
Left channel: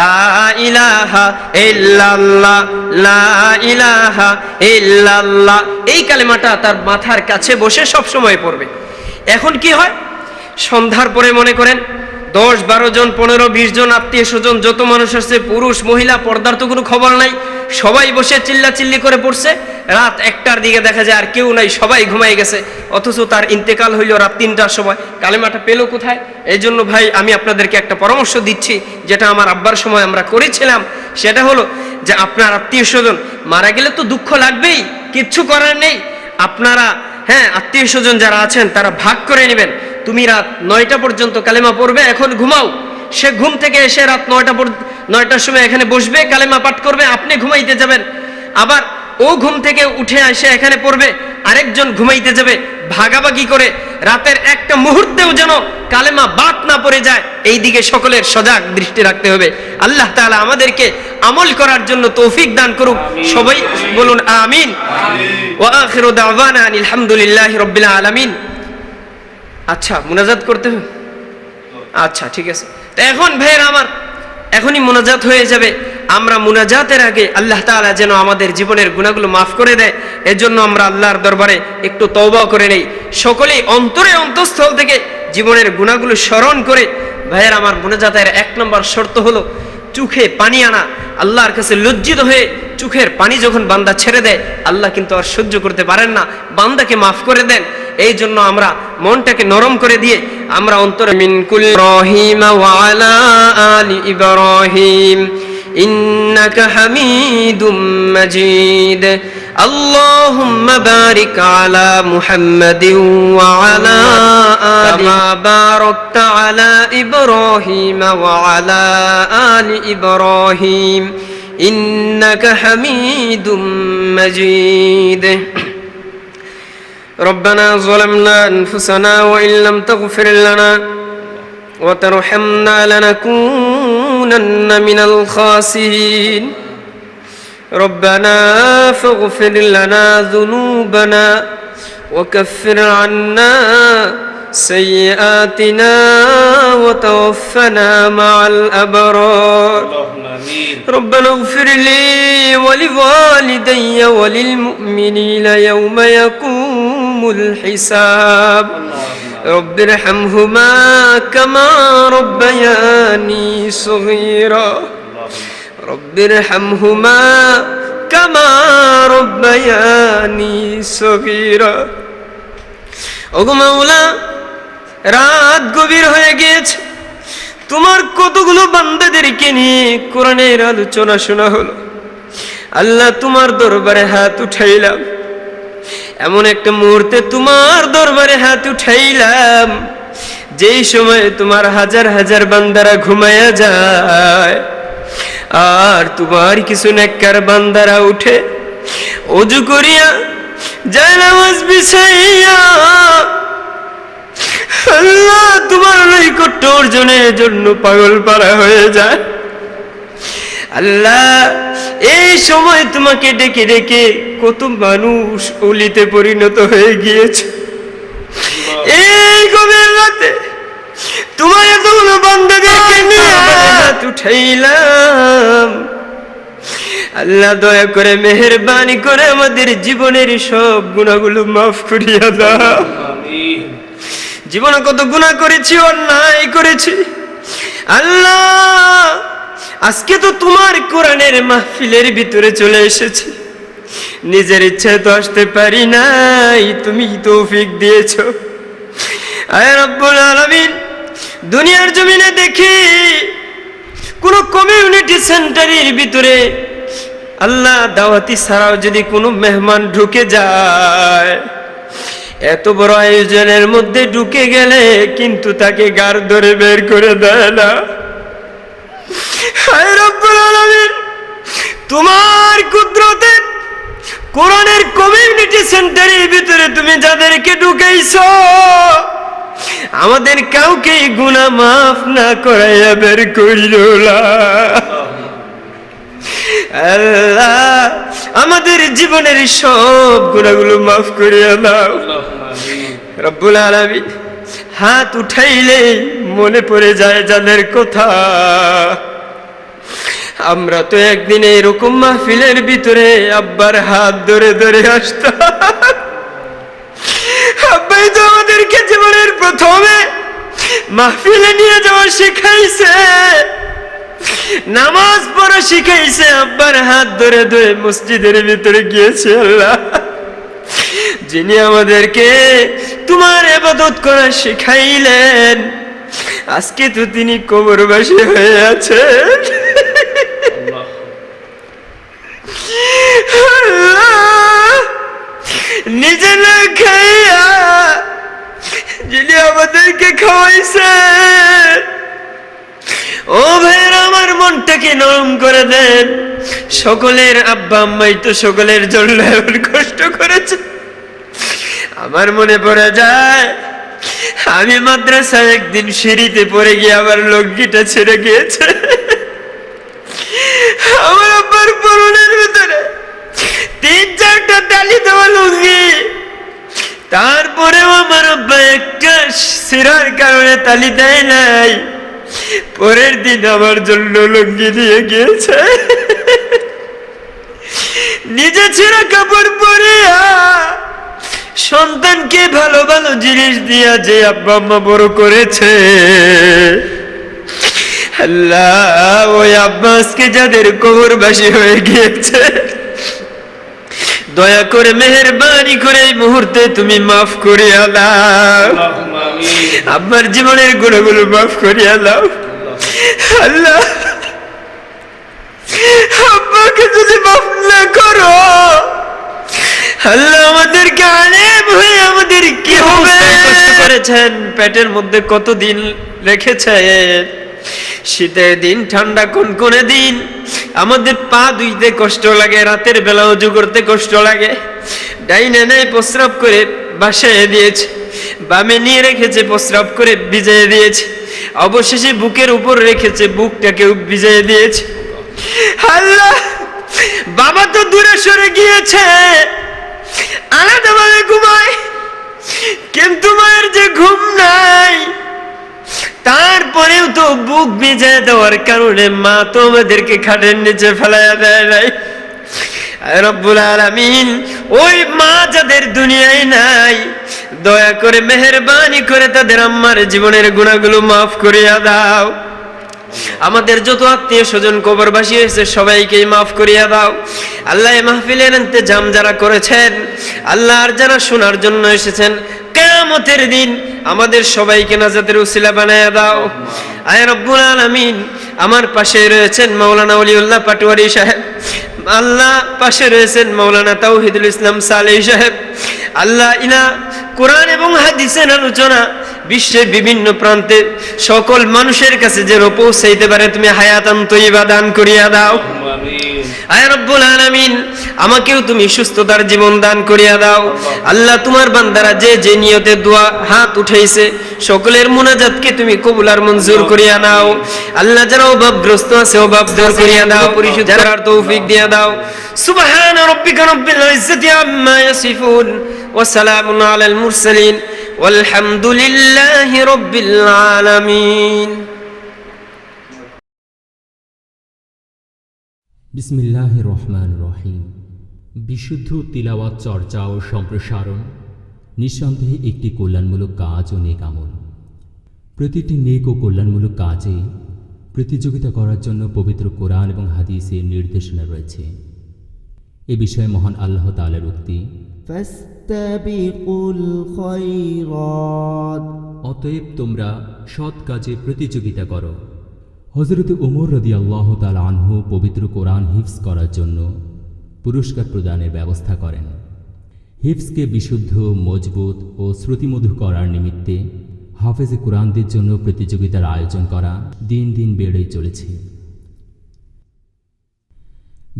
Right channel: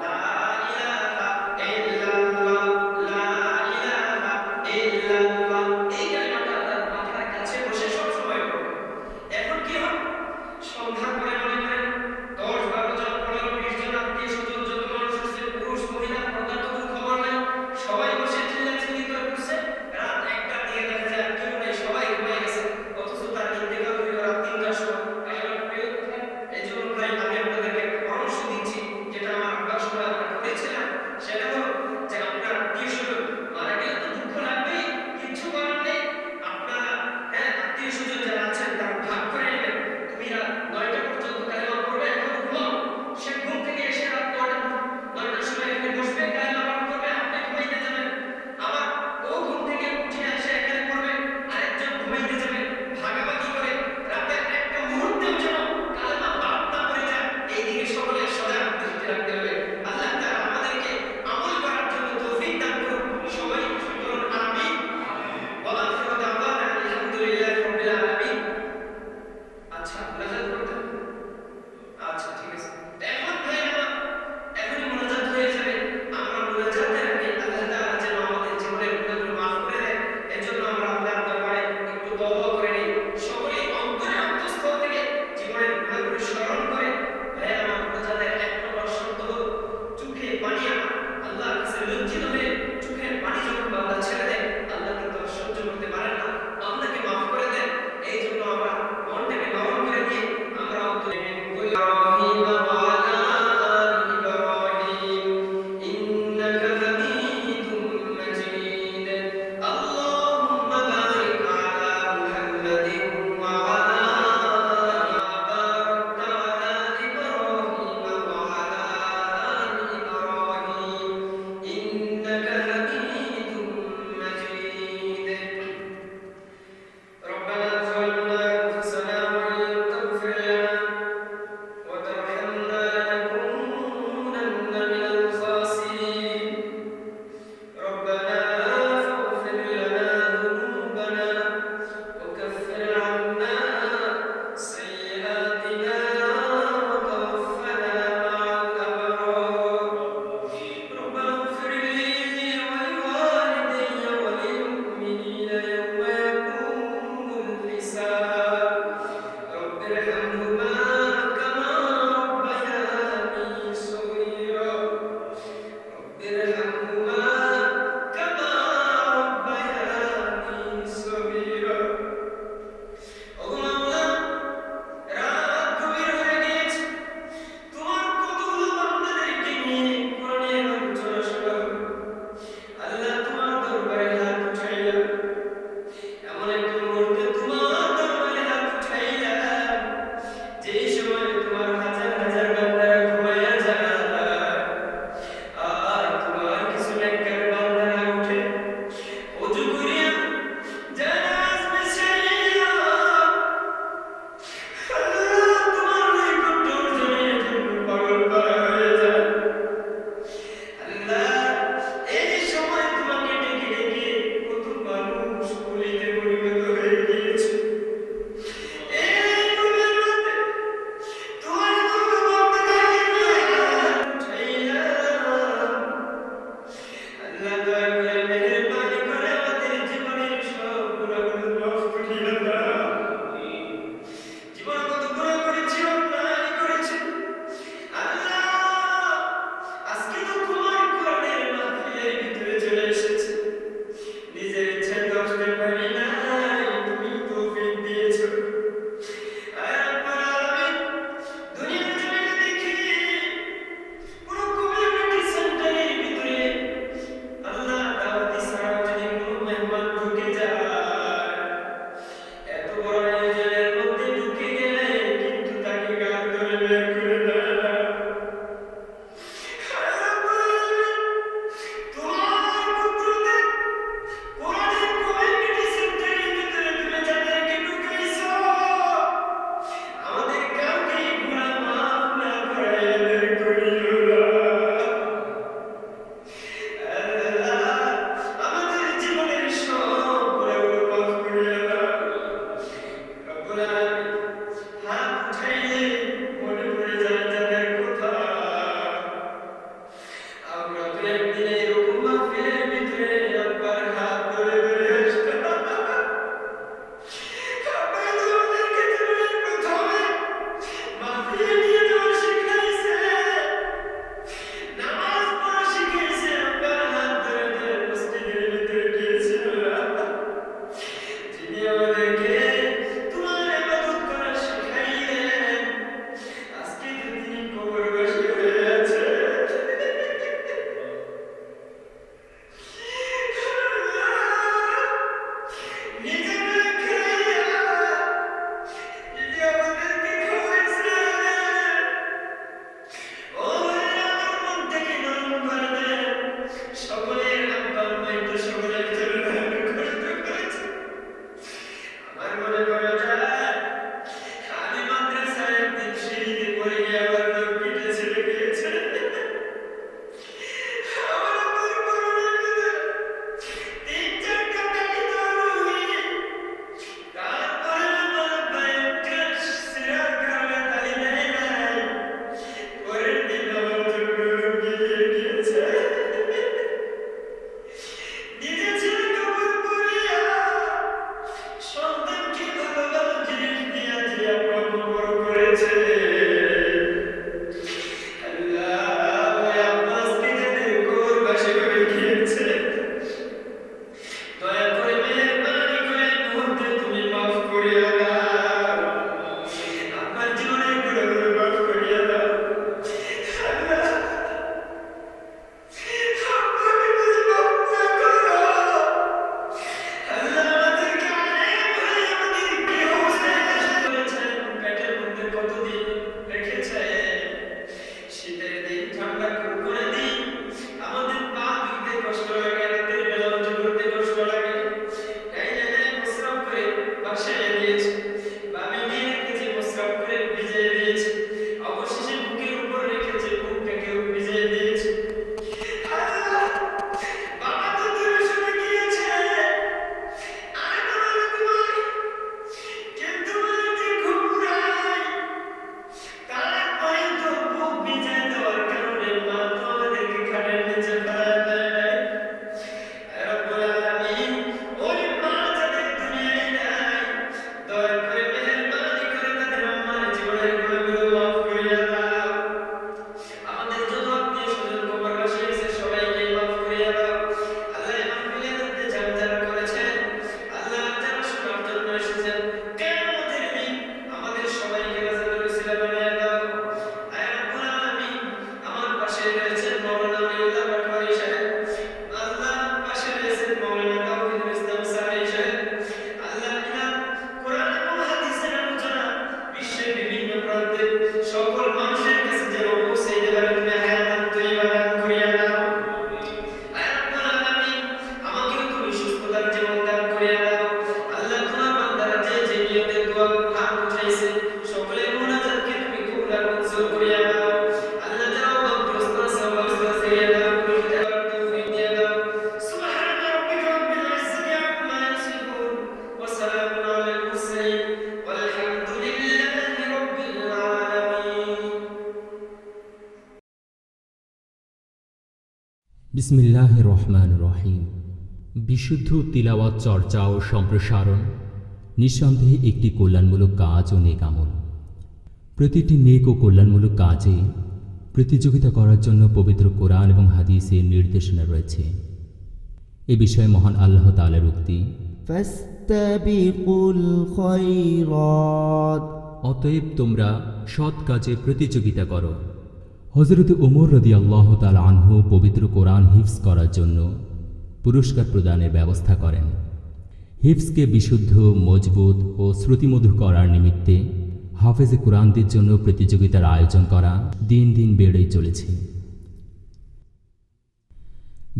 লা ইলাহা ইল্লাল্লাহ, লা ইলাহা ইল্লাল্লাহ এই কালেমাটা তার মাথার কাছে বসে সব সময় পড়বে। এখন কি হয়, সন্ধ্যার পরে মনে করেন 10-12 জন 15-20 জন আত্মীয় স্বজন যত মানুষ আছে, পুরুষ মহিলা, পর্দার তো কোনো খবর নাই, সবাই বসে চিল্লাচিল্লি করে পড়ছে। রাত 1টার দিকে দেখা যায় আর কেউ নাই, সবাই ঘুমাই গেছে, অথচ তার ইন্তেকাল হইল রাত 3টার সময়। কালেমাটা পেল কোথায়? এই জন্য ভাই আমি আপনাদেরকে একটা পরামর্শ দিচ্ছি, যেটা আমার আব্বার সময় আমরা করেছিলাম। সেটা হলো যে আপনার আত্মীয় স্বজন মারা গেলে তো দুঃখ লাগবেই, কিচ্ছু করার নেই। আপনারা আত্মীয় স্বজন যারা আছেন তারা ভাগ করে নেবেন। তুমি রাত 9টা পর্যন্ত কালেমা পড়বে, এখন ঘুমাও। সে ঘুম থেকে এসে রাত 9টার সময় এখানে বসবে, কালেমা পাঠ করবে, আপনি ঘুমাইতে যাবেন। আবার ও ঘুম থেকে উঠে এসে এখানে পড়বে, আরেকজন ঘুমাইতে যাবে। ভাগাভাগি করে রাতের একটা মুহূর্তেও যেন কালেমা বাদ না পড়ে যায়, এই দিকে সকলের সজাগ দৃষ্টি রাখতে হবে। আল্লাহ তাআলা আমাদেরকে আমল করার জন্য তৌফিক দান করুক। সবাই বলুন আমিন। ওয়া আখিরু দাওয়ানা আলহামদুলিল্লাহি রাব্বিল আলামিন। আচ্ছা, মুনাজাত করতে হবে? আচ্ছা, ঠিক আছে। তো এখন ভাইয়েরা আমার, এখনই মুনাজাত হয়ে যাবে। আমরা মুনাজাতের আগে আল্লাহ তাআলা যেন আমাদের জীবনের গুনাহগুলো মাফ করে দেয়, এজন্য আমরা আল্লাহর দরবারে একটু তওবা করে নেই। সকলেই অন্তরে অন্তঃস্থল থেকে জীবনের গুনাহগুলো স্মরণ করে, ভাইয়েরা আমার, মুনাজাতের 1 নম্বর শর্ত হলো চোখে পানি আনা। আল্লাহর কাছে লজ্জিত হয়ে চোখের পানি যখন বান্দা ছেড়ে দেয়, আল্লাহ কিন্তু আর সহ্য করতে পারেন না, বান্দাকে মাফ করে দেন। এই জন্য আমরা মনটাকে নরম করে দিয়ে আমরা অন্তরে মিন কুল ইব্রাহিম ওয়া আলা আলি ইব্রাহিম ইন্নাকা হামিদুম মাজিদ আল্লাহুম্মা বারিক আলা মুহাম্মাদিন ওয়া আলা আলি মা বারাকতা আলা ইব্রাহিম ওয়া আলা আলি ইব্রাহিম ইন্নাকা হামিদুম মাজিদ। ربنا ظلمنا أنفسنا وإن لم تغفر لنا وترحمنا لنكونن من الخاسرين ربنا فاغفر لنا ذنوبنا وكفر عنا سيئاتنا وتوفنا مع الأبرار ربنا اغفر لي ولوالدي وللمؤمنين يوم يقوم ইয়াউমুল হিসাব রব্বিরহামহুমা কামা রব্বায়ানি সগীরা রব্বিরহামহুমা কামা রব্বায়ানি সগীরা। ওগো মাওলা, রাত গভীর হয়ে গিয়েছে, তোমার কতগুলো বান্দাদেরকে নিয়ে কোরআনের আলোচনা শোনা হলো। আল্লাহ, তোমার দরবারে হাত উঠাইলাম, এমন একটা মুহূর্তে তোমার দরবারে হাত উঠাইলাম যেই সময়ে তোমার হাজার হাজার বান্দারা ঘুমায়া যায়, আর তোমার কিছু নেককার বান্দারা উঠে ওযু করিয়া যায় নামাজ বিছাইয়া আল্লাহ তোমার নৈকট্য অর্জনের জন্য পাগল পারা হয়ে যায়। আল্লাহ, এই সময় তোমাকে ডেকে ডেকে কত মানুষ অলিতে পরিণত হয়ে গিয়েছে। এই গভীর রাতে তোমার এতগুলো বান্দাদেরকে নিয়ে হাত উঠাইলাম। আল্লাহ, দয়া করে মেহেরবানি করে আমাদের জীবনের সব গুনাহগুলো মাফ করিয়া দাও। জীবনে কত গুনাহ করেছি, অন্যায় করেছি। আল্লাহ, আজকে তো তোমার কোরআনের মাহফিলের ভিতরে চলে এসেছি, নিজের ইচ্ছায় তো আসতে পারি নাই, তুমি তৌফিক দিয়েছো। আয় রব্বুল আলামিন, দুনিয়ার জমিনে দেখি কোন কমিউনিটি সেন্টারের ভিতরে আল্লাহ দাওয়াতি ছাড়াও যদি কোনো মেহমান ঢুকে যায়, এত বড় আয়োজনের মধ্যে ঢুকে গেলে কিন্তু তাকে গার ধরে বের করে দেয় না। হায় রব্বুল আলামিন, তোমার কুদরতে কোরআনের কমিউনিটি সেন্টারের ভিতরে তুমি যাদেরকে ঢুকাইছো, আমাদের কাউকে গুনাহ মাফ না করাইয়া বের কইরো না। আল্লাহ, আমাদের জীবনের সব গুনাহগুলো মাফ করিয়া দাও। রব্বুল আলামিন, হাত উঠাইলে মনে পড়ে যায় যাদের কথা। আমরা তো একদিন এরকম মাহফিলের ভিতরে আব্বার হাত ধরে ধরে আসতাম। আব্বাই তো আমাদেরকে জীবনের প্রথমে মাহফিলে নিয়ে যাওয়া শিখাইছে, নামাজ পড়া শিখাইছে, আব্বার হাত ধরে ধরে মসজিদের ভিতরে গিয়েছে। আল্লাহ, যিনি আমাদেরকে তোমার ইবাদত করা শিখাইলেন, আজকে তো তিনি কবরবাসী হয়ে আছেন। নিজে না খাইয়া যিনি আমাদেরকে খাওয়াইছে, ও ভাইয়েরা, আমার মনটাকে নরম করে দেন। সকলের আব্বা আম্মাই তো সকলের জন্য এমন কষ্ট করেছে। আমার মনে পড়ে যায়, আমি মাদ্রাসায় একদিন সিঁড়িতে পড়ে গিয়ে আবার লুঙ্গিটা ছেড়ে গিয়েছে। আমার আব্বার পরনের ভিতরে 3-4টা তালি দেওয়া লুঙ্গি, তারপরেও আমার আব্বা একটা ছিঁড়ার কারণে তালি দেয় নাই। পরের দিন আমার জন্য লুঙ্গি দিয়ে গিয়েছে। নিজে ছেঁড়া কাপড় পরিয়া সন্তানকে ভালো ভালো জিনিস দিয়া যে আব্বা আম্মা বড় করেছে, আল্লাহ, ওই আব্বাসকে যাদের কবরবাসী হয়ে গিয়েছে, দয়া করে মেহেরবানি করে এই মুহূর্তে তুমি মাফ করিয়া দাও। আব্বার জীবনের গুণাগুলো মাফ করিয়া দাও। আল্লাহ, আব্বাকে যদি মাফ না করো, আল্লাহ, আমাদেরকে আলেম হয়ে আমাদের কি হবে? কষ্ট করেছেন, পেটের মধ্যে কতদিন রেখেছেন, শীতের দিন, ঠান্ডা কনকনে দিন, আমাদের পা ধুইতে কষ্ট লাগে, রাতের বেলা ওযু করতে কষ্ট লাগে। ডাইনে নাই প্রস্রাব করে বাসায় দিয়েছে, বামে নিয়ে রেখেছে, প্রস্রাব করে ভিজিয়ে দিয়েছে, অবশেষে বুকের উপর রেখেছে, বুকটাকেও ভিজিয়ে দিয়েছে। আল্লাহ, বাবা তো দূরে সরে গিয়েছে, আলাদাভাবে ঘুমায়, কিন্তু মায়ের যে ঘুম নাই, তারপরেও তো বুক ভিজে দেওয়ার কারণে মা তো আমাদেরকে খাটের নিচে ফেলাইয়া দেয় নাই। আয় রব্বুল আলামিন, ওই মা যাদের দুনিয়ায় নাই, দয়া করে মেহেরবানি করে তাদের আম্মার জীবনের গুনাহগুলো মাফ করিয়া দাও। আমাদের যত আত্মীয় স্বজন কবরবাসী হয়েছে সবাইকে মাফ করিয়া দাও। আল্লাহ এই মাহফিলের ইন্তজাম যারা করেছেন, আল্লাহ আর যারা শোনার জন্য এসেছেন, কিয়ামতের দিন আমাদের সবাইকে নাজাতের উসিলা বানায়া দাও। আয় রব্বুল আলামিন, আমার পাশে রয়েছেন মাওলানা ওলিউল্লাহ পাটোয়ারি সাহেব, আল্লাহ পাশে রয়েছেন মাওলানা তাওহিদুল ইসলাম সালেহ সাহেব। আল্লাহ ইনা কোরআন এবং হাদিসের আলোচনা বিশ্বের বিভিন্ন প্রান্তে সকল মানুষের কাছে যেন পৌঁছাইতে পারে, তুমি হায়াতান তয়্যিবা দান করিয়া দাও। আয় রব্বুল আলামিন, আমাকেও তুমি সুস্থতার জীবন দান করিয়া দাও। আল্লাহ, তোমার বান্দারা যে যে নিয়তে দোয়া হাত উঠাইছে, সকলের মুনাজাতকে তুমি কবুল আর মঞ্জুর করিয়া নাও। আল্লাহ, যারা অভাবগ্রস্ত আছে অভাব দূর করিয়া দাও, পরিশুদ্ধ করার তৌফিক দিয়া দাও। সুবহান রাব্বিকা রাব্বিল ইজ্জাতি আম্মা ইয়াসিফুন ওয়া সালামুন আলাল মুরসালিন ওয়ালহামদুলিল্লাহি রাব্বিল আলামিন। বিসমিল্লাহির রহমানির রহিম। বিশুদ্ধ তিলাওয়াত চর্চা ও সম্প্রসারণ নিঃসন্দেহে একটি কল্যাণমূলক কাজ ও নেক আমল। প্রতিটি নেক ও কল্যাণমূলক কাজে প্রতিযোগিতা করার জন্য পবিত্র কোরআন এবং হাদিসের নির্দেশনা রয়েছে। এ বিষয়ে মহান আল্লাহ তাআলার উক্তি, ফাস্তাবিকুল খায়রাত, অতএব তোমরা সৎ কাজে প্রতিযোগিতা করো। হযরত ওমর রাদিয়াল্লাহু তাআলা আনহু পবিত্র কোরআন হিফজ করার জন্য পুরস্কার প্রদানের ব্যবস্থা করেন। হিফজকে বিশুদ্ধ, মজবুত ও শ্রুতিমধুর করার নিমিত্তে হাফেজে কোরআনদের জন্য প্রতিযোগিতার আয়োজন করা দিন দিন বেড়েই চলেছে।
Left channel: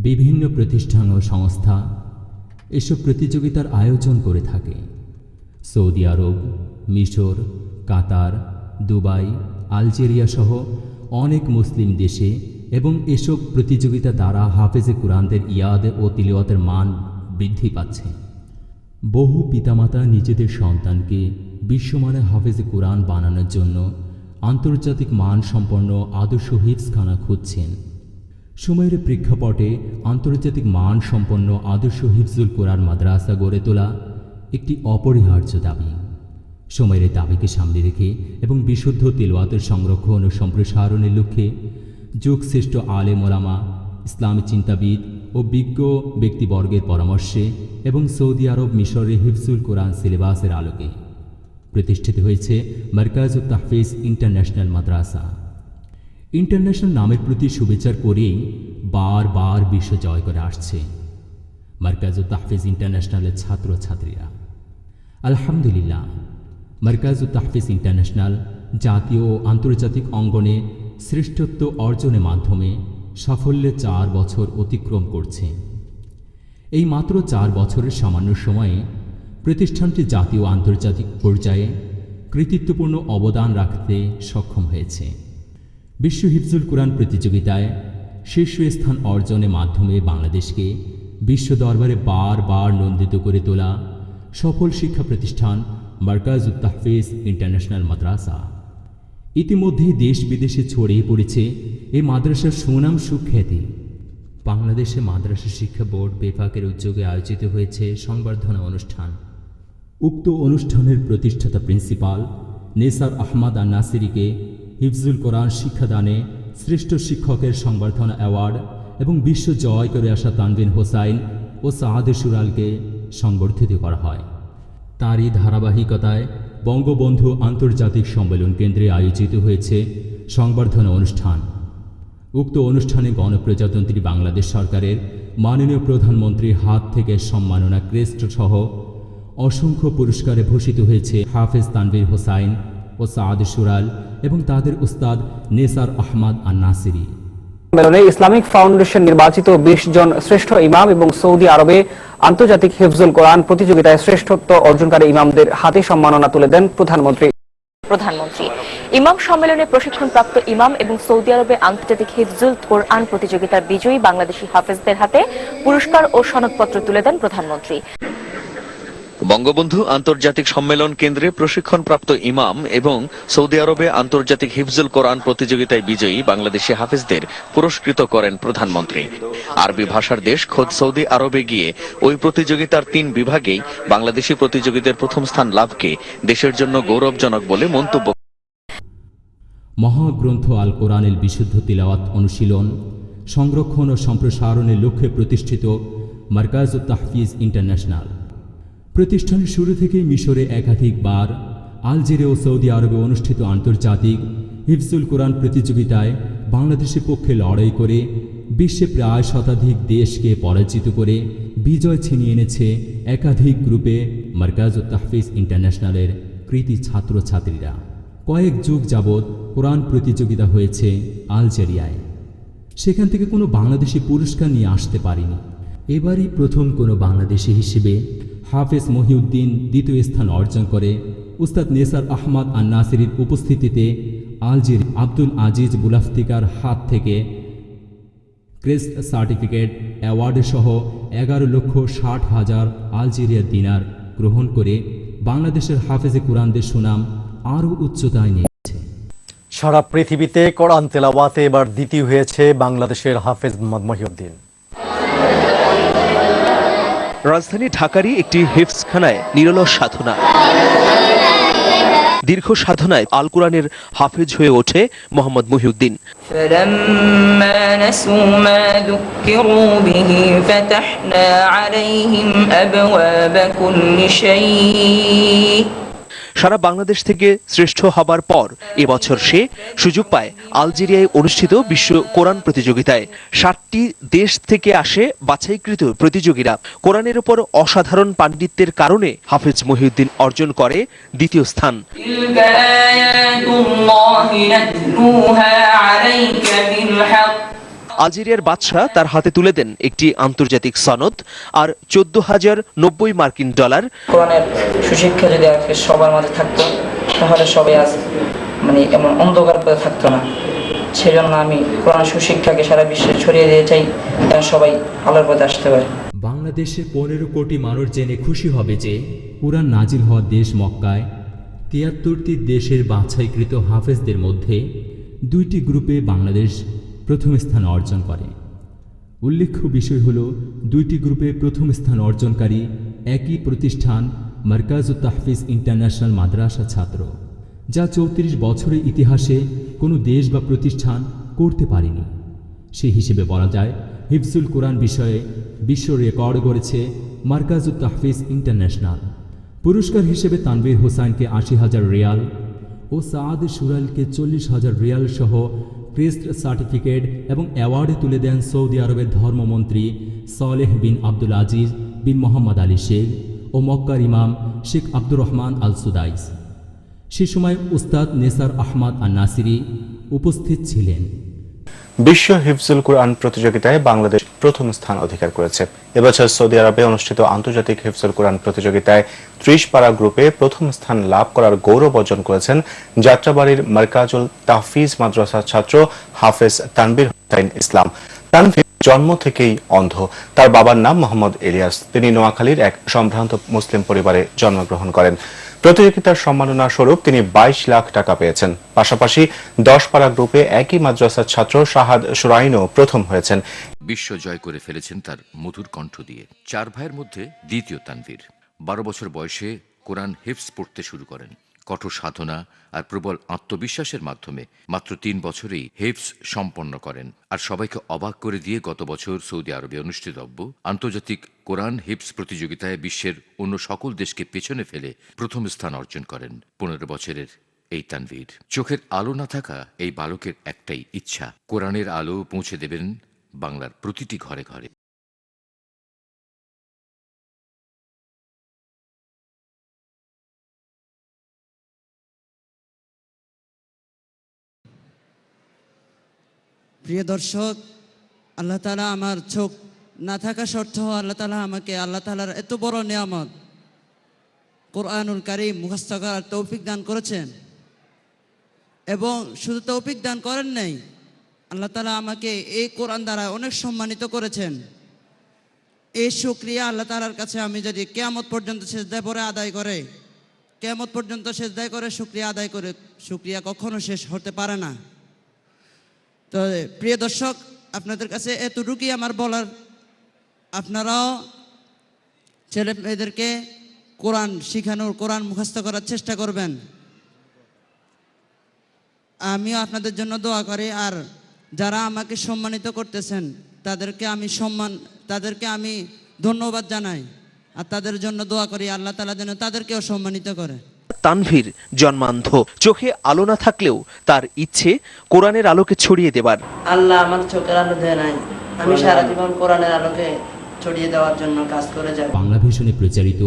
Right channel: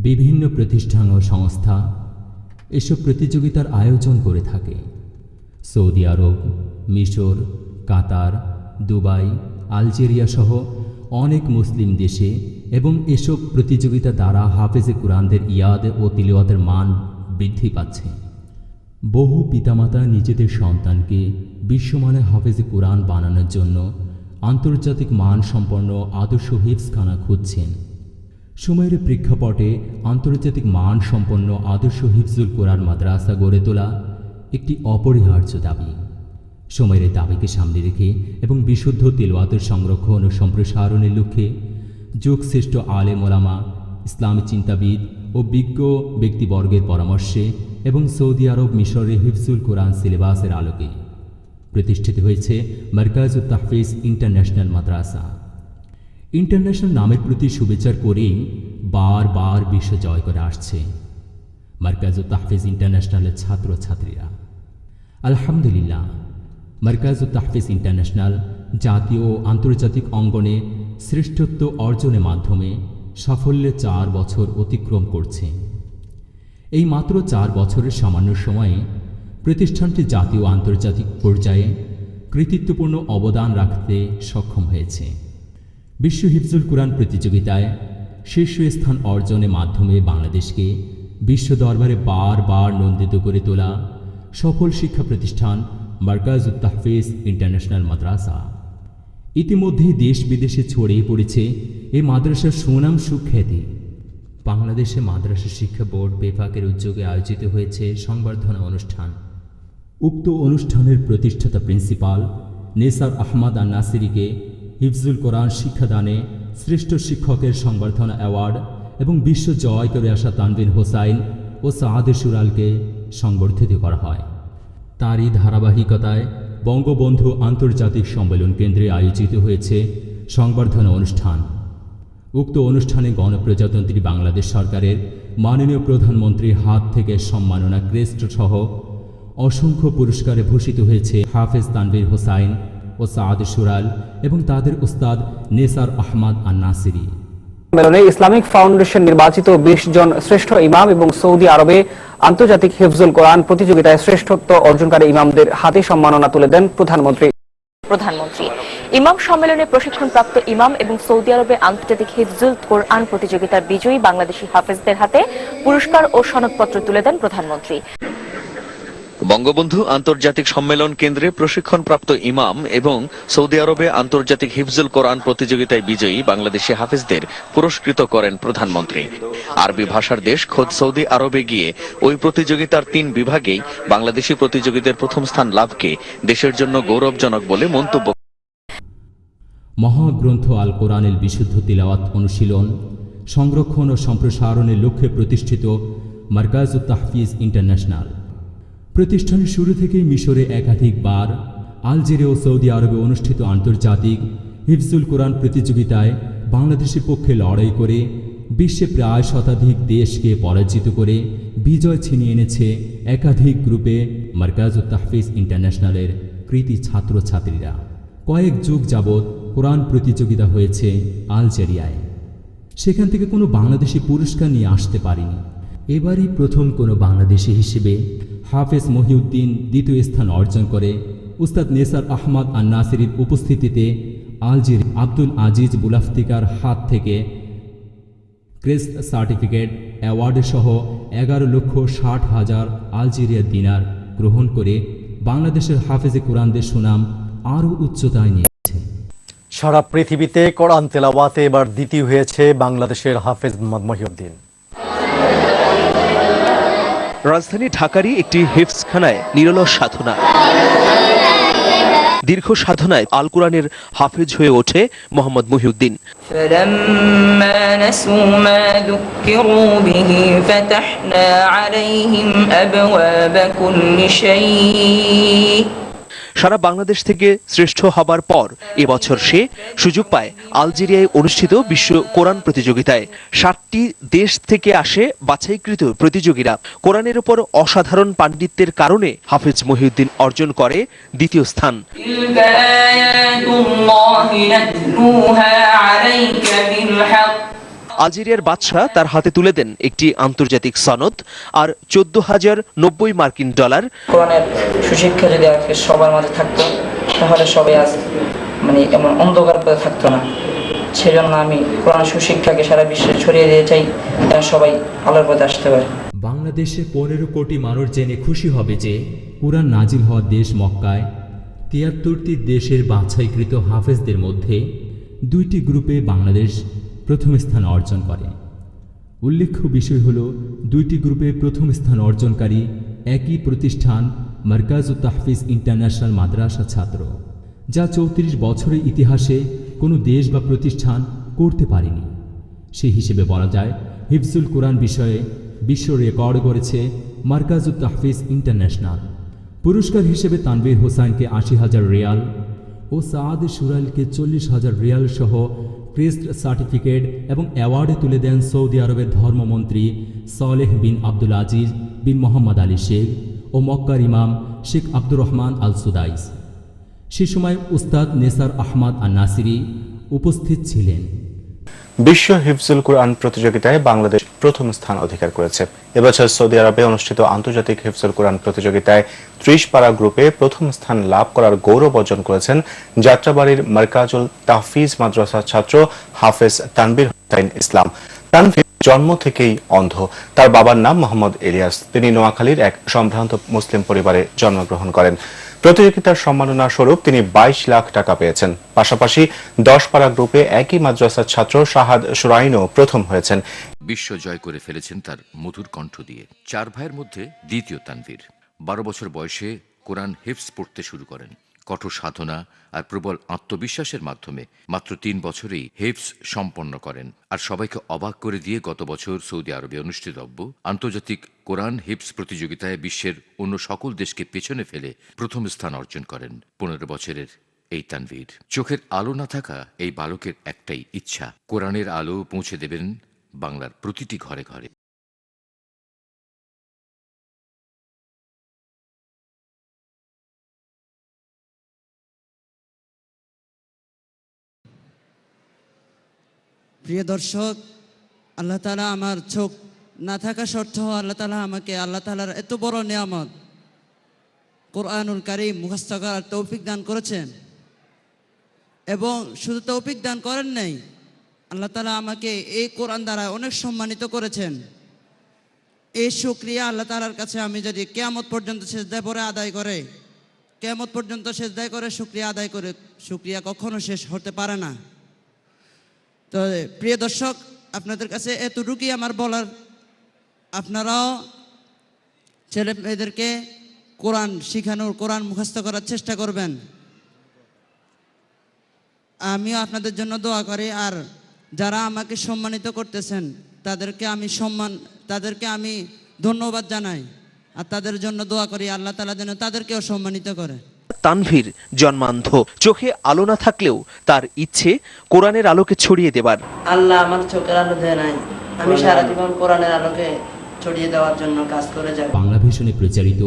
বিভিন্ন প্রতিষ্ঠান ও সংস্থা এসব প্রতিযোগিতার আয়োজন করে থাকে। সৌদি আরব, মিশর, কাতার, দুবাই, আলজেরিয়া সহ অনেক মুসলিম দেশে এবং এসব প্রতিযোগিতা দ্বারা হাফেজে কুরআনদের ইয়াদ ও তিলাওয়াতের মান বৃদ্ধি পাচ্ছে। বহু পিতামাতা নিজেদের সন্তানকে বিশ্বমানের হাফেজে কুরআন বানানোর জন্য আন্তর্জাতিক মান সম্পন্ন আদর্শ হিফজখানা খুঁজছেন। সময়ের প্রেক্ষাপটে আন্তর্জাতিক মান সম্পন্ন আদর্শ হিফজুল কোরআন মাদ্রাসা গড়ে তোলা একটি অপরিহার্য দাবি। সময়ের দাবিকে সামনে রেখে এবং বিশুদ্ধ তিলাওয়াতের সংরক্ষণ ও সম্প্রসারণের লক্ষ্যে যুগশ্রেষ্ঠ আলেম ওলামা, ইসলামী চিন্তাবিদ ও বিজ্ঞ ব্যক্তিবর্গের পরামর্শে এবং সৌদি আরব, মিশরের হিফজুল কোরআন সিলেবাসের আলোকে প্রতিষ্ঠিত হয়েছে মারকাজুত তাহফিজ ইন্টারন্যাশনাল মাদ্রাসা। ইন্টারন্যাশনাল নামের প্রতি শুভেচ্ছা করেই বারবার বিশ্ব জয় করে আসছে মারকাজুত তাহফিজ ইন্টারন্যাশনালের ছাত্রছাত্রীরা। আলহামদুলিল্লাহ, মারকাজুত তাহফিজ ইন্টারন্যাশনাল জাতীয় ও আন্তর্জাতিক অঙ্গনে শ্রেষ্ঠত্ব অর্জনের মাধ্যমে সাফল্যে 4 বছর অতিক্রম করছে। এই মাত্র 4 বছরের সামান্য সময়ে প্রতিষ্ঠানটি জাতীয় ও আন্তর্জাতিক পর্যায়ে কৃতিত্বপূর্ণ অবদান রাখতে সক্ষম হয়েছে। বিশ্ব হিফজুল কোরআন প্রতিযোগিতায় শীর্ষস্থান অর্জনের মাধ্যমে বাংলাদেশকে বিশ্ব দরবারে বারবার নন্দিত করে তোলা সফল শিক্ষা প্রতিষ্ঠান মারকাজুত তাহফিজ ইন্টারন্যাশনাল মাদ্রাসা। ইতিমধ্যেই দেশ বিদেশে ছড়িয়ে পড়েছে এই মাদ্রাসার সুনাম সুখ্যাতি। বাংলাদেশে মাদ্রাসা শিক্ষা বোর্ড বেফাকের উদ্যোগে আয়োজিত হয়েছে সংবর্ধনা অনুষ্ঠান। উক্ত অনুষ্ঠানের প্রতিষ্ঠাতা প্রিন্সিপাল নেসার আহমদ আন নাসিরিকে হিফজুল কোরআন শিক্ষাদানে শ্রেষ্ঠ শিক্ষকের সংবর্ধনা অ্যাওয়ার্ড এবং বিশ্ব জয় করে আসা তানভীর হোসাইন ও সাআদে সুরালকে সংবর্ধিত করা হয়। তারই ধারাবাহিকতায় বঙ্গবন্ধু আন্তর্জাতিক সম্মেলন কেন্দ্রে আয়োজিত হয়েছে সংবর্ধনা অনুষ্ঠান। উক্ত অনুষ্ঠানে গণপ্রজাতন্ত্রী বাংলাদেশ সরকারের মাননীয় প্রধানমন্ত্রীর হাত থেকে সম্মাননা ক্রেস্ট সহ অসংখ্য পুরস্কারে ভূষিত হয়েছে হাফেজ তানভীর হোসাইন ও সাআদে সুরাল এবং তাদের উস্তাদ নেসার আহমদ আন নাসিরি। সম্মেলনে ইসলামিক ফাউন্ডেশন নির্বাচিত 20 জন শ্রেষ্ঠ ইমাম এবং সৌদি আরবে আন্তর্জাতিক হিফজুল কোরআন প্রতিযোগিতায় শ্রেষ্ঠত্ব অর্জনকারী ইমামদের হাতে সম্মাননা তুলে দেন প্রধানমন্ত্রী। ইমাম সম্মেলনে প্রশিক্ষণপ্রাপ্ত ইমাম এবং সৌদি আরবে আন্তর্জাতিক হিফজুল কোরআন প্রতিযোগিতার বিজয়ী বাংলাদেশি হাফেজদের হাতে পুরস্কার ও সনদপত্র তুলে দেন প্রধানমন্ত্রী। বঙ্গবন্ধু আন্তর্জাতিক সম্মেলন কেন্দ্রে প্রশিক্ষণপ্রাপ্ত ইমাম এবং সৌদি আরবে আন্তর্জাতিক হিফজুল কোরআন প্রতিযোগিতায় বিজয়ী বাংলাদেশি হাফেজদের পুরস্কৃত করেন প্রধানমন্ত্রী। আরবি ভাষার দেশ খোদ সৌদি আরবে গিয়ে ওই প্রতিযোগিতার 3 বিভাগেই বাংলাদেশি প্রতিযোগীদের প্রথম স্থান লাভকে দেশের জন্য গৌরবজনক বলে মন্তব্য। মহাগ্রন্থ আল কোরআনের বিশুদ্ধ তিলাওয়াত অনুশীলন, সংরক্ষণ ও সম্প্রসারণের লক্ষ্যে প্রতিষ্ঠিত মারকাজুত তাহফিজ ইন্টারন্যাশনাল প্রতিষ্ঠানের শুরু থেকেই মিশরে একাধিকবার, আলজেরিয়া ও সৌদি আরবে অনুষ্ঠিত আন্তর্জাতিক হিফজুল কোরআন প্রতিযোগিতায় বাংলাদেশের পক্ষে লড়াই করে বিশ্বে প্রায় শতাধিক দেশকে পরাজিত করে বিজয় ছিনিয়ে এনেছে একাধিক গ্রুপে মারকাজুত তাহফিজ ইন্টারন্যাশনালের কৃতি ছাত্রছাত্রীরা। কয়েক যুগ যাবৎ কোরআন প্রতিযোগিতা হয়েছে আলজেরিয়ায়, সেখান থেকে কোনো বাংলাদেশি পুরস্কার নিয়ে আসতে পারেনি। এবারই প্রথম কোনো বাংলাদেশি হিসেবে হাফেজ মহিউদ্দিন দ্বিতীয় স্থান অর্জন করে উস্তাদ নেসার আহমদ আন নাসিরির উপস্থিতিতে আলজেরিয়া আব্দুল আজিজ বুলাফতিকার হাত থেকে ক্রেস্ট সার্টিফিকেট অ্যাওয়ার্ড সহ 11,60,000 আলজেরিয়া দিনার গ্রহণ করে বাংলাদেশের হাফেজে কোরআনদের সুনাম আরও উচ্চতায় নিয়েছে। সারা পৃথিবীতে কোরআন তেলাওয়াতে এবার দ্বিতীয় হয়েছে বাংলাদেশের হাফেজ মোহাম্মদ মহিউদ্দিন। রাজধানী ঢাকারই একটি হিফজখানায় নিরলস সাধনা। দীর্ঘ সাধনায় আল কোরআনের হাফেজ হয়ে ওঠে মোহাম্মদ মহিউদ্দিন। فلما نسوا ما ذكروا به فتحنا عليهم أبواب كل شيء। সারা বাংলাদেশ থেকে শ্রেষ্ঠ হবার পর এবছর সে সুযোগ পায় আলজেরিয়ায় অনুষ্ঠিত বিশ্ব কোরআন প্রতিযোগিতায়। 7টি দেশ থেকে আসে বাছাইকৃত প্রতিযোগীরা। কোরআনের উপর অসাধারণ পাণ্ডিত্যের কারণে হাফেজ মহিউদ্দিন অর্জন করে দ্বিতীয় স্থান। আলজেরিয়ার বাদশাহ তার হাতে তুলে দেন একটি আন্তর্জাতিক সনদ আর 14,090 মার্কিন ডলার। কোরআনের সুশিক্ষা যদি আজকে সবার মাঝে থাকতো তাহলে সবাই আজ এমন অন্ধকার পথে থাকতো না। সেজন্য আমি কোরআন সুশিক্ষাকে সারা বিশ্বে ছড়িয়ে দিতে চাই, যেন সবাই আলোর পথে আসতে পারে। বাংলাদেশে 15 কোটি মানুষ জেনে খুশি হবে যে কোরআন নাজিল হওয়া দেশ মক্কায় 73টি দেশের বাছাইকৃত হাফেজদের মধ্যে 2টি গ্রুপে বাংলাদেশ প্রথম স্থান অর্জন করে। উল্লেখ্য বিষয় হল 2টি গ্রুপে প্রথম স্থান অর্জনকারী একই প্রতিষ্ঠান মারকাজুত তাহফিজ ইন্টারন্যাশনাল মাদ্রাসা ছাত্র, যা 34 বছরের ইতিহাসে কোনো দেশ বা প্রতিষ্ঠান করতে পারেনি। সেই হিসেবে বলা যায় হিফজুল কোরআন বিষয়ে বিশ্ব রেকর্ড গড়েছে মারকাজুত তাহফিজ ইন্টারন্যাশনাল। পুরস্কার হিসেবে তানভীর হোসাইনকে 80,000 রিয়াল ও সাদ সুরাইলকে 40,000 রিয়াল সহ ক্রেস্ট সার্টিফিকেট এবং অ্যাওয়ার্ডে তুলে দেন সৌদি আরবের ধর্মমন্ত্রী সালেহ বিন আব্দুল আজিজ বিন মোহাম্মদ আলী শেখ ও মক্কার ইমাম শেখ আব্দুর রহমান আল সুদাইস। সে সময় উস্তাদ নেসার আহমদ আন নাসিরি উপস্থিত ছিলেন। বিশ্ব হিফজুল কোরআন প্রতিযোগিতায় বাংলাদেশ প্রথম স্থান অধিকার করেছে। এবছর সৌদি আরবে অনুষ্ঠিত আন্তর্জাতিক হিফজুল কোরআন প্রতিযোগিতায় 30 পারা গ্রুপে প্রথম স্থান লাভ করার গৌরব অর্জন করেছেন যাত্রাবাড়ির মারকাজুল তাহফিজ মাদ্রাসার ছাত্র হাফেজ তানভীর হোসাইন ইসলাম। তানভীর জন্ম থেকেই অন্ধ। তার বাবার নাম মোহাম্মদ ইলিয়াস। তিনি নোয়াখালীর এক সম্ভ্রান্ত মুসলিম পরিবারে জন্মগ্রহণ করেন। প্রতিযোগিতার সম্মাননা স্বরূপ তিনি 22 লাখ টাকা পেয়েছেন। পাশাপাশি 10 পারা গ্রুপে একই মাদ্রাসার ছাত্র শাহাদ সুরাইনও প্রথম হয়েছেন। বিশ্ব জয় করে ফেলেছেন তার মধুর কণ্ঠ দিয়ে। 4 ভাইয়ের মধ্যে দ্বিতীয় তানভীর। 12 বছর বয়সে কোরআন হিফজ পড়তে শুরু করেন। কঠোর সাধনা আর প্রবল আত্মবিশ্বাসের মাধ্যমে মাত্র 3 বছরেই হিফজ সম্পন্ন করেন। আর সবাইকে অবাক করে দিয়ে গত বছর সৌদি আরবে অনুষ্ঠিতব্য আন্তর্জাতিক কোরআন হিফজ প্রতিযোগিতায় বিশ্বের অন্য সকল দেশকে পেছনে ফেলে প্রথম স্থান অর্জন করেন 15 বছরের এই তানভীর। চোখের আলো না থাকা এই বালকের একটাই ইচ্ছা, কোরআনের আলো পৌঁছে দেবেন বাংলার প্রতিটি ঘরে ঘরে। প্রিয় দর্শক, আল্লাহ তাআলা আমার চোখ না থাকা সত্ত্বেও আল্লাহ তাআলা আমাকে আল্লাহ তাআলার এত বড় নিয়ামত কোরআনুল কারীম মুখস্থ করার তৌফিক দান করেছেন। এবং শুধু তৌফিক দান করেন নাই, আল্লাহ তাআলা আমাকে এই কোরআন দ্বারা অনেক সম্মানিত করেছেন। এই শুকরিয়া আল্লাহ তাআলার কাছে আমি যদি কিয়ামত পর্যন্ত সেজদায় পড়ে আদায় করে, কিয়ামত পর্যন্ত সেজদায় করে শুকরিয়া আদায় করে, শুকরিয়া কখনো শেষ হতে পারে না। তো প্রিয় দর্শক, আপনাদের কাছে এতটুকুই আমার বলার, আপনারাও ছেলে মেয়েদেরকে কোরআন শিখানোর, কোরআন মুখস্থ করার চেষ্টা করবেন। আমিও আপনাদের জন্য দোয়া করি। আর যারা আমাকে সম্মানিত করতেছেন তাদেরকে আমি ধন্যবাদ জানাই আর তাদের জন্য দোয়া করি আল্লাহ তাআলা যেন তাদেরকেও সম্মানিত করে। তানভীর জন্মান্ধ, চোখে আলো না থাকলেও তার ইচ্ছে কোরআনের আলোকে ছড়িয়ে দেবার। আল্লাহ আমার চোখের আলো দেয় নাই, আমি সারা জীবন কোরআনের আলোকে ছড়িয়ে দেওয়ার জন্য কাজ করে যাব। বাংলা ভিশনে প্রচারিত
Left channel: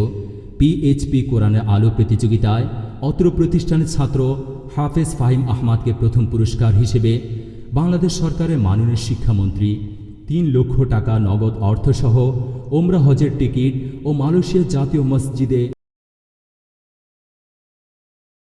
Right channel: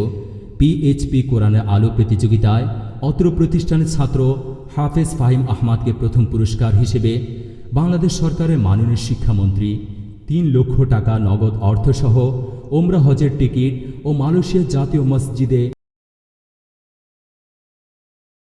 পিএইচপি কোরআনের আলো প্রতিযোগিতায় অত্র প্রতিষ্ঠানের ছাত্র হাফেজ ফাহিম আহমদকে প্রথম পুরস্কার হিসেবে বাংলাদেশ সরকারের মাননীয় শিক্ষামন্ত্রী 3 লক্ষ টাকা নগদ অর্থসহ ওমরা হজের টিকিট ও মালয়েশিয়া জাতীয় মসজিদে